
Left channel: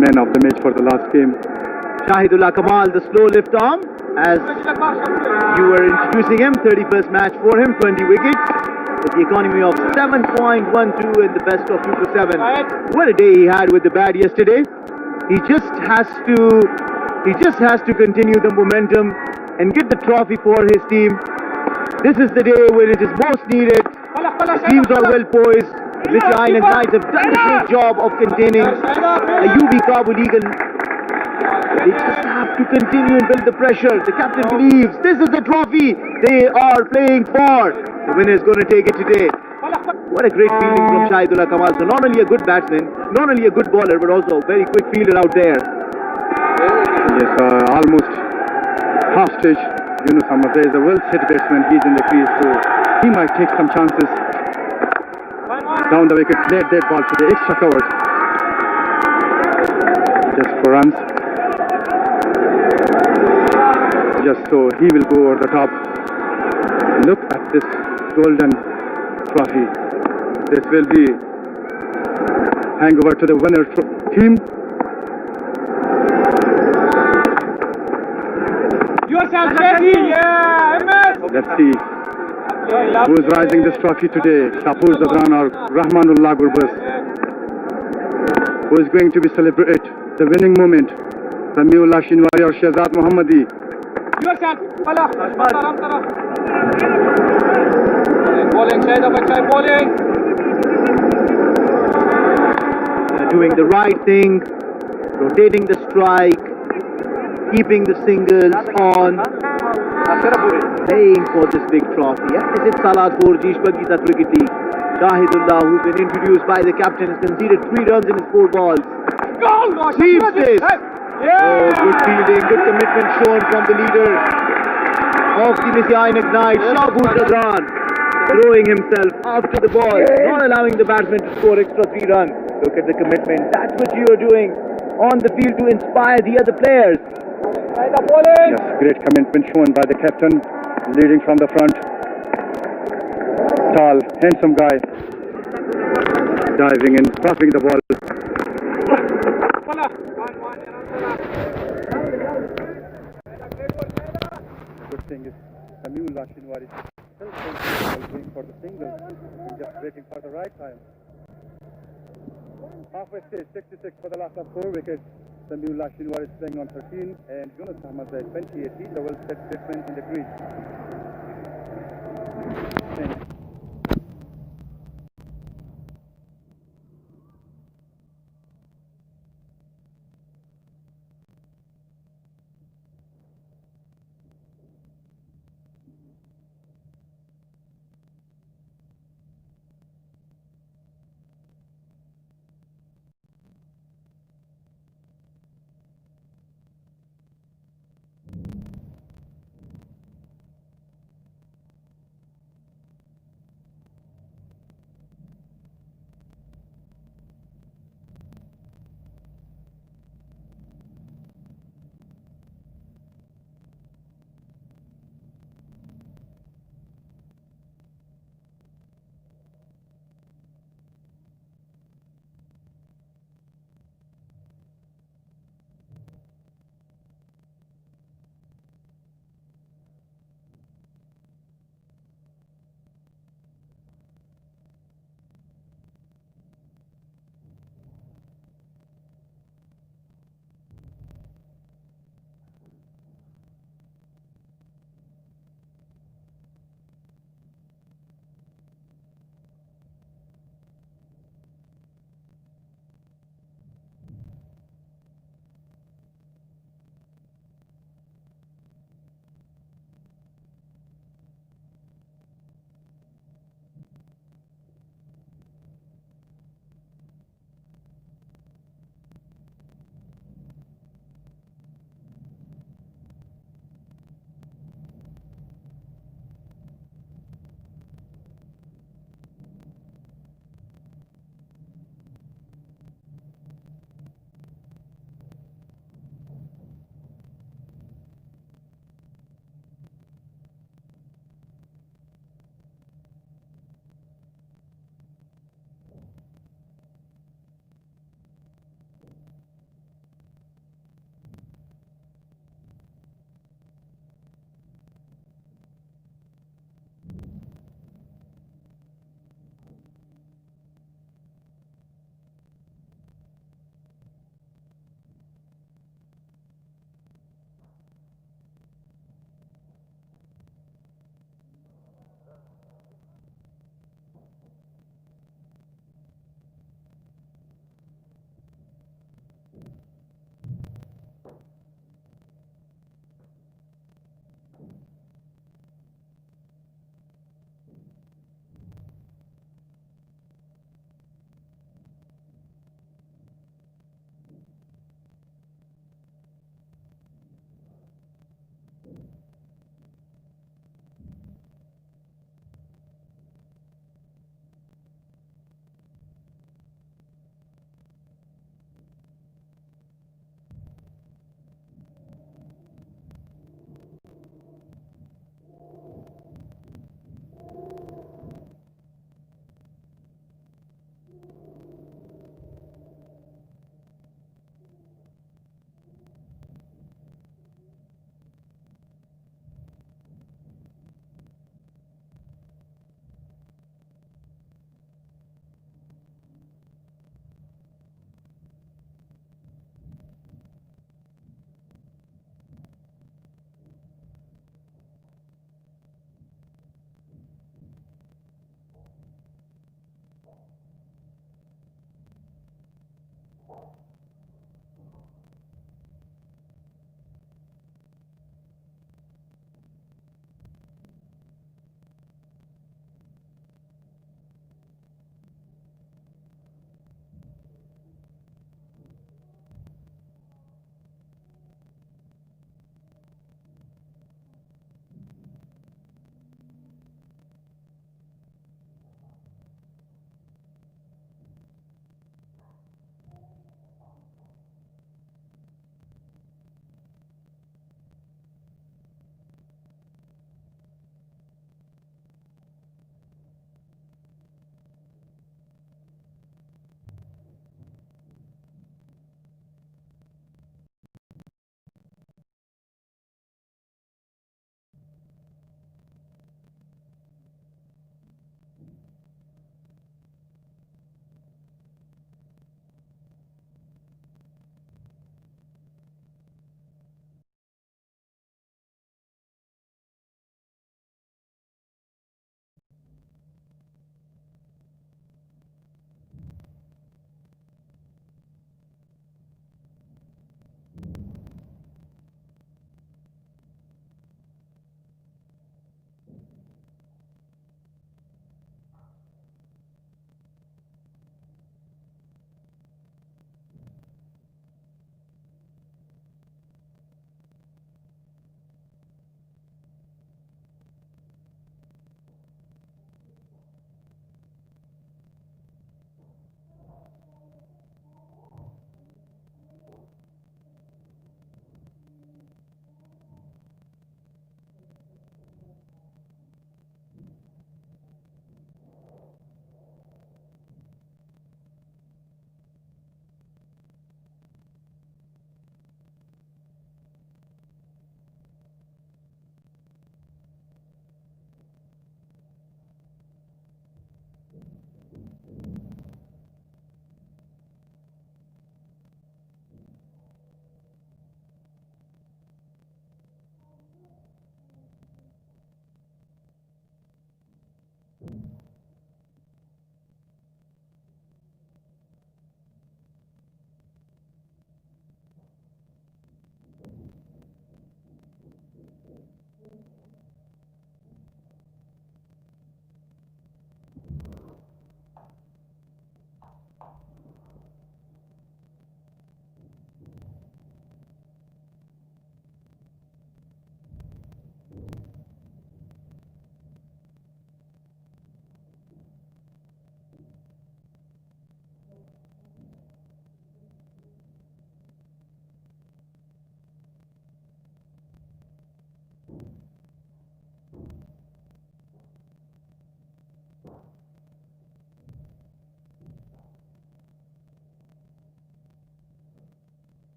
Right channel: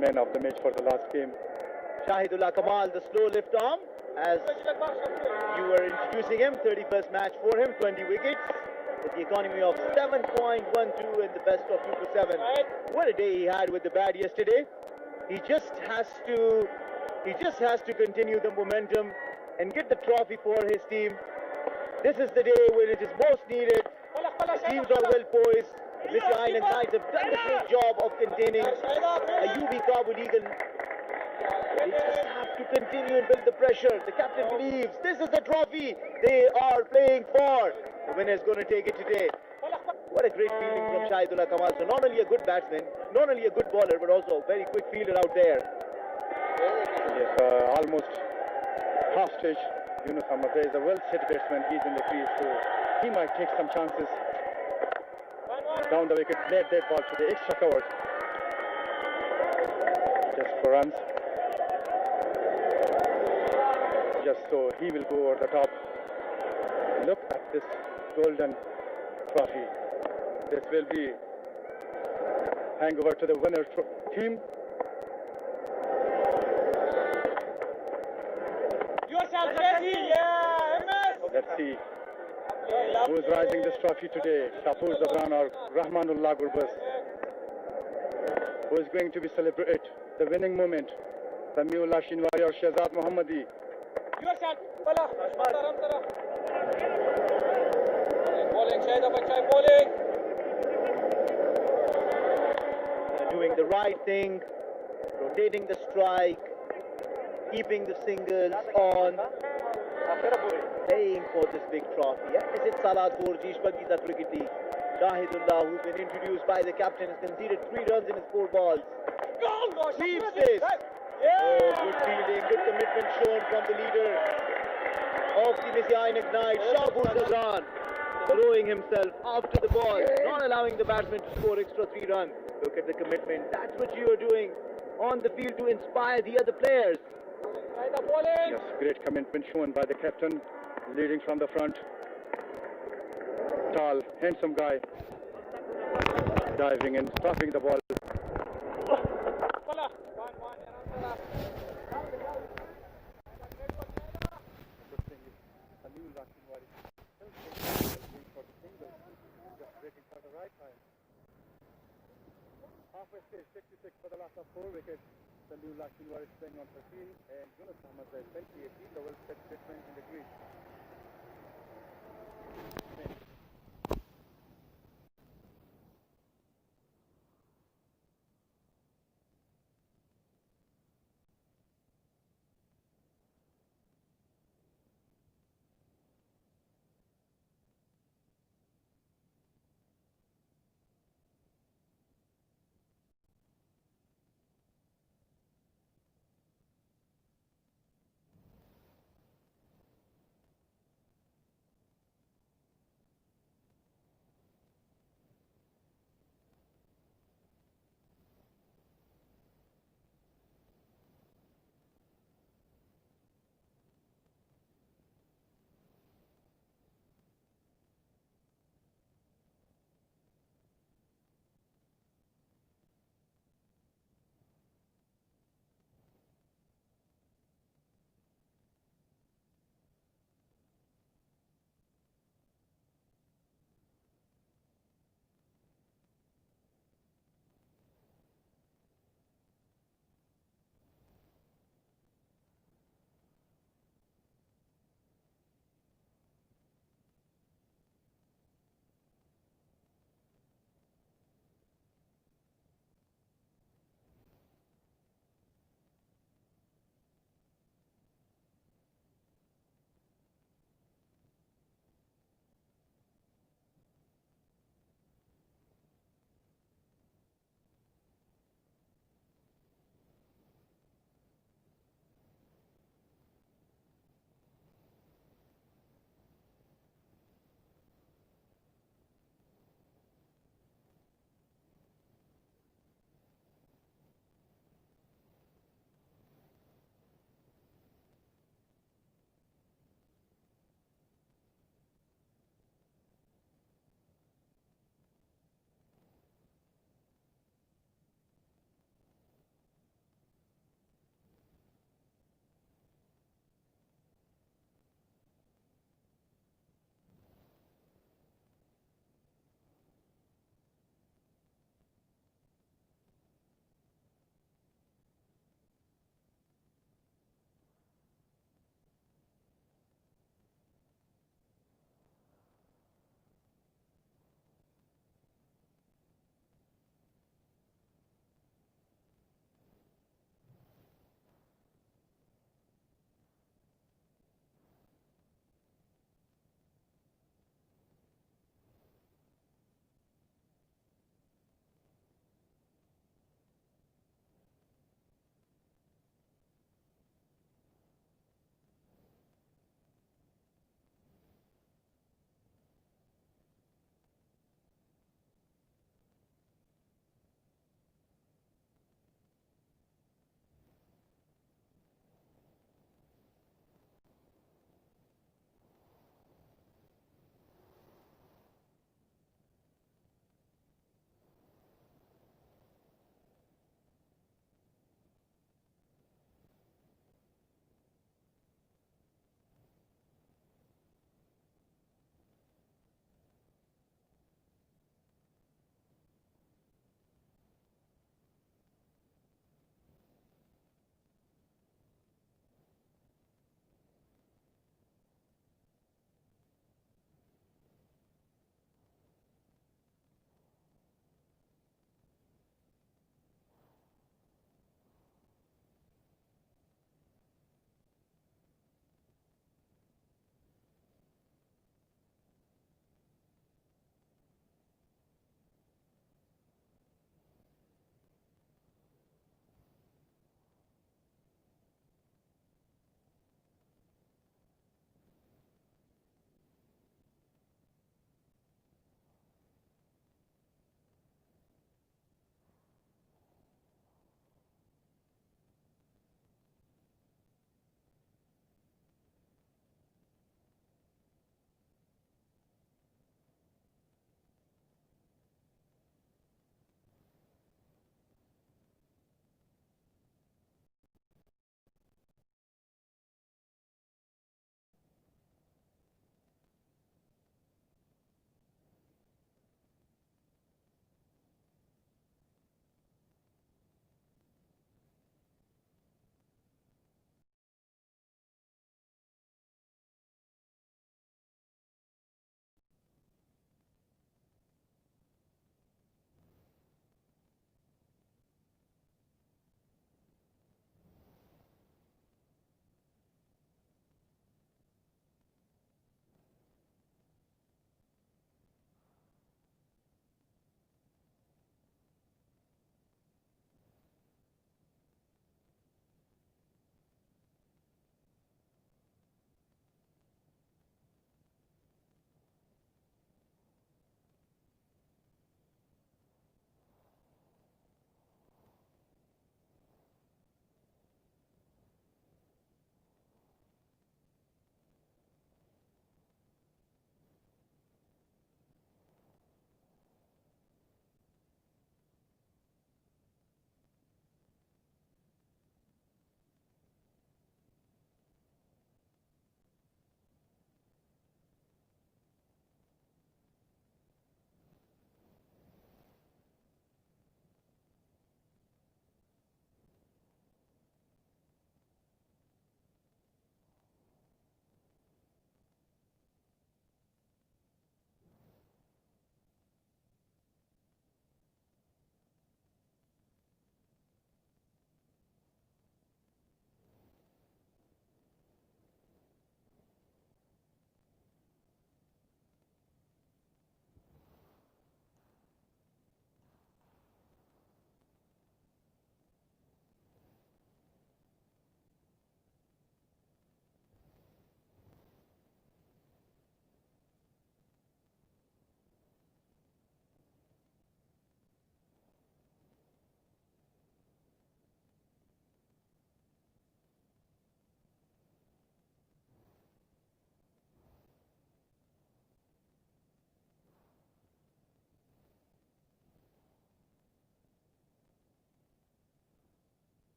Man of the match for the last game. Shahidullah Kamal, the slow lift arm, as you were introducing him. 31st match for him, 20 wickets, with the economy of 7.12 and the best of 2 for 7. What a day he had with the bat yesterday. He just has to continue the momentum and get the trophy for his team. This is the day when it is most needed. The teams are well poised. Mr. Ainak Knights have done a great job of containing a UB Kabul Eagle. They just have to continue and build the pressure. The captain believes this is the trophy they are playing for. The winner is going to take it today. What a great feeling from Shahidullah Kamal. So not only a good batsman, not only a good bowler, but also a very quick fielder out there. Yes, almost half stage. Yunus Hamazah is a well-set batsman. He's in the crease, so he might take some chances. Down the wicket, played that ball to the extra cover. Just for runs. Just so he will go over the top. Look at this golden trophy. This will be hangover to the winner team. Yourself ready, yeah, Let's see who's rising this trophy today. Shapur Zadran or Rahmanullah Gurbaz. Who is going to be celebrate the winning moment? Samiullah Shinwari or Shehzad Mohammadi. Yourself, bowling, bowling. They're doing the right thing, rotating the strike, keeping the singles on, playing for this big trophy. Is it Salah for Shpageeza Cricket League? Shahidullah, who's been introduced by the captain, has conceded 3 runs in his 4 balls. Sweeps this. Oh, good fielding, good commitment shown from the leader of the Mr. Ainak Knights, Shahbuz Zadran, throwing himself after the ball, not allowing the batsman to score extra 3 runs. Look at the commitment. That's what you are doing on the field to inspire the other players. Yes, great commitment shown by the captain, leading from the front. Tall, handsome guy, diving in, stopping the ball. Good thing is Samiullah Shinwari still going for the singles. He's just waiting for the right time. Halfway stage, 66 for the last of 4 wickets. Samiullah Shinwari is playing on 13 and Yunus Hamazah 28. He's a well-set batsman in the crease.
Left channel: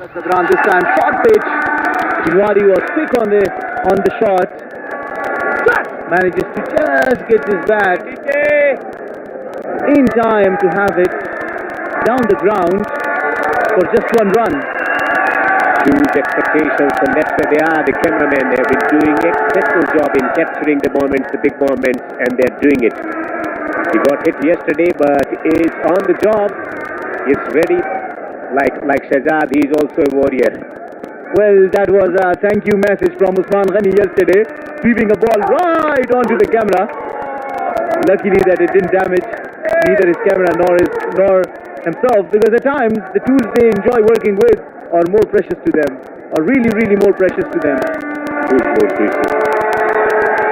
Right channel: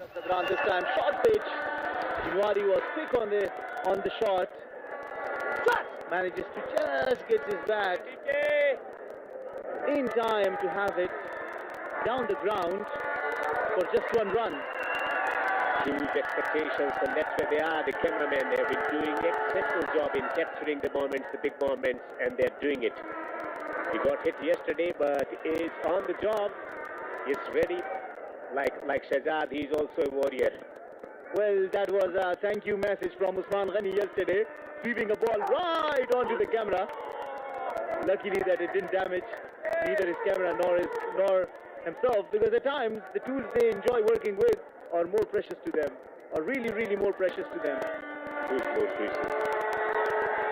Sadran this time, short pitch. Jinwari was quick on the shot. Manages to just get his bat in time to have it down the ground for just one run. Huge expectations, and that's where they are. The cameramen have been doing an exceptional job in capturing the moments, the big moments, and they're doing it. He got hit yesterday, but is on the job. He's ready. Like Shahzad, he's also a warrior. Well, that was a thank you message from Usman Ghani yesterday, sweeping a ball right onto the camera. Luckily that it didn't damage neither his camera nor himself, because at times the tools they enjoy working with are more precious to them, are really more precious to them. Good more precious.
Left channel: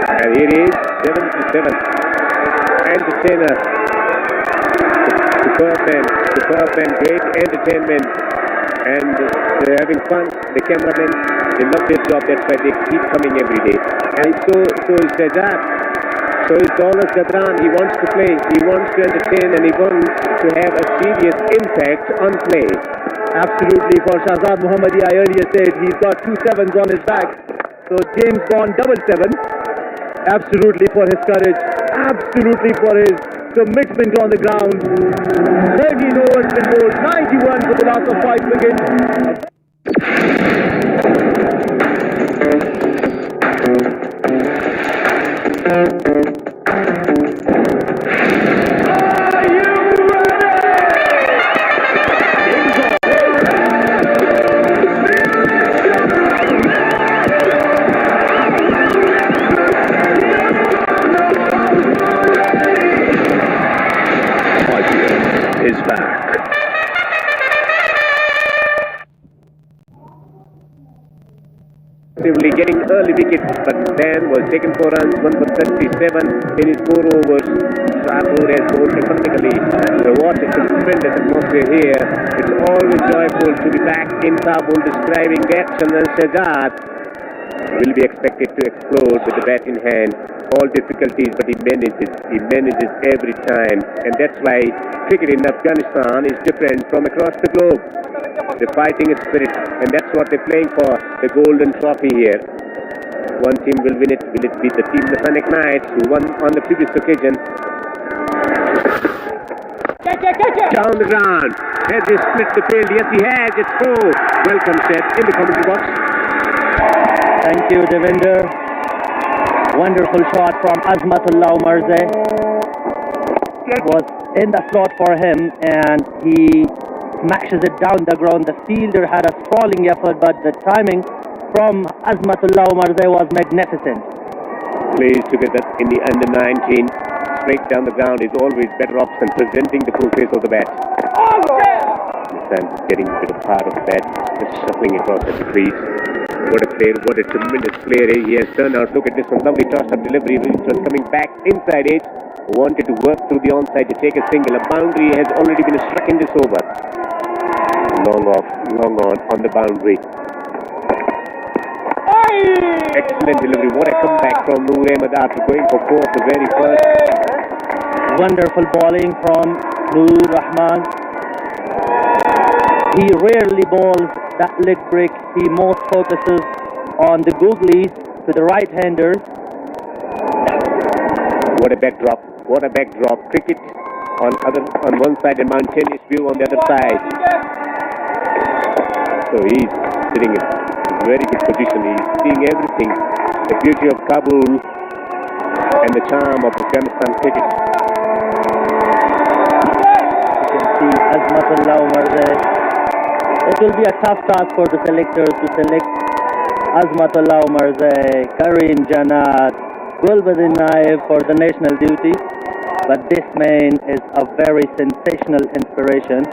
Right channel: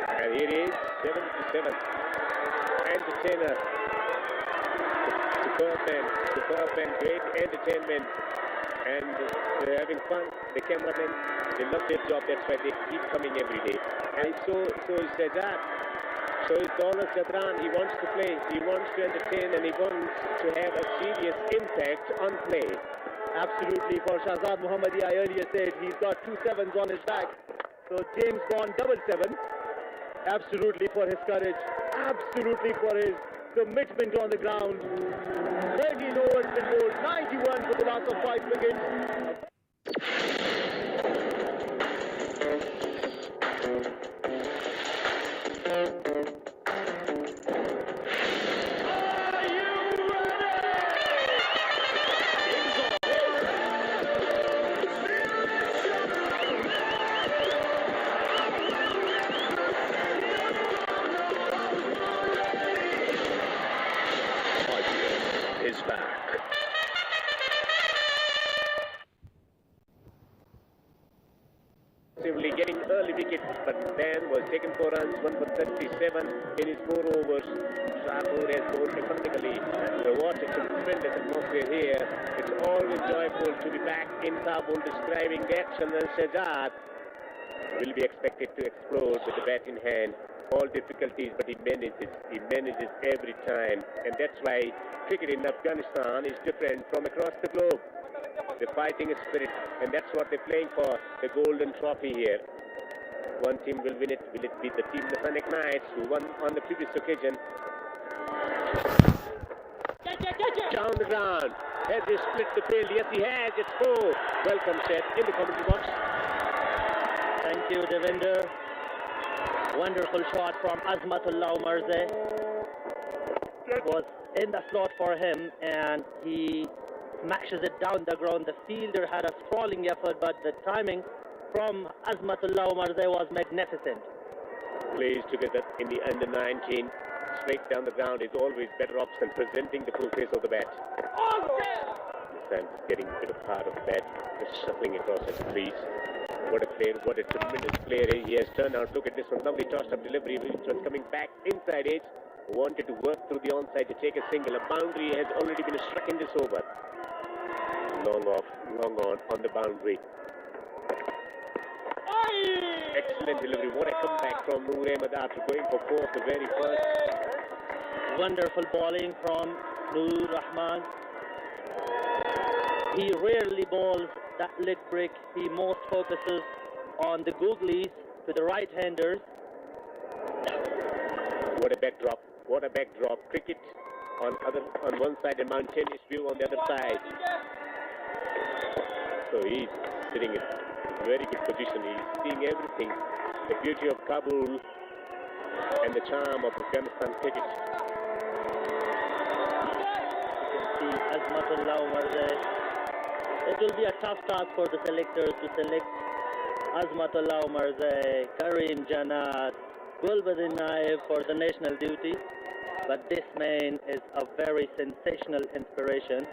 And here is 7-7. Entertainer. Superb man, great entertainment. And they're having fun. The cameramen, they love their job. That's why they keep coming every day. And so is Shahzad. So is Daulat Zadran. He wants to play. He wants to entertain, and he wants to have a serious impact on play. Absolutely. For Shahzad Mohammadi, I earlier said he's got 2 sevens on his back. So James Bond 7-7. Absolutely for his courage. Absolutely for his commitment on the ground. 13 overs been bowled, 91 for the loss of 5 wickets. is back. Getting early wicket, but then was taken for runs, 1 for 37 in his 4 overs. Shahpur has bowled technically. What a tremendous atmosphere here. It's always joyful to be back in Kabul, describing the action, and Shahzad will be expected to explode with the bat in hand. All difficulties, but he manages every time, and that's why cricket in Afghanistan is different from across the globe. The fighting spirit, and that's what they're playing for, the golden trophy here. One team will win it. Will it be the team, the Ainak Knights, who won on the previous occasion? Down the ground. Has he split the field? Yes, he has. It's 4. Welcome, said in the commentary box. Thank you, Devinder. Wonderful shot from Azmatullah Mirza. It was in the slot for him, and he smashes it down the ground. The fielder had a sprawling effort, but the timing from Azmatullah Mirza was magnificent. Plays together in the under-19. Straight down the ground is always better option, presenting the full face of the bat. This time he's getting a bit of part of the bat, just shuffling across at the crease. What a player, what a tremendous player he has turned out. Look at this one, lovely toss-up delivery, which was coming back inside edge. Wanted to work through the onside to take a single. A boundary has already been struck in this over. Long on the boundary. Excellent delivery. What a comeback from Noor Ahmed after going for 4 of the very first. Wonderful bowling from Noor Rahman. He rarely bowls that leg break. He most focuses on the googlies to the right-handers. What a backdrop. What a backdrop. Cricket on one side and mountainous view on the other side. So he's sitting in a very good position. He's seeing everything. The beauty of Kabul and the charm of Afghanistan cricket. You can see Azmatullah Mirza. It will be a tough task for the selectors to select Azmatullah Mirza, Karim Janat, Gulbuddin Naib for the national duty. But this man is a very sensational inspiration.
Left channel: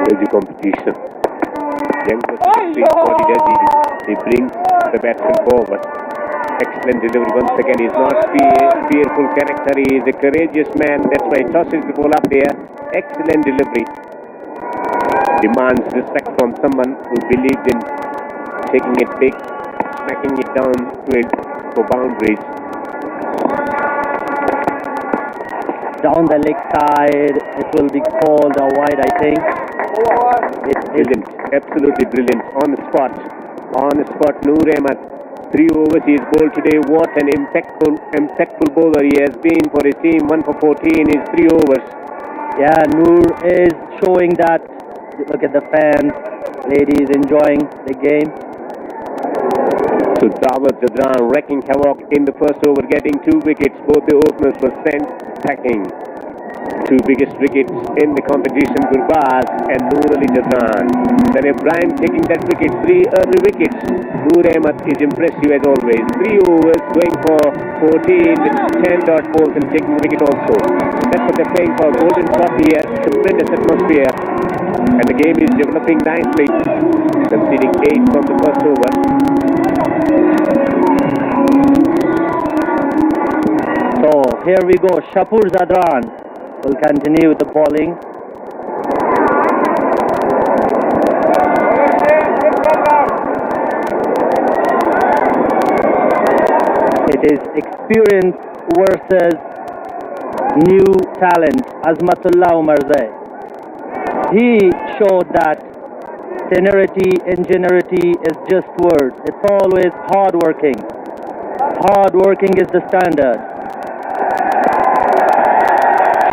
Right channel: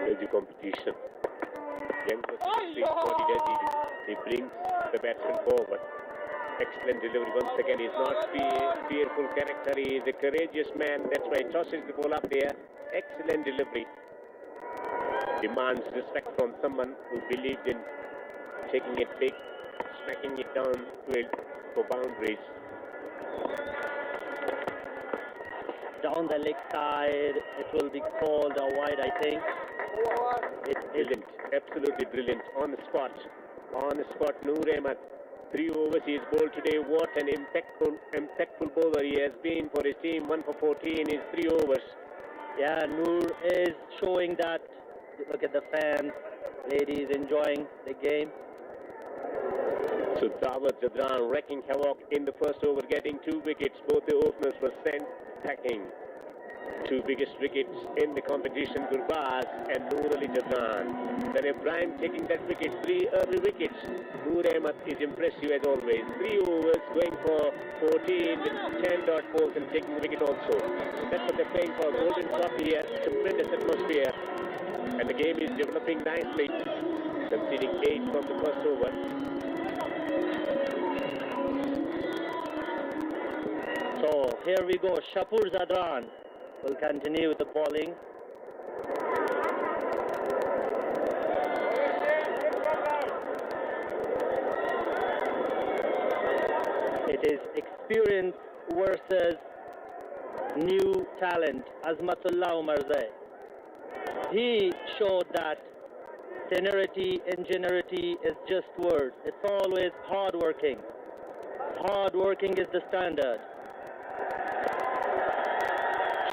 There's the competition. Young person, what he does, he brings the batsman forward. Excellent delivery once again. He's not fearful character. He is a courageous man. That's why he tosses the ball up there. Excellent delivery. Demands respect from someone who believed in taking it big, smacking it down to it for boundaries. down the leg side. It will be called a wide, I think. Brilliant, absolutely brilliant. On the spot, Noor Ahmed. 3 overs he has bowled today. What an impactful bowler he has been for his team. 1 for 14 is 3 overs. Yeah, Noor is showing that. Look at the fans, ladies enjoying the game. So Dawud Zadran wrecking havoc in the first over, getting 2 wickets. Both the openers were sent packing. 2 biggest wickets in the competition, Gurbaz and Noor Ali Zadran. Then Ibrahim taking that wicket, 3 early wickets. Noor Ahmed is impressive as always. 3 overs, going for 14 with 10 dot balls and taking the wicket also. That's what they're playing for. Golden trophy here, tremendous atmosphere. And the game is developing nicely. Conceding 8 from the first over. So here we go. Shapur Zadran will continue with the bowling. It is experience versus new talent. Azmatullah Umarzai. He showed that tenuity, ingenuity is just words. It's always hard working. Hard working is the standard.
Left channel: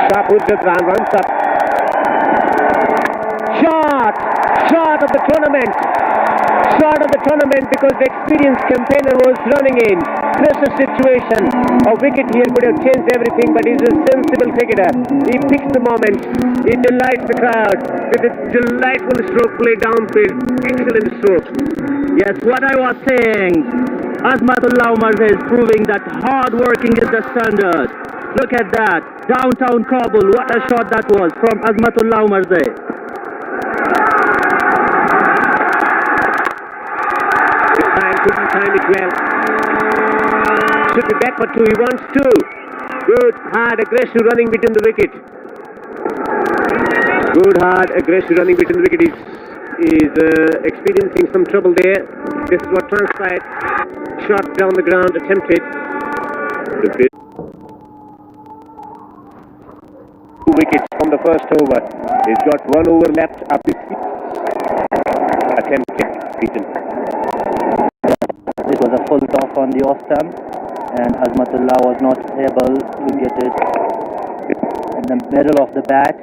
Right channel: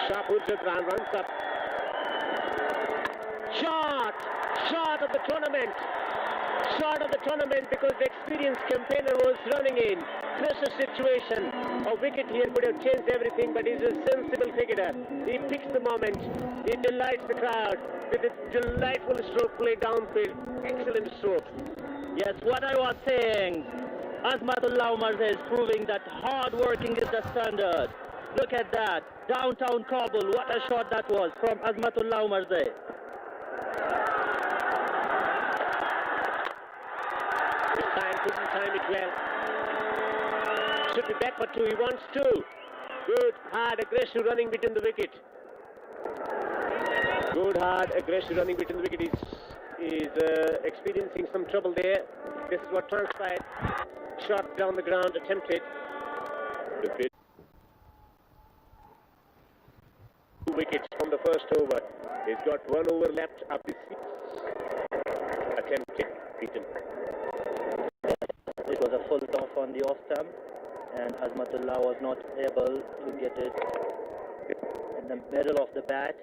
Shapur Zadran runs up. Shot of the tournament. Shot of the tournament because the experienced campaigner was running in. Pressure situation. A wicket here could have changed everything, but he's a sensible cricketer. He picks the moment. He delights the crowd with a delightful stroke play downfield. Excellent stroke. Yes, what I was saying. Azmatullah Umarzai is proving that hard working is the standard. Look at that. Downtown Kabul. What a shot that was from Azmatullah Umarzai. Couldn't time it well. Should be back for 2. He wants 2. Good, hard, aggressive running between the wicket. Good, hard, aggressive running between the wicket. Is experiencing some trouble there. This is what transpired. Shot down the ground, attempted. 2 wickets from the first over. He's got 1 over left up his attempted beaten. It was a full toss on the off stump, and Azmatullah was not able to get it in the middle of the bat.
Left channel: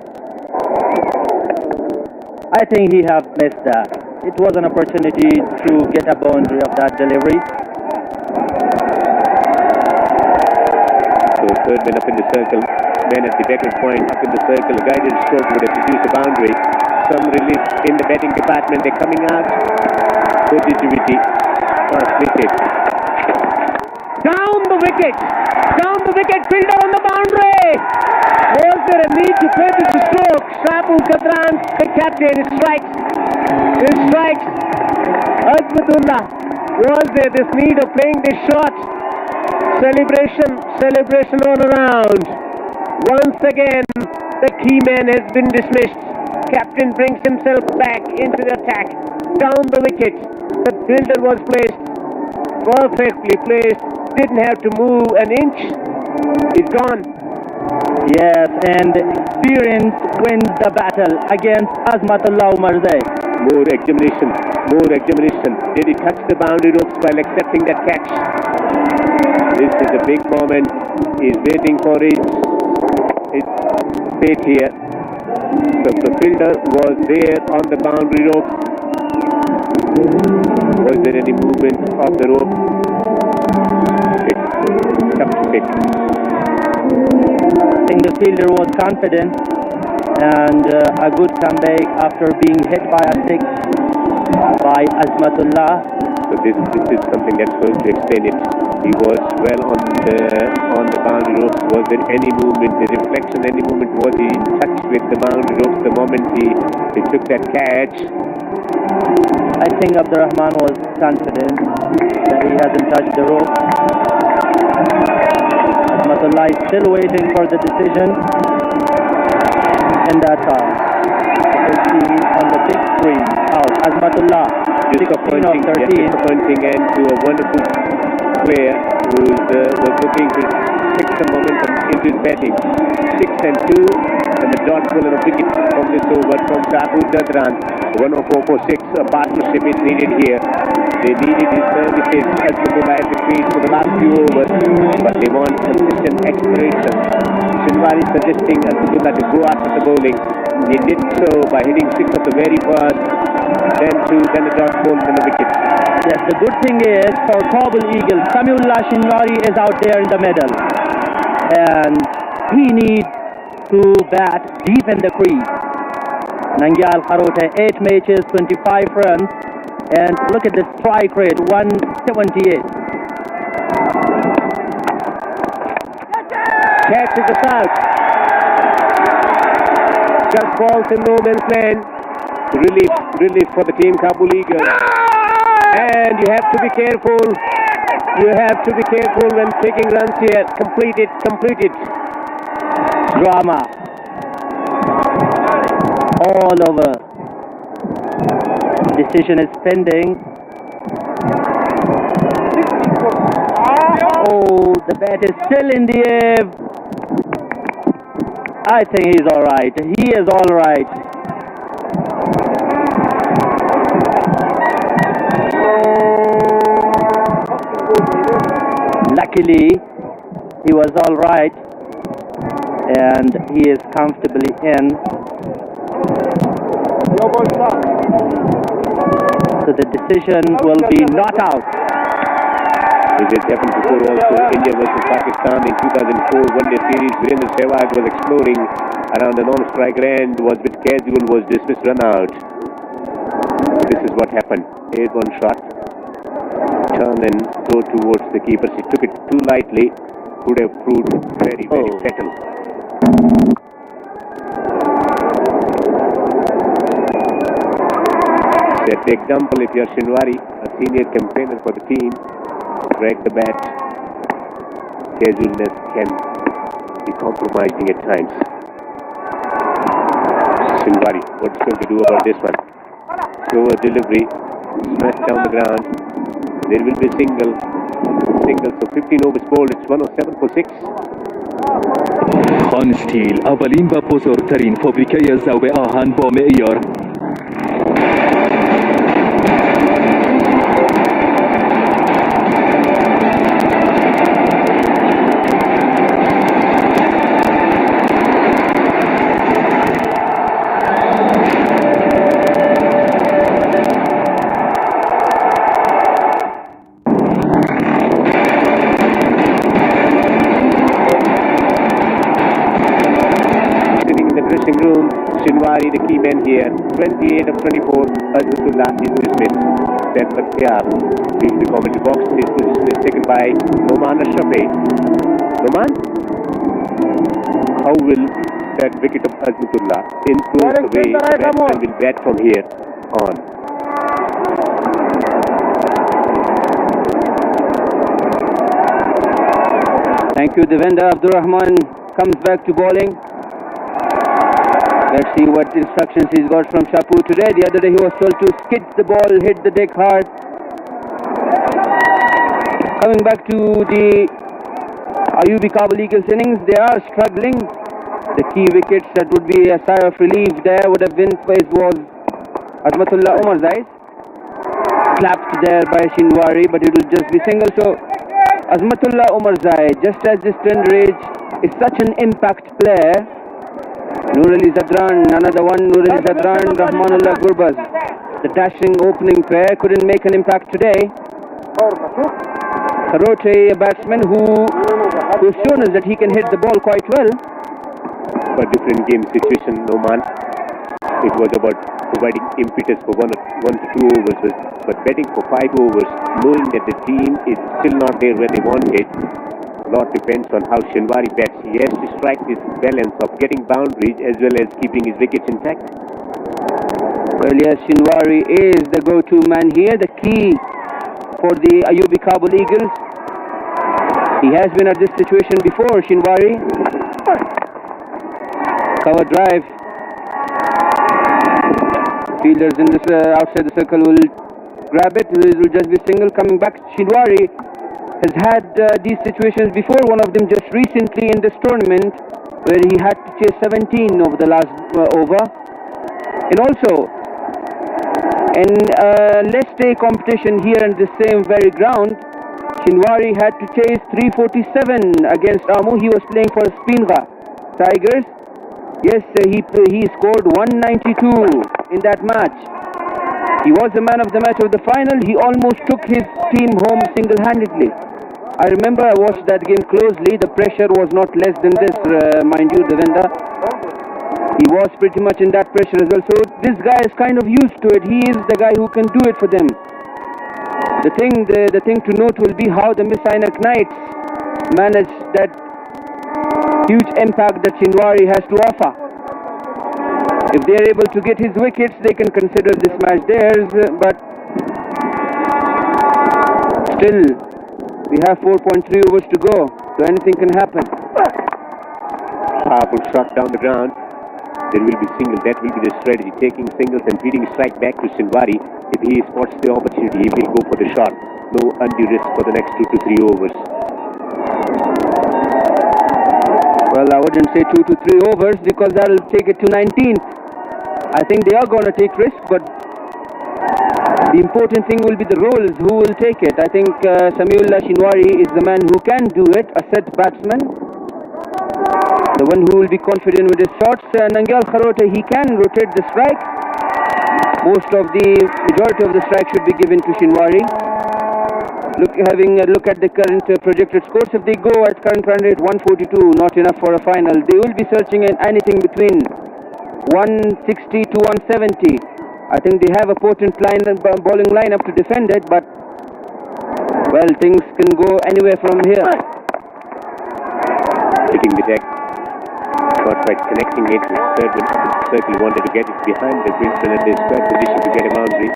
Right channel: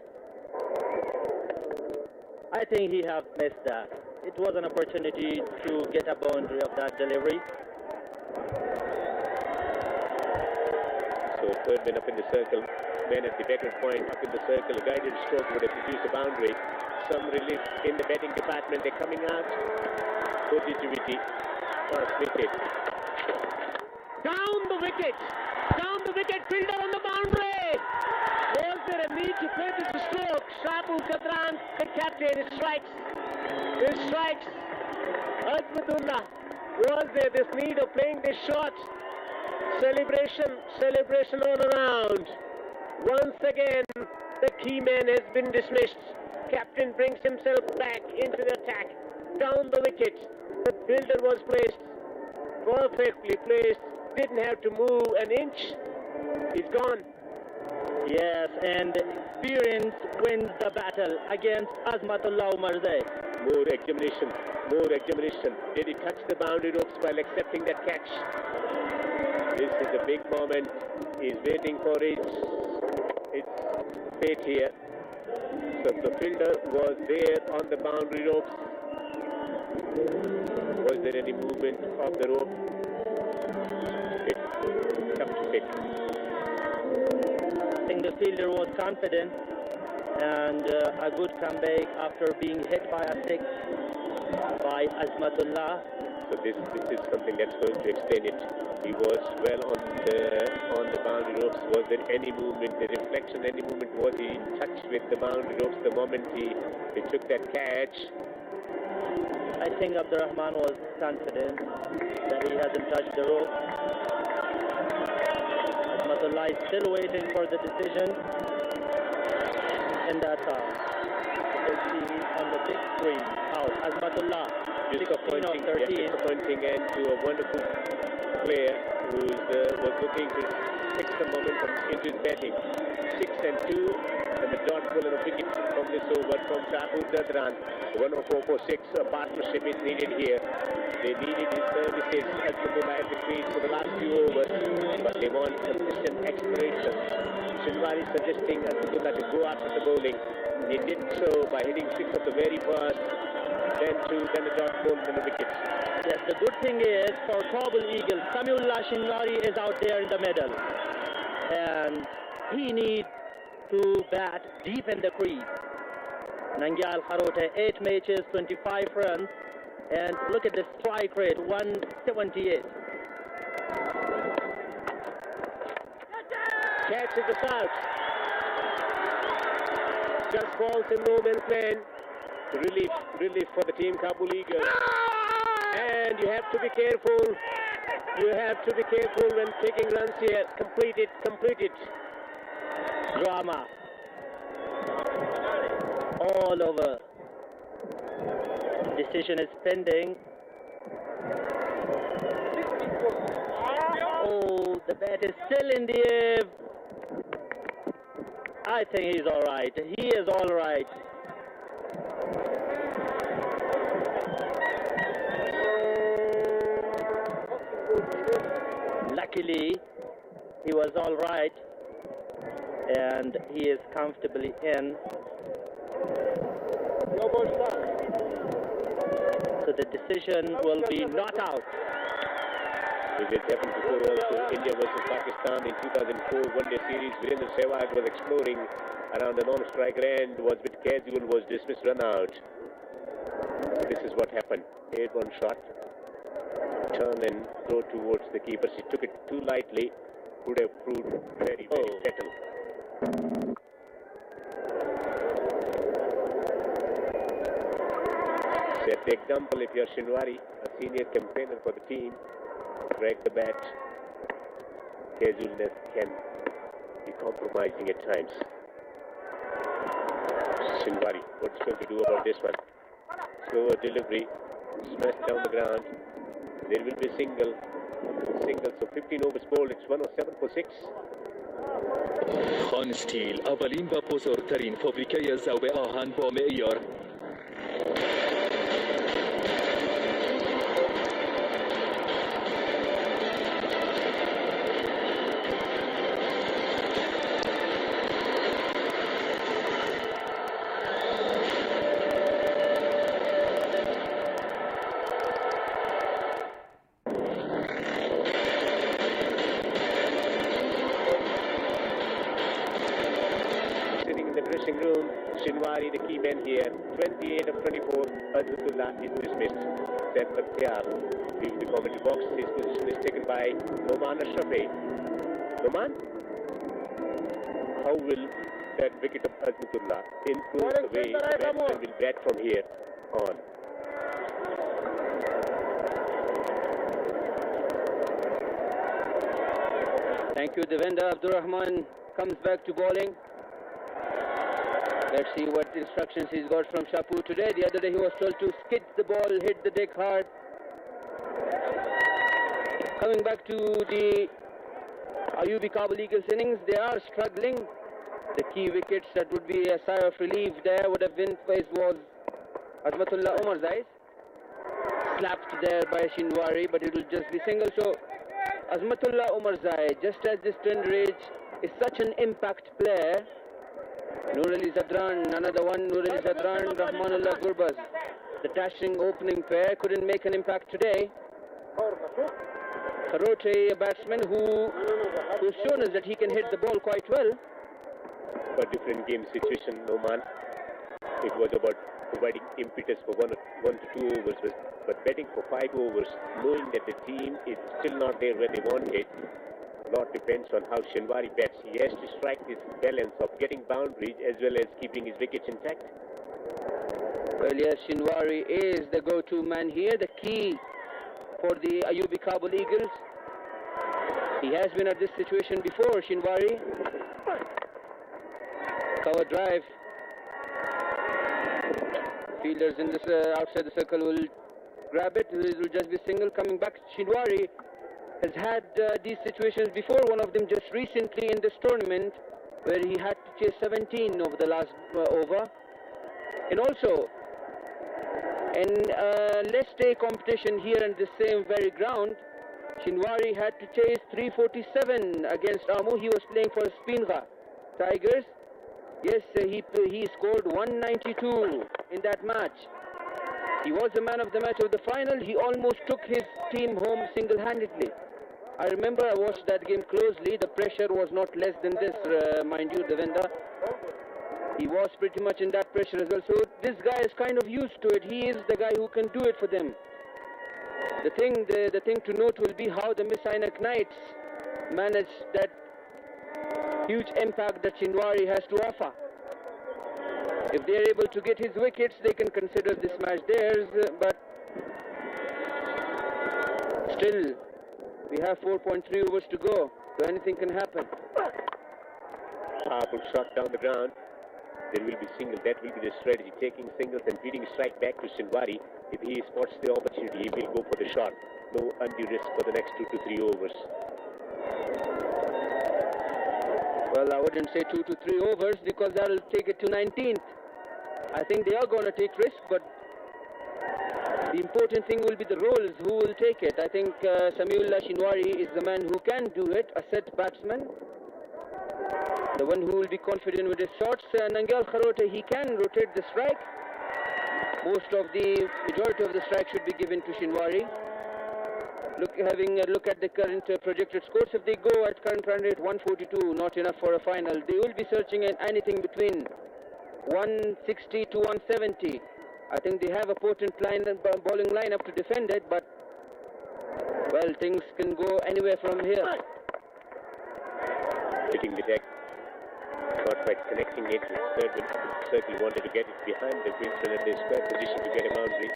I think he have missed that. It was an opportunity to get a boundary of that delivery. So third man up in the circle, man at the backward point up in the circle, guided stroke would have produced a boundary. Some relief in the batting department. They're coming out. Positivity transmitted. Down the wicket, fielder on the boundary. Was there a need to play this stroke? Shapur Zadran, the captain, strikes. Azmatullah, was there this need of playing this shot? Celebration all around. Once again, the key man has been dismissed. Captain brings himself back into the attack. Down the wicket. The fielder was placed, perfectly placed, didn't have to move an inch. He's gone. Yes, and experience wins the battle against Azmatullah Umarzai. More examination. Did he touch the boundary ropes while accepting that catch? This is a big moment. He's waiting for his fate here. So the fielder was there on the boundary ropes. Was there any movement of the rope? It's tough to pick. I think the fielder was confident, and a good comeback after being hit by a six by Azmatullah. So this is something that's going to explain it. He was well on the boundary ropes. Was there any movement, the reflection, any movement? Was he in touch with the boundary ropes the moment he took that catch? I think Abdurrahman was confident that he hasn't touched the rope. Azmatullah is still waiting for the decision, and that's all. You can see on the big screen out. Azmatullah, 16 of 13. Disappointing end to a wonderful player who was looking to take some momentum into his batting. 6 and 2, and the dot ball and a wicket from this over from Shpageeza Zadran. 104 for 6. A partnership is needed here. They needed his services as the crease for the last few overs, but they want consistent acceleration. Shinwari suggesting Azmatullah to go after the bowling. He did so by hitting 6 of the very first, then 2, then a dot ball, then a wicket. Yes, the good thing is for Kabul Eagles, Samiullah Shinwari is out there in the middle. And he needs to bat deep in the crease. Nangyal Kharote, 8 matches, 25 runs. And look at the strike rate, 178. Catch is the out. Just falls in no man's land. Relief for the team Kabul Eagles. And you have to be careful. You have to be careful when taking runs here. Complete it. Drama. All over. Decision is pending. Oh, the bat is still in the air. I think he's all right. He is all right. Luckily, he was all right, and he is comfortably in. So the decision will be not out. It happened before also. India versus Pakistan in 2004 one-day series. Virendra Sehwag was exploring around the non-striker end, was a bit casual, was dismissed, run out. This is what happened. 8-1 shot. Turn and throw towards the keeper. He took it too lightly. Could have proved very fatal. Set the example if you are Shinwari, a senior campaigner for the team. Break the bat. Casualness can be compromising at times. Shinwari, what's going to do about this one? Slower delivery, smash down the ground. There will be a single. So 15 overs bowled. It's 107 for 6. خان استیل اولین و بزرگترین فابریکه ذوب آهن با معیار Shinwari, the key man here, 28 of 24, Azmatullah is dismissed. Set Bakhtiyar leaves the commentary box. His position is taken by Noman Ashrafi. Noman, how will that wicket of Azmatullah influence the way batsmen will bat from here on? Thank you, Devendra. Abdurrahman comes back to bowling. Let's see what instructions he's got from Shapu today. The other day he was told to skid the ball, hit the deck hard. Coming back to the Ayubi Kabul Eagles innings, they are struggling. The key wickets that would be a sigh of relief there would have been faced was Azmatullah Umarzai. Slapped there by Shinwari, but it will just be single. So Azmatullah Umarzai, just as this tender age, is such an impact player. Nurali Zadran, another one, Nurali Zadran, Rahmanullah Gurbaz. The dashing opening pair couldn't make an impact today. Kharote, a batsman who's shown us that he can hit the ball quite well. But different game situation, Noman. It was about providing impetus for one to two overs, but betting for 5 overs, knowing that the team is still not there where they want it. A lot depends on how Shinwari bats. He has to strike this balance of getting boundaries as well as keeping his wickets intact. Well, yes, Shinwari is the go-to man here, the key for the Ayubi Kabul Eagles. He has been at this situation before, Shinwari. Cover drive. Fielders in this outside the circle will grab it. It will just be single. Coming back, Shinwari has had these situations before, one of them just recently in this tournament, where he had to chase 17 over the last over. And also, in let's say competition here in the same very ground, Shinwari had to chase 347 against Amu. He was playing for Spinga Tigers. Yes, he scored 192 in that match. He was the man of the match of the final. He almost took his team home single-handedly. I remember I watched that game closely. The pressure was not less than this, mind you, Devendra. He was pretty much in that pressure as well. So this guy is kind of used to it. He is the guy who can do it for them. The thing to note will be how the Miss Ainak Knights manage that huge impact that Shinwari has to offer. If they are able to get his wickets, they can consider this match theirs, but still, we have 4.3 overs to go, so anything can happen. Powerful shot down the ground. There will be single. That will be the strategy. Taking singles and feeding strike back to Shinwari. If he spots the opportunity, he will go for the shot. No undue risk for the next 2 to 3 overs. Well, I wouldn't say 2 to 3 overs because that will take it to 19th. I think they are going to take risk, but the important thing will be the roles. Who will take it? I think Samiullah Shinwari is the man who can do it, a set batsman. The one who will be confident with his shots. Nangyal Kharote, he can rotate the strike. Majority of the strike should be given to Shinwari. Having a look at the current projected scores, if they go at current run rate 142, not enough for a final. They will be searching in anything between 160 to 170. I think they have a potent bowling lineup to defend it, but well, things can go anywhere from here. Hitting the deck, not quite connecting it. Circle wanted to get it behind the Brisbane at the square position to get a boundary.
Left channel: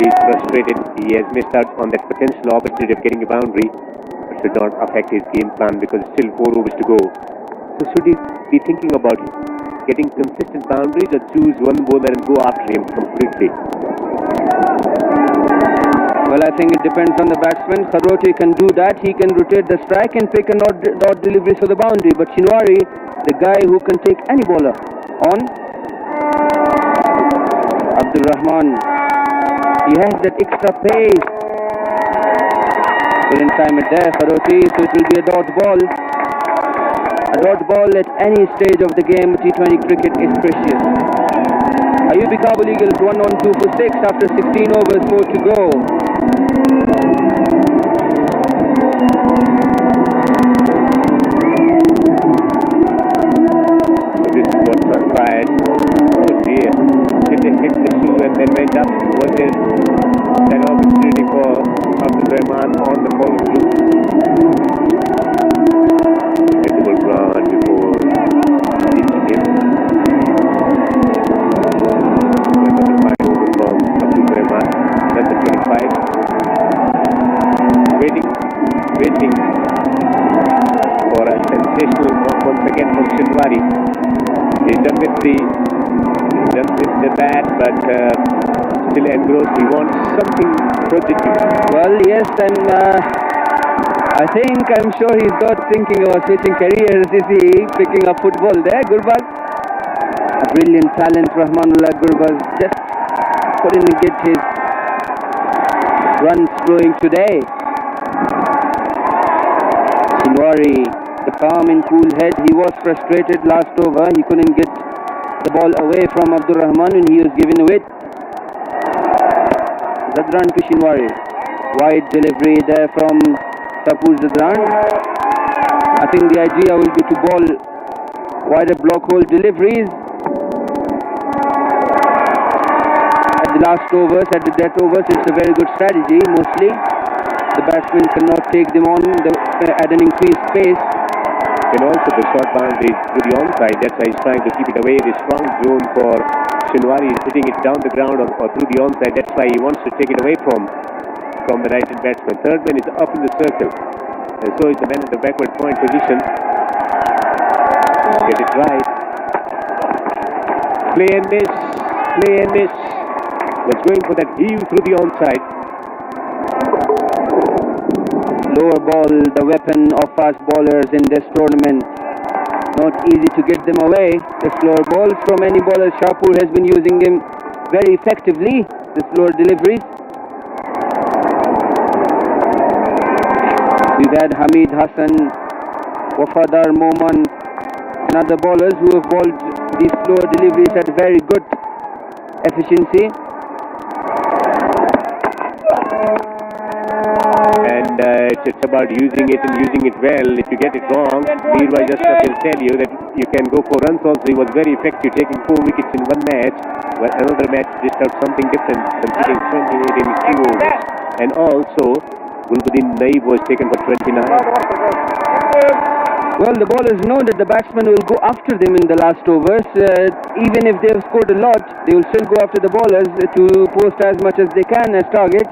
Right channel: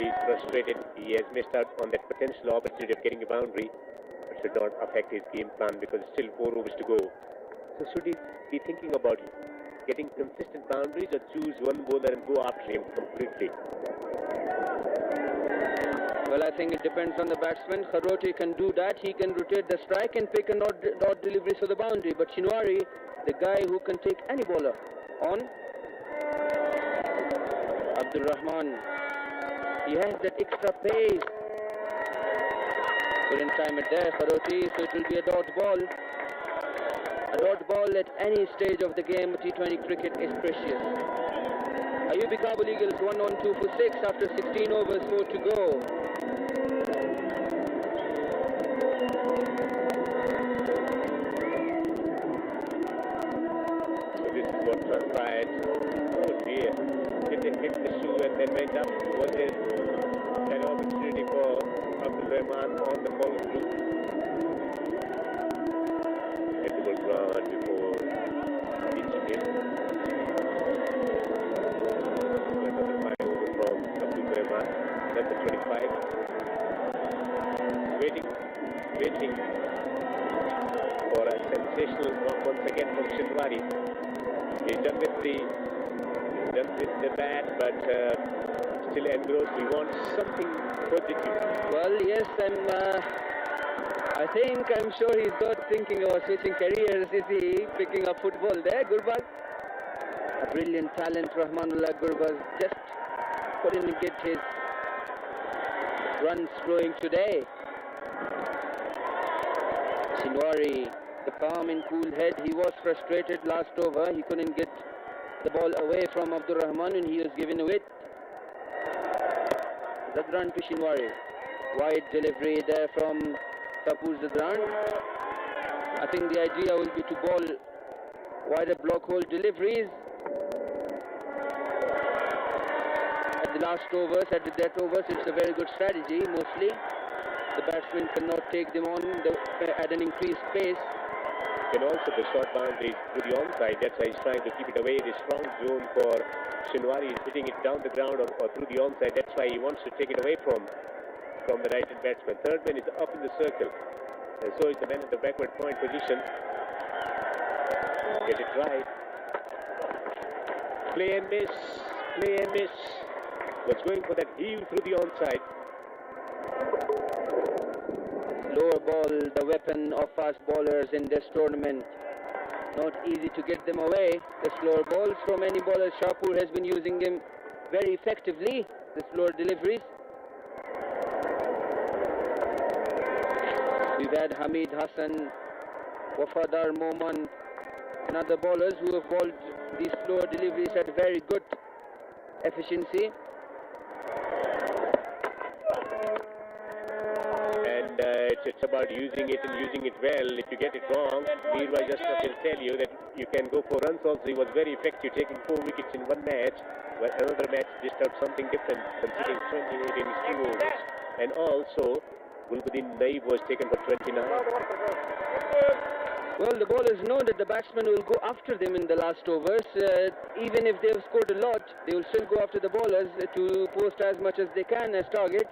He is frustrated. He has missed out on that potential opportunity of getting a boundary. It should not affect his game plan because still 4 overs to go. So should he be thinking about getting consistent boundaries or choose one bowler and go after him completely? Well, I think it depends on the batsman. Kharote can do that. He can rotate the strike and pick an odd delivery for the boundary. But Shinwari, the guy who can take any bowler on. Abdul Rahman, he has that extra pace. Couldn't time it there, Kharote, so it will be a dot ball. A dot ball at any stage of the game, T20 cricket is precious. Ayubi Kabul Eagles 1 on 2 for 6 after 16 overs, 4 to go. So this is what transpired. Oh dear. Hit the shoe and then went up. Was there an opportunity for Abdul Rahman on the follow through? Run before hitting him. From Abdul Rahman. That's the 25. Waiting for a sensational once again from Shinwari. He's done with the bat, but still engrossed. He wants something positive. Well, yes, I'm sure he's not thinking about switching careers. Is he picking up football there? Gurbaz, a brilliant talent, Rahmanullah Gurbaz, just couldn't get his runs flowing today. Shinwari, the calm and cool head. He was frustrated last over. He couldn't get the ball away from Abdul Rahman and he was given away. Zadran to Shinwari. Wide delivery there from Tapur Zadran. I think the idea will be to bowl wider block hole deliveries at the last overs, at the death overs. It's a very good strategy. Mostly the batsman cannot take them on at an increased pace. And also the short boundary to the onside. That's why he's trying to keep it away. The strong zone for Shinwari is hitting it down the ground or through the onside. That's why he wants to take it away from the right-hand batsman. Third man is up in the circle. And so is the man in the backward point position. Get it right. Play and miss. Play and miss. Was going for that heave through the onside. lower ball, the weapon of fast bowlers in this tournament. Not easy to get them away. The slower balls from any bowler. Shapur has been using them very effectively, the slower deliveries. We've had Hamid Hassan, Wafadar Moman, and other bowlers who have bowled these slower deliveries at very good efficiency. And it's about using it and using it well. If you get it wrong, Meerwai just will tell you that you can go for runs also. He was very effective, taking 4 wickets in one match, but another match dished out something different, considering 28 in 2 overs. And also, Gulbuddin Naib was taken for 29. Well, the bowlers know that the batsmen will go after them in the last overs. Even if they have scored a lot, they will still go after the bowlers to post as much as they can as target.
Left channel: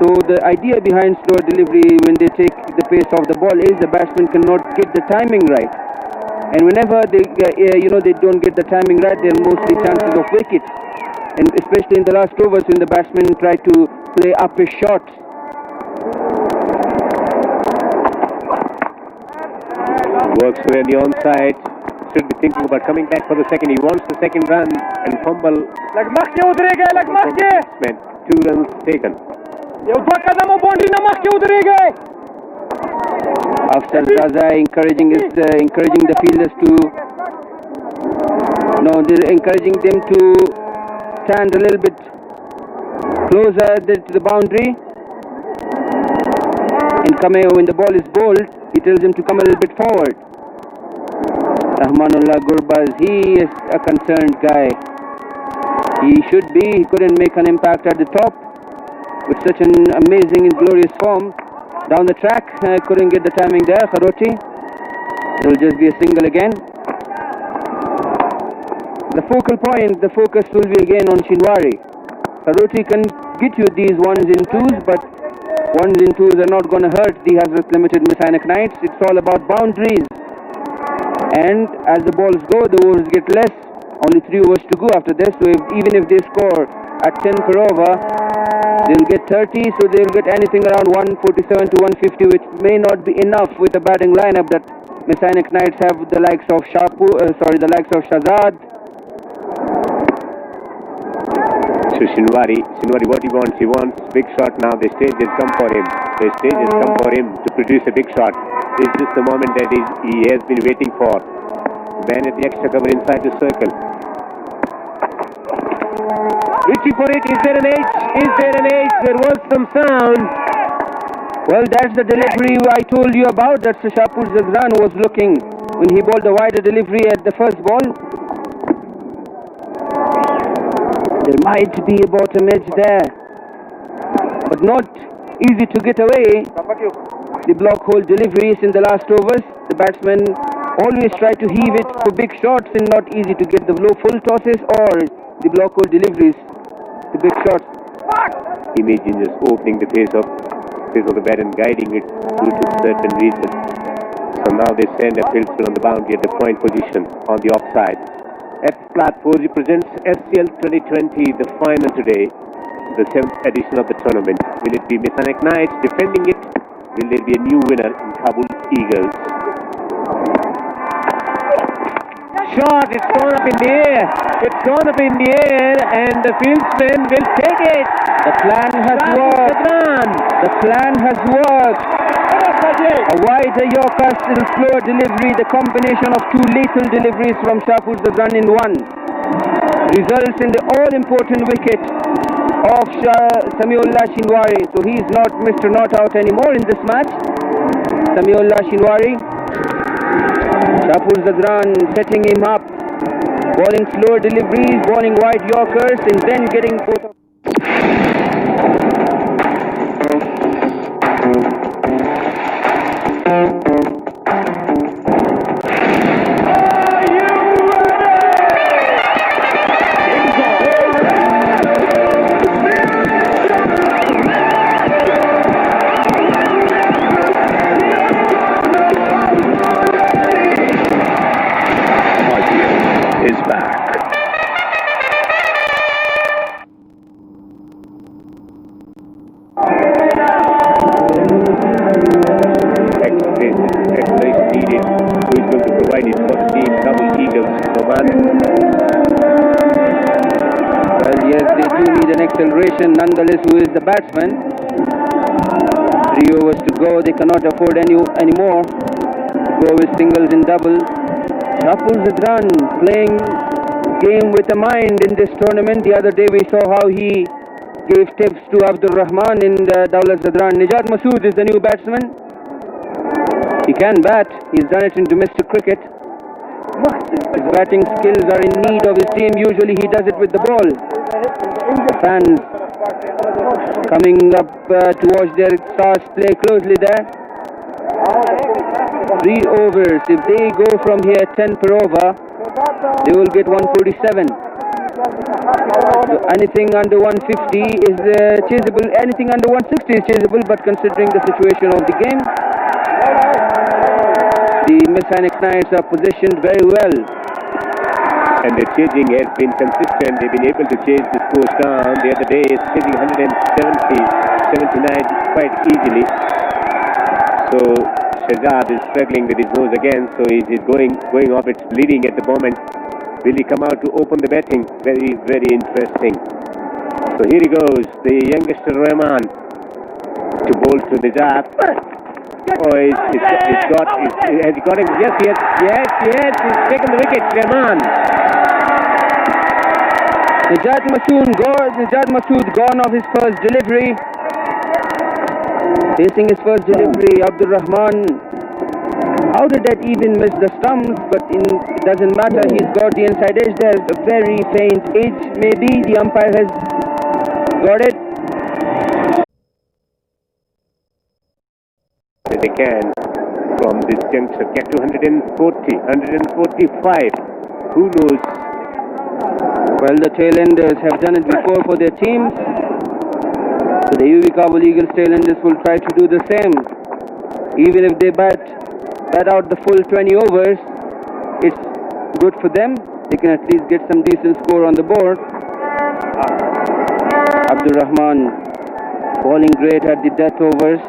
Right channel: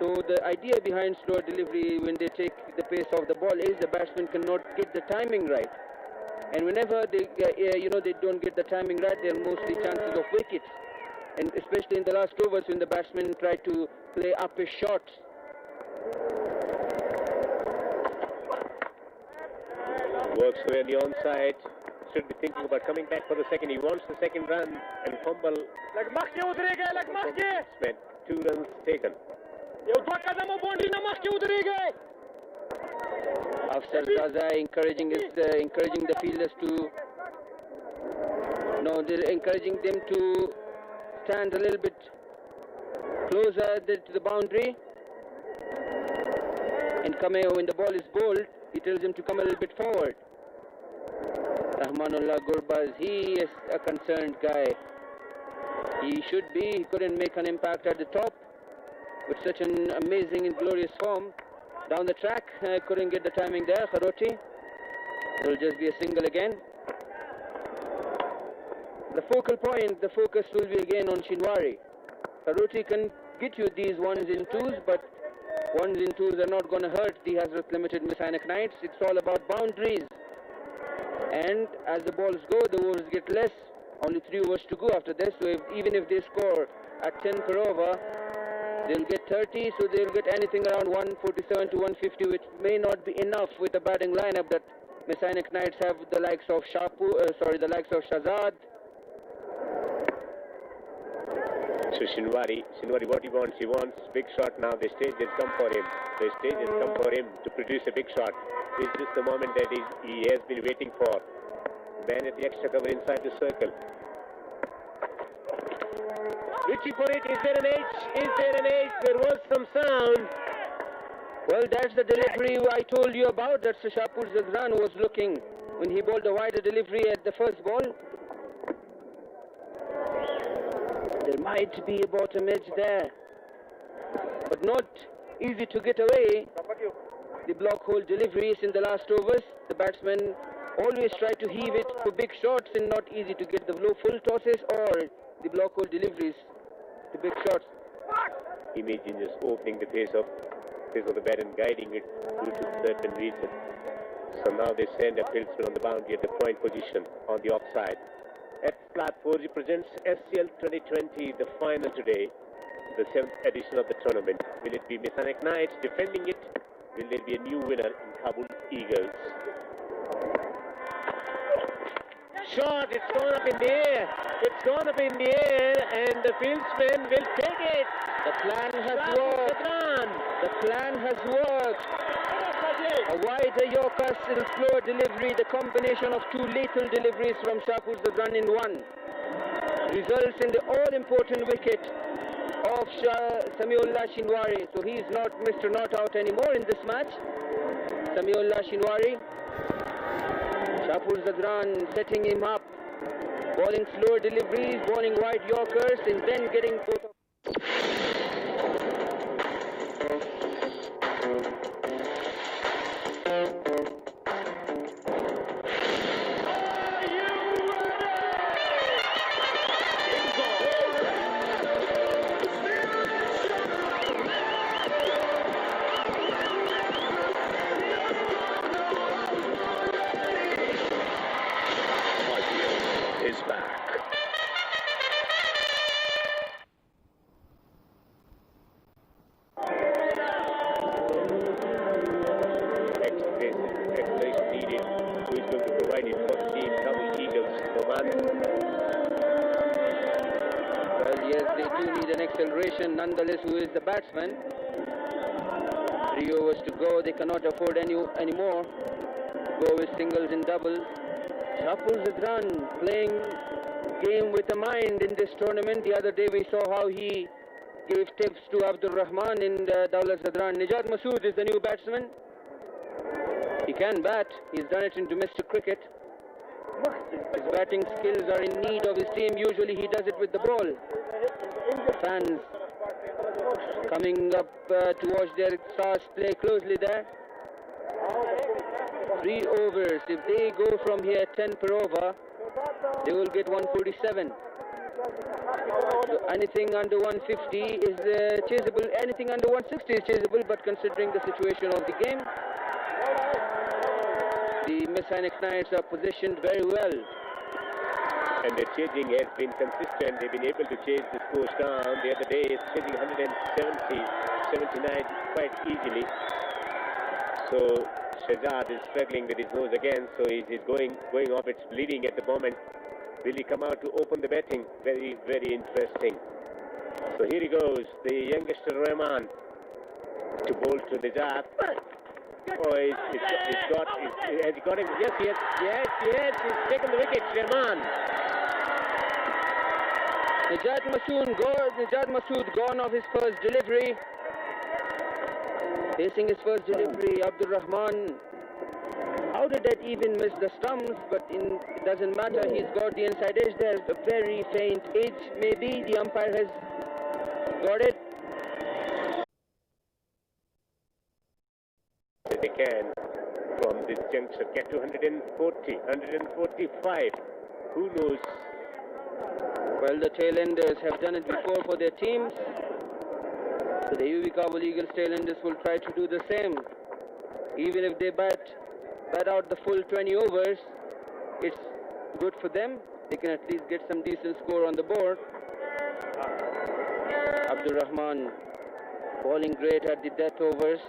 So the idea behind slower delivery when they take the pace of the ball is the batsman cannot get the timing right. And whenever they don't get the timing right, there are mostly chances of wickets. And especially in the last overs when the batsmen try to play up his shots. Works away on the onside. Should be thinking about coming back for the second. He wants the second run and fumble. 2 runs taken. After Zaza encouraging the fielders to they're encouraging them to stand a little bit closer to the boundary. And Kameo, when the ball is bowled, he tells him to come a little bit forward. Rahmanullah Gurbaz, he is a concerned guy. He should be. He couldn't make an impact at the top with such an amazing and glorious form. Down the track, couldn't get the timing there. Kharoti, it will just be a single again. The focal point, the focus will be again on Shinwari. Kharoti can get you these ones and twos, but ones and twos are not going to hurt the Hazrat Limited Miss Ainak Knights. It's all about boundaries. And as the balls go, the overs get less. Only 3 overs to go after this. So even if they score at 10 per over, they'll get 30. So they'll get anything around 147 to 150, which may not be enough with the batting lineup that Miss Ainak Knights have. The likes of Shahzad. So Shinwari, what he wants big shot now. The stage has come for him. The stage has come for him to produce a big shot. This is just the moment that he has been waiting for. Man at the extra cover inside the circle. Reaching for it. Is there an edge? There was some sound. Well, that's the delivery I told you about. That's the Shapur Zagran was looking when he bowled the wider delivery at the first ball. There might be a bottom edge there, but not easy to get away. The block hole deliveries in the last overs, the batsmen always try to heave it for big shots and not easy to get the low full tosses or the block hole deliveries to big shots. Imagine just opening the face of the bat and guiding it through to a certain region. So now they send a field spin on the boundary at the point position on the offside. F Flat 4G presents SCL 2020, the final today, the 7th edition of the tournament. Will it be Miss Ainak Knights defending it? Will there be a new winner in Kabul Eagles? Shot, it's gone up in the air. And the fieldsman will take it. The plan has worked. A wider Yorker still slower delivery, the combination of 2 lethal deliveries from Shapur Zagran in one, results in the all-important wicket of Samiullah Shinwari. So he is not Mr. Not Out anymore in this match. Samiullah Shinwari. Shapur Zagran setting him up, bowling slower deliveries, bowling wide Yorkers, and then getting both. acceleration. Nonetheless, who is the batsman? 3 overs to go. They cannot afford any more to go with singles and doubles. Shapur Zadran playing game with a mind in this tournament. The other day we saw how he gave tips to Abdur Rahman in Daulat Zadran. Nijat Masood is the new batsman. He can bat. He's done it in domestic cricket. His batting skills are in need of his team. Usually he does it with the ball. The fans coming up to watch their stars play closely there. 3 overs. If they go from here 10 per over, they will get 147. So anything under 150 is chaseable. Anything under 160 is chaseable, but considering the situation of the game, the Miss Ainak Knights are positioned very well. And the chasing has been consistent. They've been able to chase the scores down. The other day, it's chasing 170, 79 quite easily. So Shahzad is struggling with his nose again. So he's going off. It's bleeding at the moment. Will he come out to open the batting? Very, very interesting. So here he goes, the youngster Rahman to bowl to Nijat. Oh, has he got him? Yes, he's taken the wicket, Rahman. Nijat Masood gone off his first delivery. Facing his first delivery, Abdur Rahman. How did that even miss the stumps? But it doesn't matter. He's got the inside edge. There's a very faint edge. Maybe the umpire has got it. They can from this juncture get to 140, 145. Who knows? Well, the tailenders have done it before for their teams. So the UV Kabul Eagles tailenders will try to do the same. Even if they bat out the full 20 overs, it's good for them. They can at least get some decent score on the board. Abdur Rahman bowling great at the death overs.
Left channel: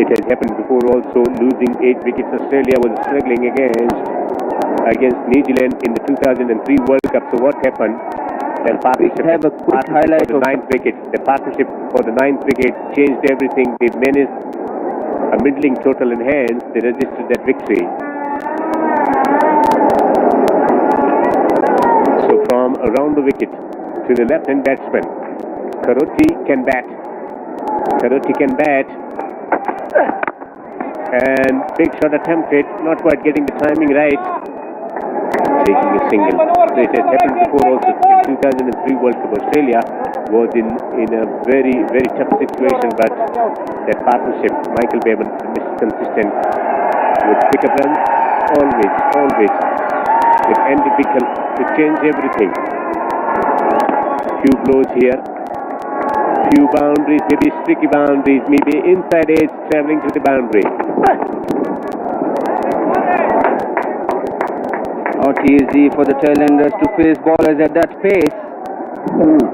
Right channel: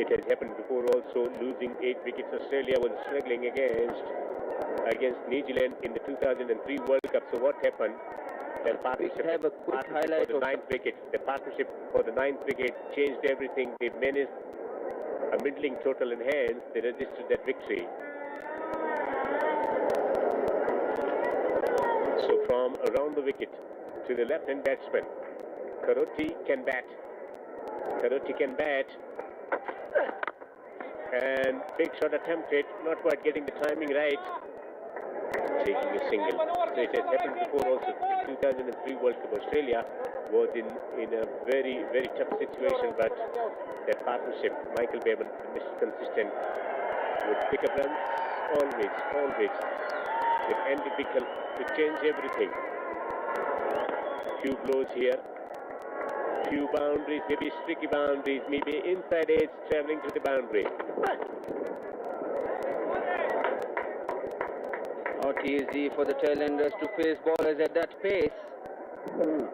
It has happened before also, losing 8 wickets. Australia was struggling against New Zealand in the 2003 World Cup. So what happened? Their partnership have a quick highlight for the 9th wicket. The partnership for the 9th wicket changed everything. They managed a middling total in hands. They registered that victory. So from around the wicket to the left-hand batsman, Karoti can bat. And big shot attempted, not quite getting the timing right. Taking a single. So it has happened before also. In 2003 World Cup, Australia was in a very, very tough situation, but that partnership, Michael Bevan, Mr. Consistent, would pick up runs always. With Andy Bickle to change everything. Few blows here. Few boundaries, maybe streaky boundaries, maybe inside edge travelling to the boundary. Not easy for the tailenders to face bowlers at that pace.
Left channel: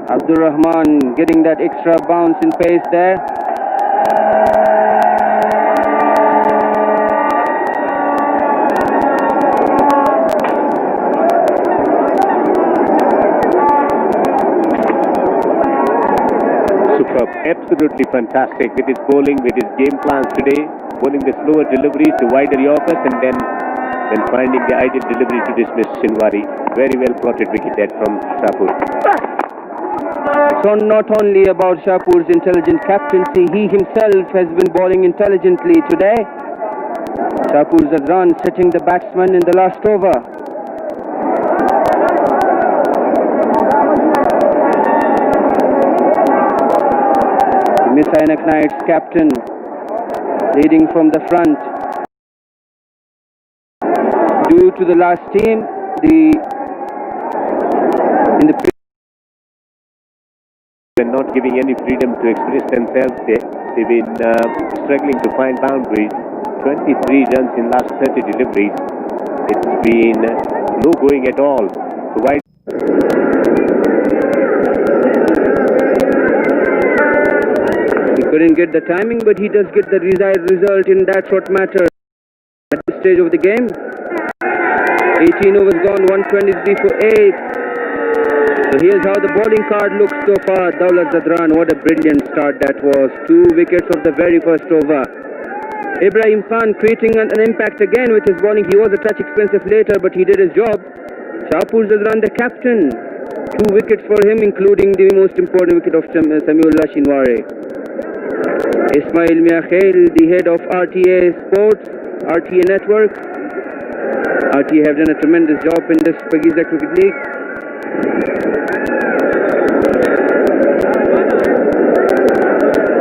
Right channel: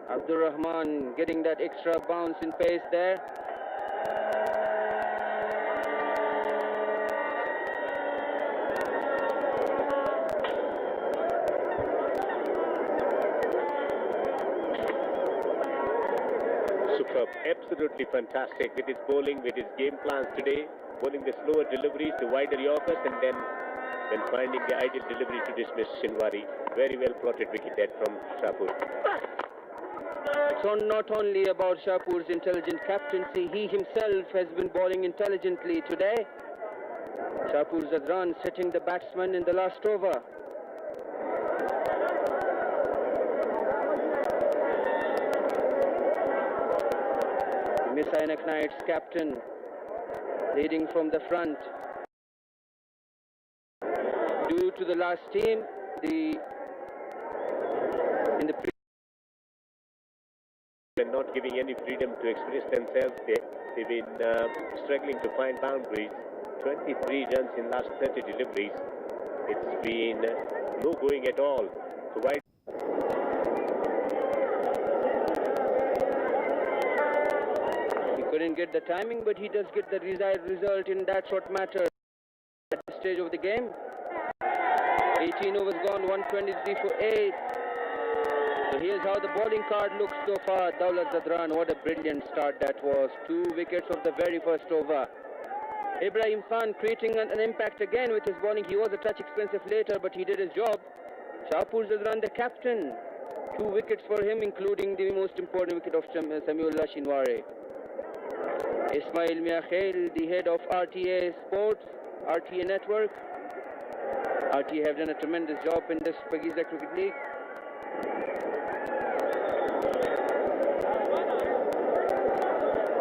Abdur Rahman getting that extra bounce in pace there. Superb, absolutely fantastic with his bowling, with his game plans today. Bowling the slower deliveries, the wider Yorkers, and then finding the ideal delivery to dismiss Shinwari. Very well plotted wicket that from Shapur. It's not only about Shapur's intelligent captaincy, he himself has been bowling intelligently today. Shapur Zadran setting the batsman in the last over. The Miss Ainak Knights captain leading from the front. Due to the last team, they're not giving any freedom to express themselves. They've been struggling to find boundaries. 23 runs in last 30 deliveries. It's been no going at all. So why? He couldn't get the timing, but he does get the desired result in that short matter at this stage of the game. 18 overs gone, 123 for 8. So here's how the bowling card looks so far. Daulat Zadran, what a brilliant start that was. 2 wickets of the very first over. Ibrahim Khan creating an impact again with his bowling. He was a touch expensive later, but he did his job. Shahpur Zadran, the captain. 2 wickets for him, including the most important wicket of Samiullah Shinwari. Ismail Miakhail, the head of RTA Sports, RTA Network. RTA have done a tremendous job in this Shpageeza Cricket League.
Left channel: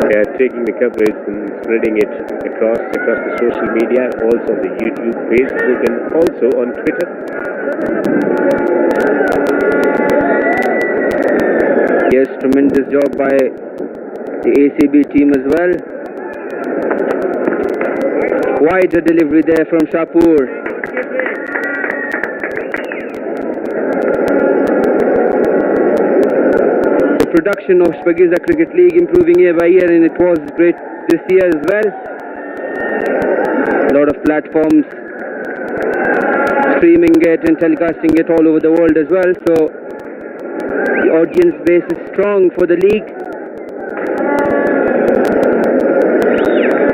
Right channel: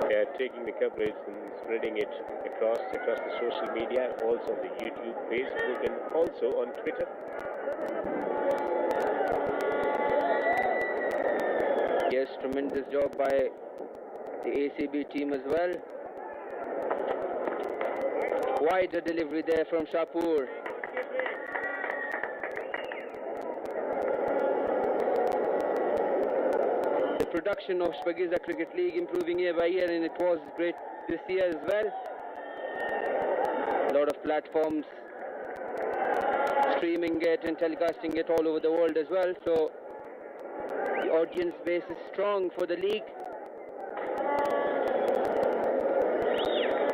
They are taking the coverage and spreading it across the social media, also on the YouTube, Facebook, and also on Twitter. Yes, tremendous job by the ACB team as well. Quite a delivery there from Shahpur. The production of Shpageeza Cricket League improving year by year, and it was great this year as well. A lot of platforms streaming it and telecasting it all over the world as well. So the audience base is strong for the league.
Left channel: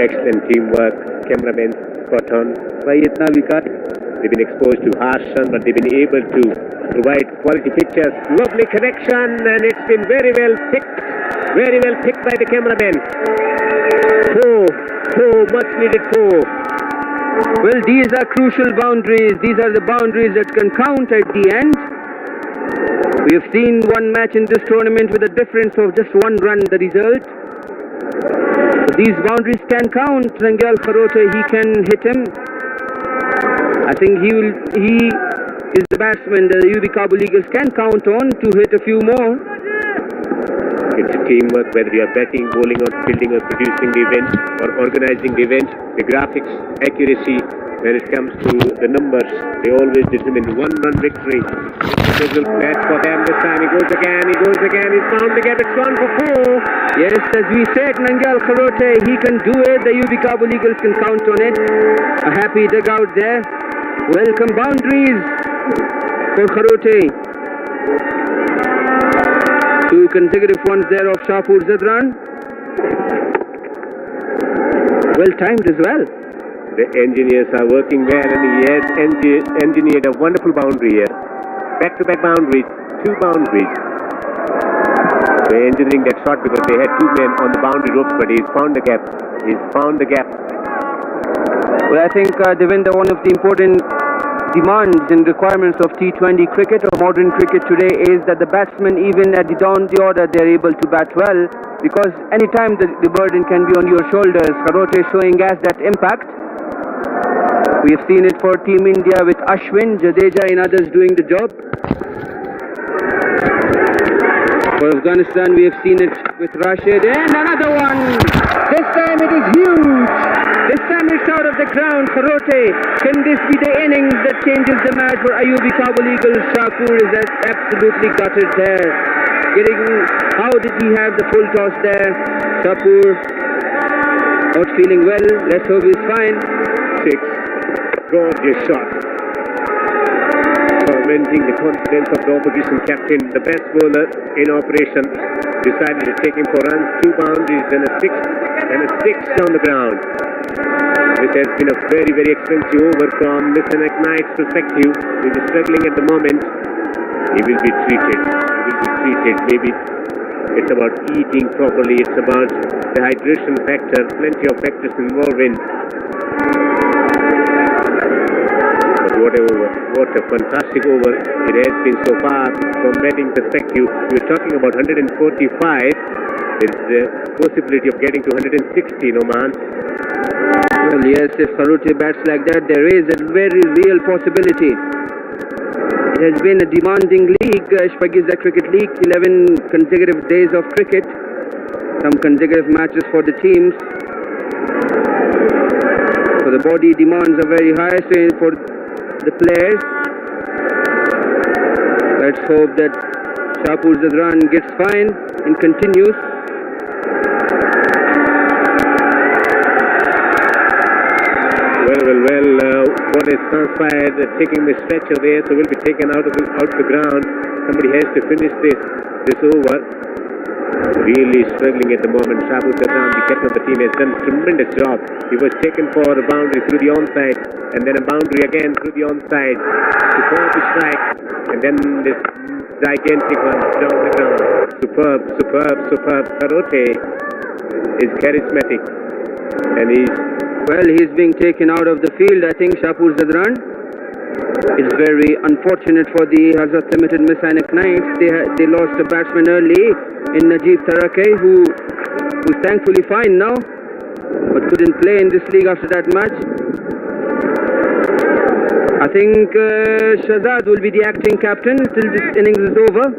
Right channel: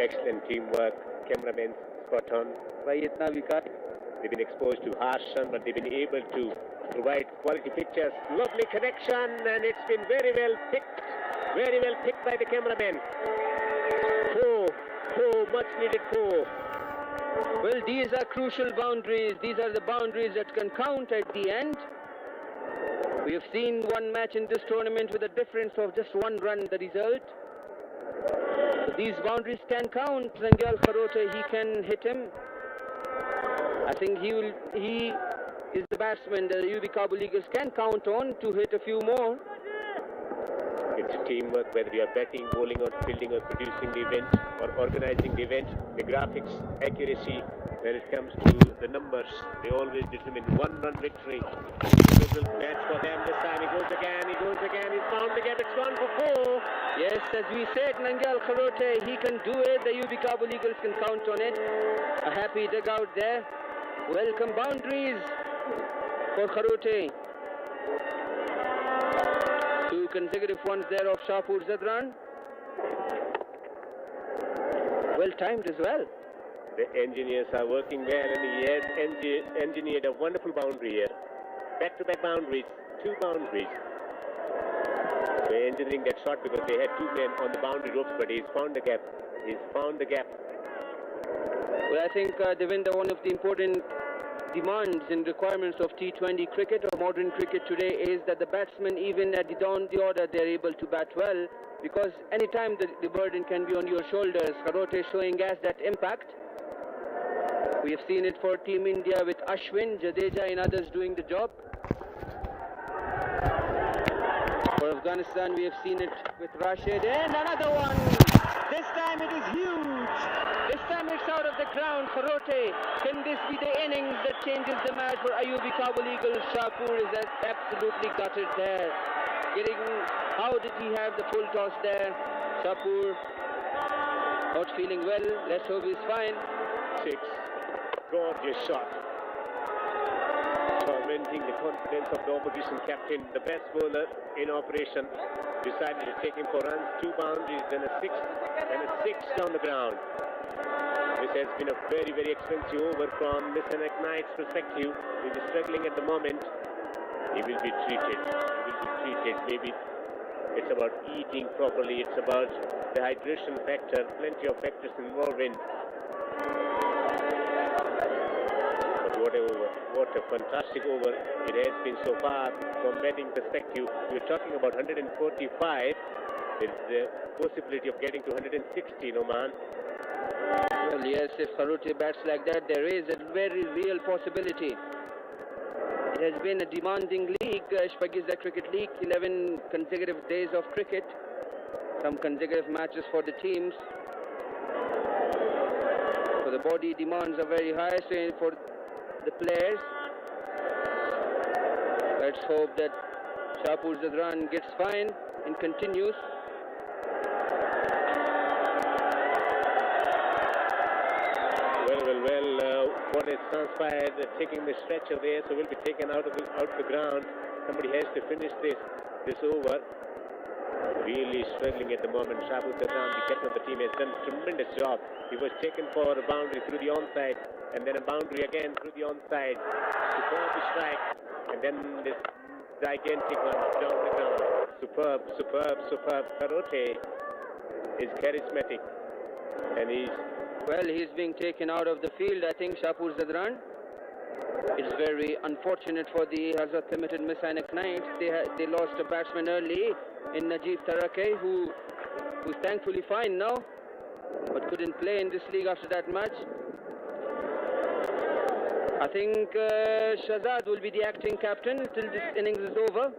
Excellent teamwork. Cameramen spot on. They've been exposed to harsh sun, but they've been able to provide quality pictures. Lovely connection, and it's been very well picked by the cameramen. 4, much needed 4. Well, these are crucial boundaries. These are the boundaries that can count at the end. We have seen one match in this tournament with a difference of just 1 run, the result. So these boundaries can count. Nangyal Kharote, he can hit him. I think he is the batsman that the UB Kabul Eagles can count on to hit a few more. It's teamwork, whether you are batting, bowling, or fielding, or producing the event, or organizing the event. The graphics, accuracy, when it comes to the numbers, they always determine 1-run victory. Several bats for them this time. He goes again, he's found the gap, it's gone for 4. Yes, as we said, Nangyal Kharote, he can do it. The UB Kabul Eagles can count on it. A happy dugout there. Welcome boundaries for Kharote. 2 consecutive ones there of Shahpur Zadran. Well timed as well. The engineers are working there, and he has engineered a wonderful boundary here. Back-to-back boundaries, 2 boundaries. They're engineering that shot because they had 2 men on the boundary ropes, but he's found the gap. Well, I think, Devendra, one of the important demands and requirements of T20 cricket or modern cricket today is that the batsmen, even at the down the order, they're able to bat well, because anytime the burden can be on your shoulders. Kharote is showing us that impact. We have seen it for Team India with Ashwin, Jadeja and others doing the job. For Afghanistan, we have seen it with Rashid, and another one. This time it is huge. This time it's out of the ground. Kharote, can this be the innings that changes the match for Ayubi Kabul Eagles? Shahpur is absolutely gutted there. How did he have the full toss there? Shahpur not feeling well. Let's hope he's fine. 6. Gorgeous shot. Tormenting the confidence of the opposition captain. The best bowler in operation decided to take him for runs. 2 boundaries, then a 6 down the ground. This has been a very, very expensive over from Mr. Knight's perspective. He is struggling at the moment. He will be treated. Maybe it's about eating properly. It's about the hydration factor. Plenty of factors involved in. But what a fantastic over it has been so far from batting perspective. We're talking about 145. There is the possibility of getting to 160, Oman. Well, yes, if Kharote bats like that, there is a very real possibility. It has been a demanding league, Shpageeza Cricket League, 11 consecutive days of cricket, some consecutive matches for the teams. So the body demands are very high, so for the players. Let's hope that Shahpur Zadran gets fine and continues. Well, what is transpired, taking the stretcher there, so will be taken out of the ground. Somebody has to finish this over. Really struggling at the moment. Shpageeza, the captain of the team, has done a tremendous job. He was taken for a boundary through the onside, and then a boundary again through the onside. Superb strike, and then this gigantic one down the ground. Superb. Karote is charismatic, and he's being taken out of the field, I think, Shpageeza. It's very unfortunate for the Hazrat Limited Miss Ainak Knights. They lost a batsman early in Najib Tarake, who's thankfully fine now, but couldn't play in this league after that match. I think Shahzad will be the acting captain till this innings is over.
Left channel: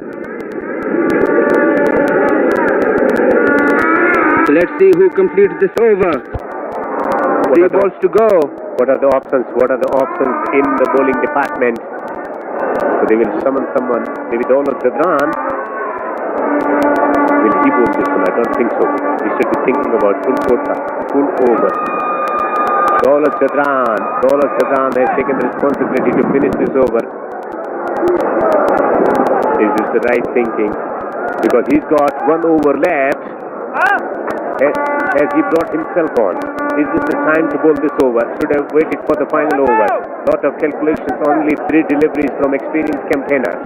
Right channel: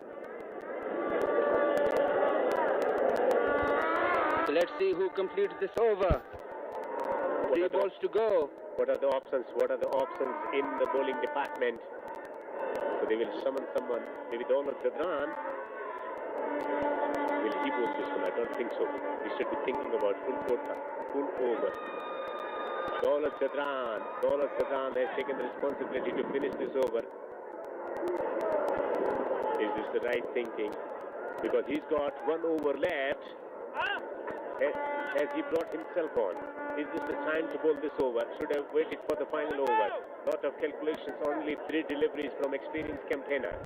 So let's see who completes this over. 3 balls to go. What are the options? What are the options in the bowling department? So they will summon someone. Maybe Daulat Zadran. Will he bowl this one? I don't think so. He should be thinking about full over. Daulat Zadran has taken the responsibility to finish this over. Is this the right thinking? Because he's got 1 over left. Has he brought himself on? Is this the time to bowl this over? Should have waited for the final over. Lot of calculations, only 3 deliveries from experienced campaigner.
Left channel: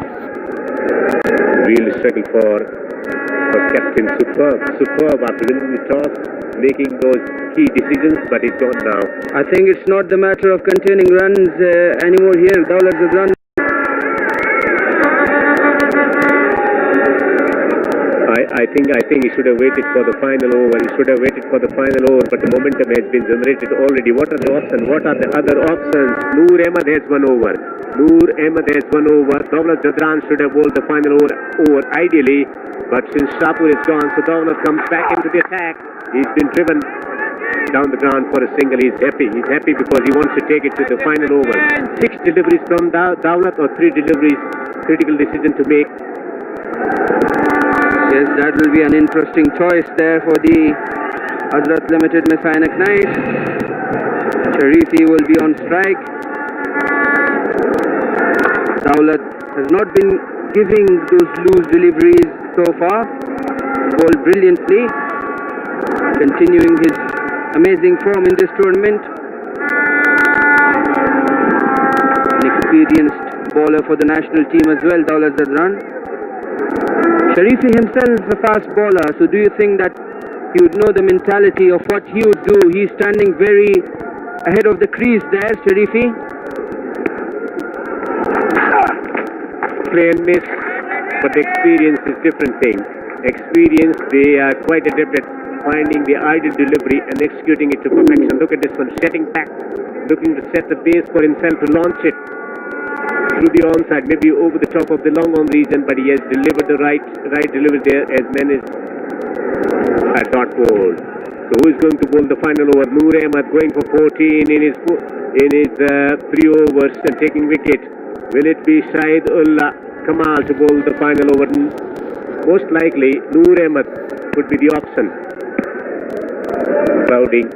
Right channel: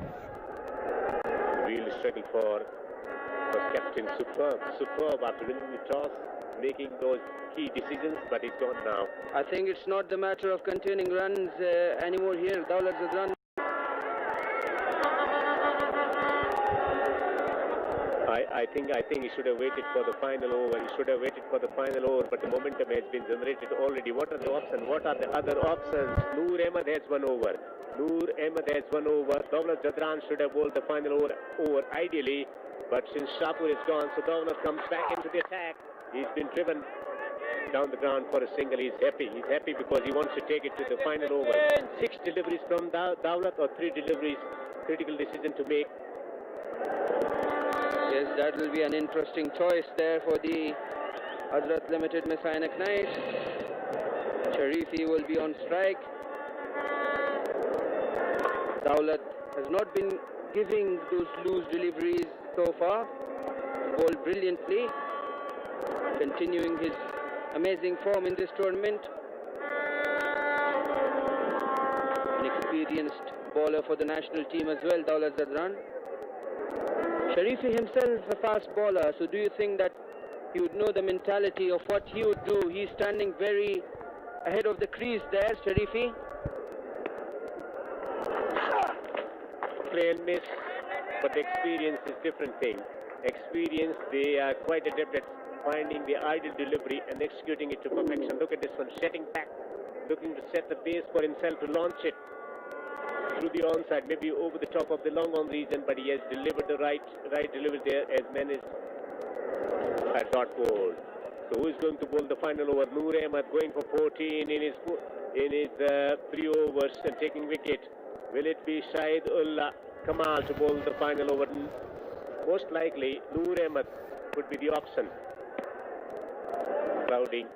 Real struggle for captain. Superb after winning the toss, making those key decisions, but he's gone now. I think it's not the matter of containing runs anymore here. Daulat Zadran. I think he should have waited for the final over. But the momentum has been generated already. What are the options? What are the other options? Noor Ahmed has 1 over. Daulat Zadran should have bowled the final over ideally, but since Shapur is gone, so Daulat comes back into the attack. He's been driven down the ground for a single. He's happy because he wants to take it to the final over. 6 deliveries from Daulat or 3 deliveries. Critical decision to make. Yes, that will be an interesting choice there for the Hazrat Limited Miss Ainak Knights. Sharifi will be on strike. Daulat has not been giving those loose deliveries so far. Bowled brilliantly, continuing his amazing form in this tournament. An experienced bowler for the national team as well, Daulat Zadran. Sharifi himself a fast bowler, so do you think that he would know the mentality of what he would do? He's standing very ahead of the crease there, Sharifi. Play and miss, but the experience is different thing. Experience, they are quite adept at finding the ideal delivery and executing it to perfection. Look at this one, setting back, looking to set the base for himself to launch it through the onside, maybe over the top of the long on region, but he has delivered the right delivery there as men is a dot ball. So who is going to bowl the final over? Noor Ahmed going for 14 in his 3 overs and taking wicket. Will it be Shahid Ullah Kamal to bowl the final over? Most likely Noor Ahmed could be the option. Crowding.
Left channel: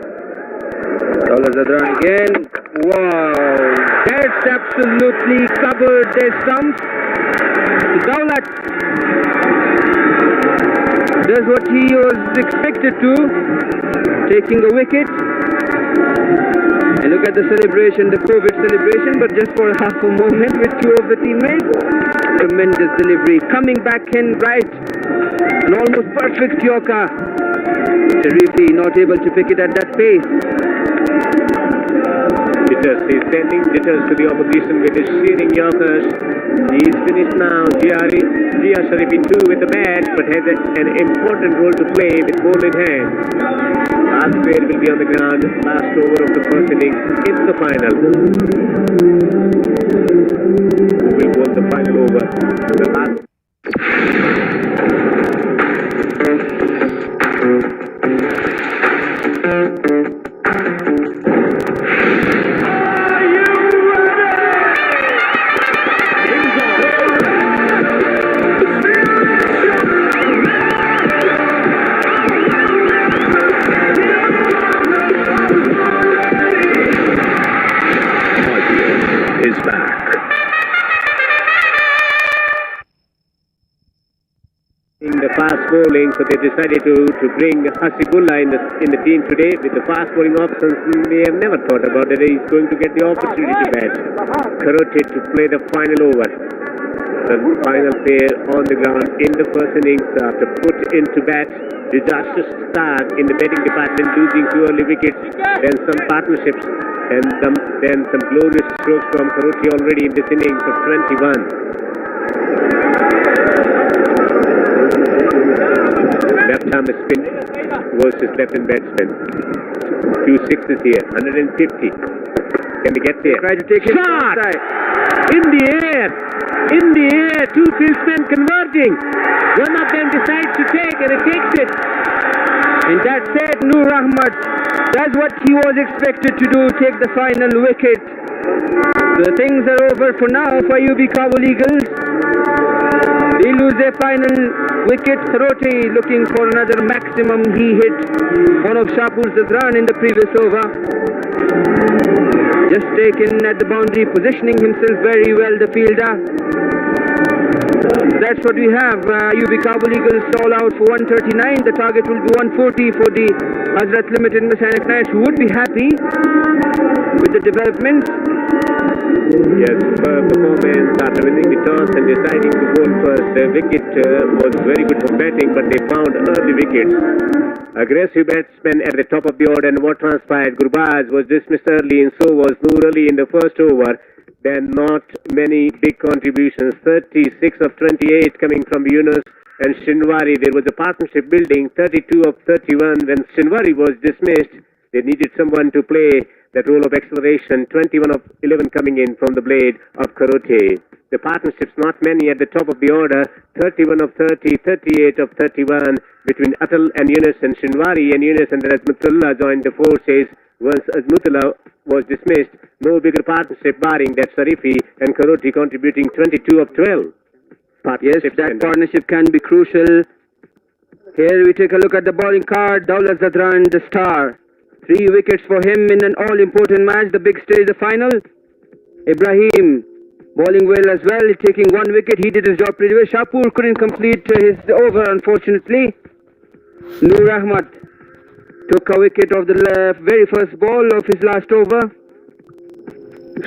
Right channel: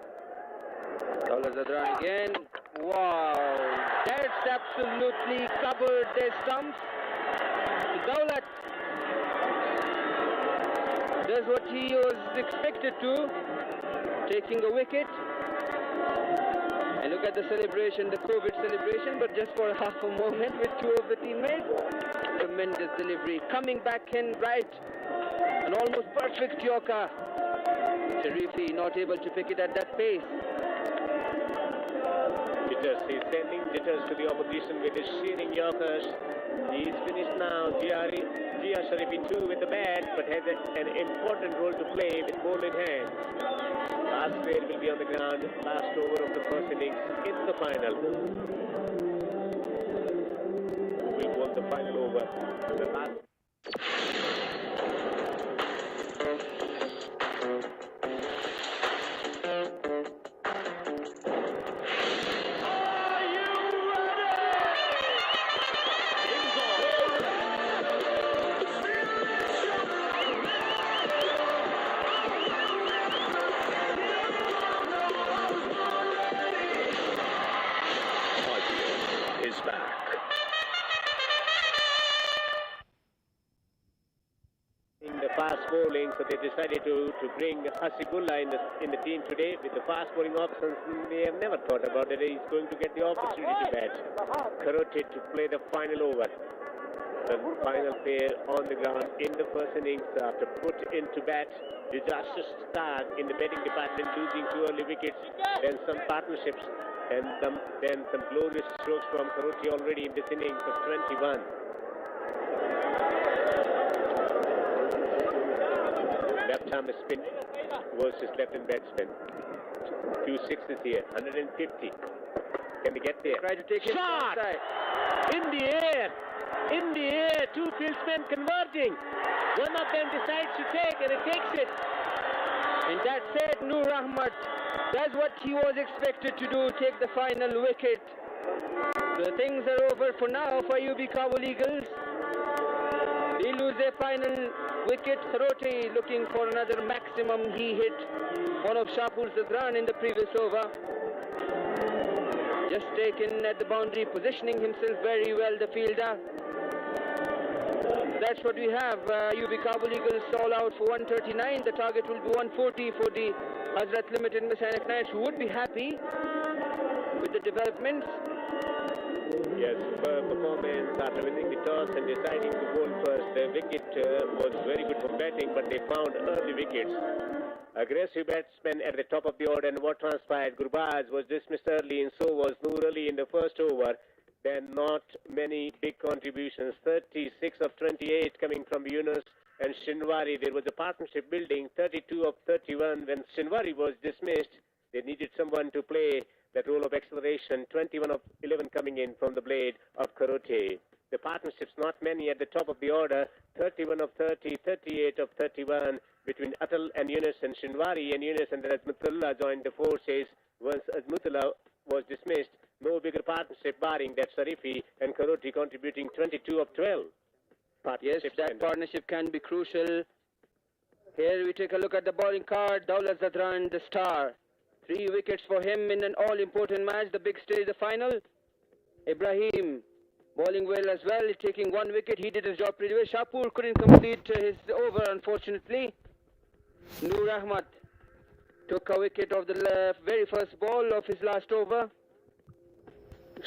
Daulat Zadran again. Wow, that's absolutely covered their stumps. Daulat does what he was expected to, taking a wicket. And look at the celebration, the COVID celebration, but just for half a moment with 2 of the teammates. Tremendous delivery, coming back in right, an almost perfect Yorker. Sharifi not able to pick it at that pace. He's sending jitters to the opposition with his shearing Yorkers. He's finished now. Jia Sharif in 2 with the bat, but has an important role to play with ball in hand. Last player will be on the ground. Last over of the first innings in the final. Who will bowl the final over? The last. In the fast bowling, so they decided to bring Hasibullah in the team today with the fast bowling options. They have never thought about that he's going to get the opportunity to bat. Karote to play the final over. The final pair on the ground in the first innings after put into bat. Disastrous start in the batting department, losing 2 early wickets, then some partnerships, and then some glorious strokes from Karote already in this innings of 21. Left-arm spin versus left-hand batsman. Few sixes here. 150. Can we get there? Try to take it shot outside. in the air. In the air. 2 fieldsmen converging. One of them decides to take, and it takes it. And that said, Noor Ahmad does what he was expected to do, take the final wicket. The things are over for now for UB Kabul Eagles. They lose their final wicket. Karote looking for another maximum. He hit one of Shahpur Zadran in the previous over. Just taken at the boundary, positioning himself very well, the fielder. That's what we have. UB Kabul Eagles all out for 139. The target will be 140 for the Hazrat Limited Miss Ainak Knights, who would be happy with the developments. Yes, performance after winning the toss and deciding to bowl first. The wicket was very good for batting, but they found early wickets. Aggressive batsmen at the top of the order, and what transpired? Gurbaz was dismissed early, and so was Noor Ali in the first over. Then not many big contributions. 36 of 28 coming from Yunus and Shinwari. There was a partnership building. 32 of 31. When Shinwari was dismissed, they needed someone to play that role of acceleration. 21 of 11 coming in from the blade of Karote. The partnerships not many at the top of the order. 31 of 30, 38 of 31 between Atal and Yunus and Shinwari and Yunus, and then Azmatullah joined the forces. Once Azmatullah was dismissed, no bigger partnership barring that Sarifi and Karote contributing 22 of 12. Yes, that partnership can be crucial. Here we take a look at the bowling card. Dawlat Zadran, the star. 3 wickets for him in an all-important match, the big stage, the final. Ibrahim bowling well as well, taking 1 wicket. He did his job pretty well. Shahpur couldn't complete his over, unfortunately. Noor Ahmad took a wicket of the very first ball of his last over.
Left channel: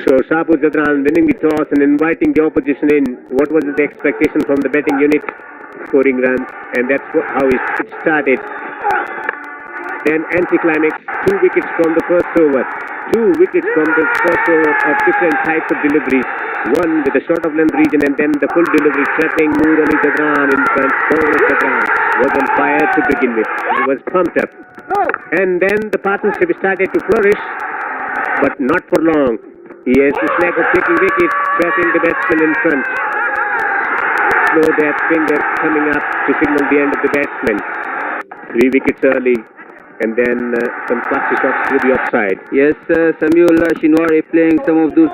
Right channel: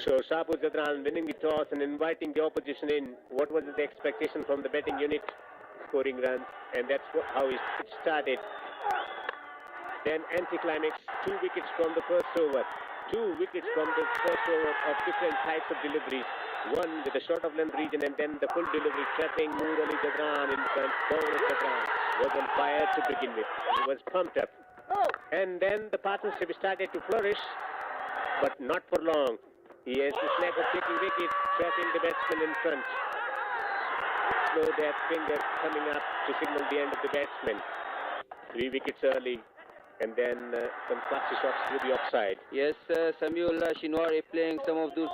So Shahpur Zadran winning the toss and inviting the opposition in. What was the expectation from the batting unit? Scoring runs, and that's how it started. Then anticlimax, 2 wickets from the first over. 2 wickets from the first over of different types of deliveries. One with the short of length region, and then the full delivery threatening Noor Ali Zadran in front. Zadran was on fire to begin with. He was pumped up. And then the partnership started to flourish, but not for long. He has the knack of taking wickets, trapping the batsman in front. Slow that finger coming up to signal the end of the batsman. 3 wickets early, and then some classy shots to the offside. Yes, Samuel Shinwari playing some of those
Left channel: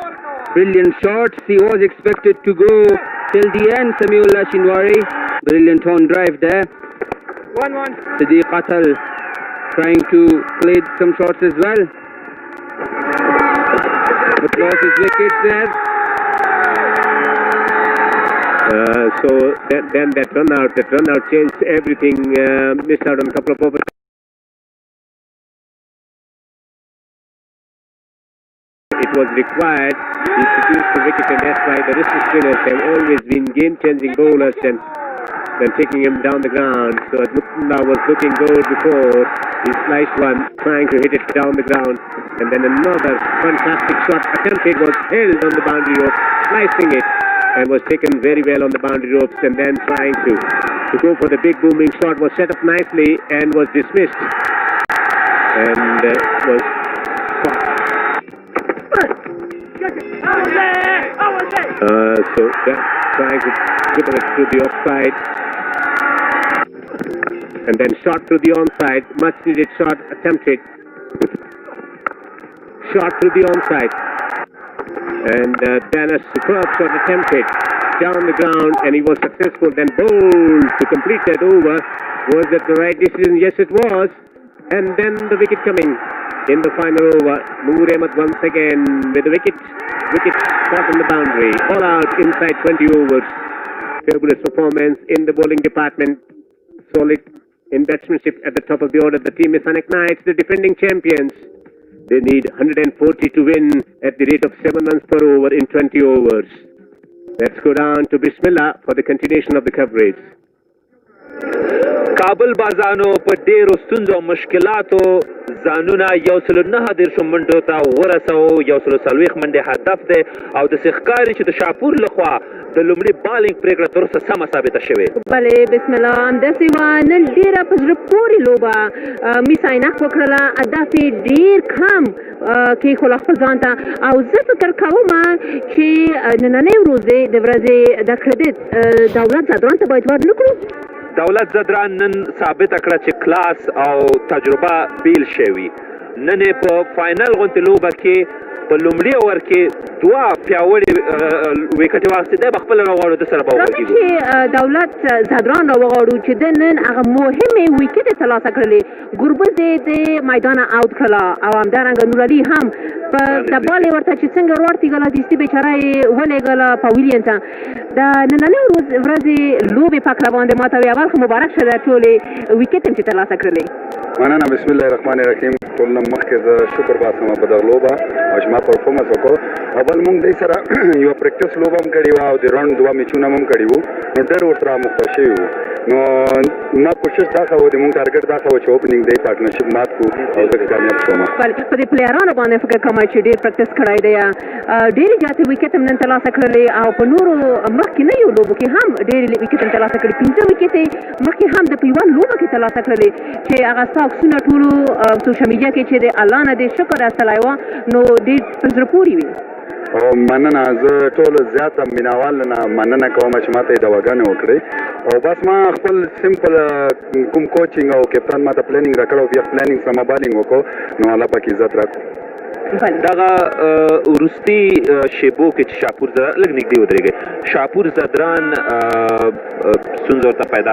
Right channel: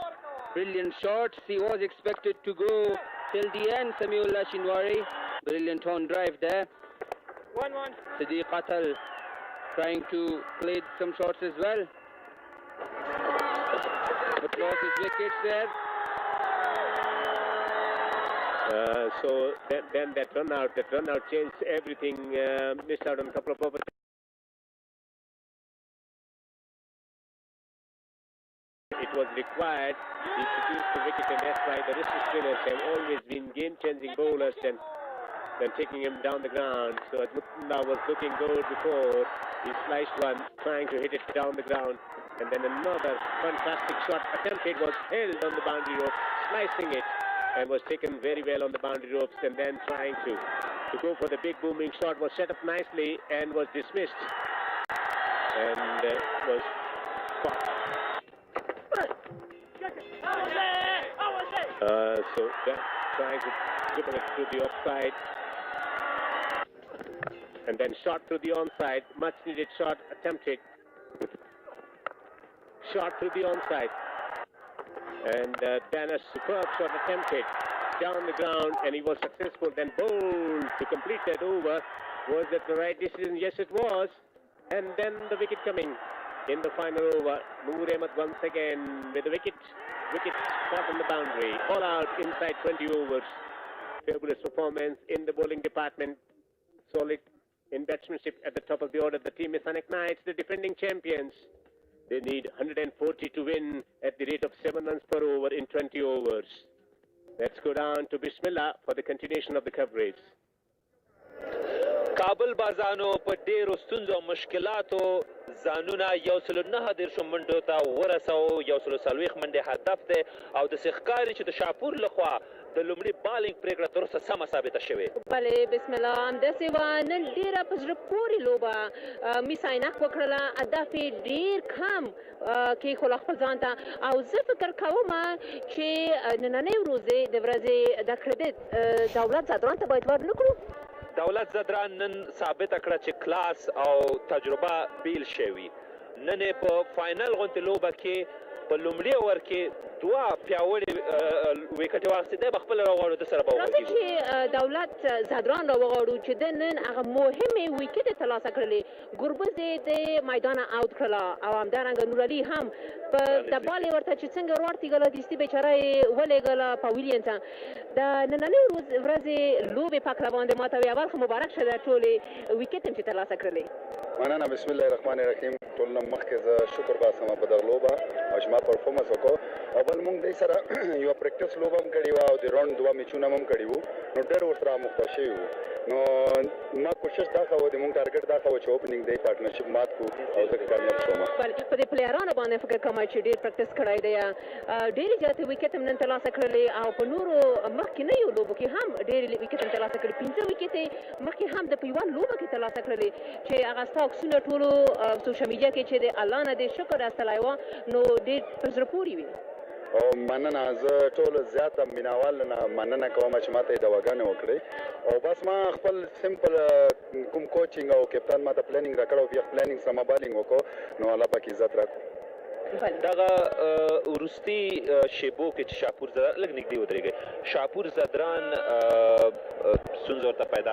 brilliant shots. He was expected to go till the end. Samuel Shinwari, brilliant on drive there. 1-1. Siddiq Atal trying to play some shots as well. But lost his wickets there. So then that run out changed everything. Missed out on a couple of overs. It was required. He produced the wicket, and that's why the wrist spinners have always been game-changing bowlers and taking him down the ground. So Azmatullah was looking good before. He sliced one, trying to hit it down the ground. And then another fantastic shot attempted was held on the boundary rope, slicing it, and was taken very well on the boundary ropes. And then trying to go for the big booming shot was set up nicely and was dismissed. And was caught. So trying to put it through the offside. And then shot through the onside. Much needed shot attempted. Shot through the onside. And then a superb shot attempted down the ground, and he was successful. Then bowled to complete that over. Was that the right decision? Yes, it was. And then the wicket coming in the final over. Noor Ahmad once again with the wicket. Wicket caught on the boundary. All out inside 20 overs. Fabulous performance in the bowling department. solid in batsmanship at the top of the order. The team is Ainak Knights, the defending champions. They need 140 to win at the rate of 7 runs per over in 20 overs. Let's go down to Bismillah for the continuation of the coverage. کابل بازانو په ډیرو ستونزو او مشکلاتو ځانونه 109 منډو ته ورسوو 140 منډې هدف دی او داسې ښکاري چې د شاپور لخوا د لومړي بالینګ پرېکړه تر اوسه سمه ثابته شوې. بلې بسم الله همداسې وه نن ډېره په زړه پورې لوبه میس عینک وکړله اهداف یې ډېر کم کېښوله خپل ځان ته او زه فکر کوم چې نننۍ ورځې د کریډټ دولت زدران ته باید ور نه کړو. دولت زدران نن ثابته کړه چې کلاس او تجربه بیل شوي. نن یې په فاینل غوندې لوبه کې په لومړي اوور کې 2 پیاوړي ویکټې واخیستې دی به خپله راغواړو د سره به راځئ چې دولت زدران راوغواړو چې د نن هغه مهمې ویکټې ترلاسه کړلې. ګربز یې د میدانه اوت کړله او همدارنګه نورعلي هم په د بال یې ورته چې څنګه ورتېږله دستي بیچاره یې ولېږله پاویلین ته. د نننۍ ورځې لوبې په کله باندې ماته وي اول خو مبارک شه د ټولې ویکټ هم چې ترلاسه کړلې. مننه. بسم الله الرحمن الرحیم. ټول نه مخکې زه شکر باسم په دغه لوبه او چې ما پرفورمنس وکړو. اول موږ دوی سره یوه پریکټس لوبه هم کړې وه او د راوند 2 میچونه هم کړي وو نو ډېر ورسره مخته شوي وو. نو ما کوشش دا کوو د موږ ټارګټ دا کوو چې اوپننګ دی پارټنرشپ مات کړو او زه کامیاب شوم. په دې پلیرانو باندې فکر کوم چې ډېر پریکټس کړی دی ډېرې زیاتې ویکټ هم نن ترلاسه کړلې او په نورو مخکې نه یو لوبو کې هم ډېرې ویکټ هم ترلاسه کړي. 15 ویکټې مخکې هم د په یوه لوبه کې ترلاسه کړلې چې هغه ستا عکسونه ټولو سوشل میډیا کې چې د الله نه دې شکر ایستلی وه نو ډېر په زړه پورې وي. او مننه. زه ټولو زیاته مینوال نه مننه کوم چې ماته یې دواګانې وکړې او بس ما خپل سمپل کوم کوچینګ او کپتان ماته پلانینګ راکړ او بیا پلانینګ سره بالینګ وکړو نو الله پاک عزت راکړو. دغه وروستي شیبو کې چې شاپور لږ نږدې ودرېږئ شاپور زدران ستونزه ورته پیدا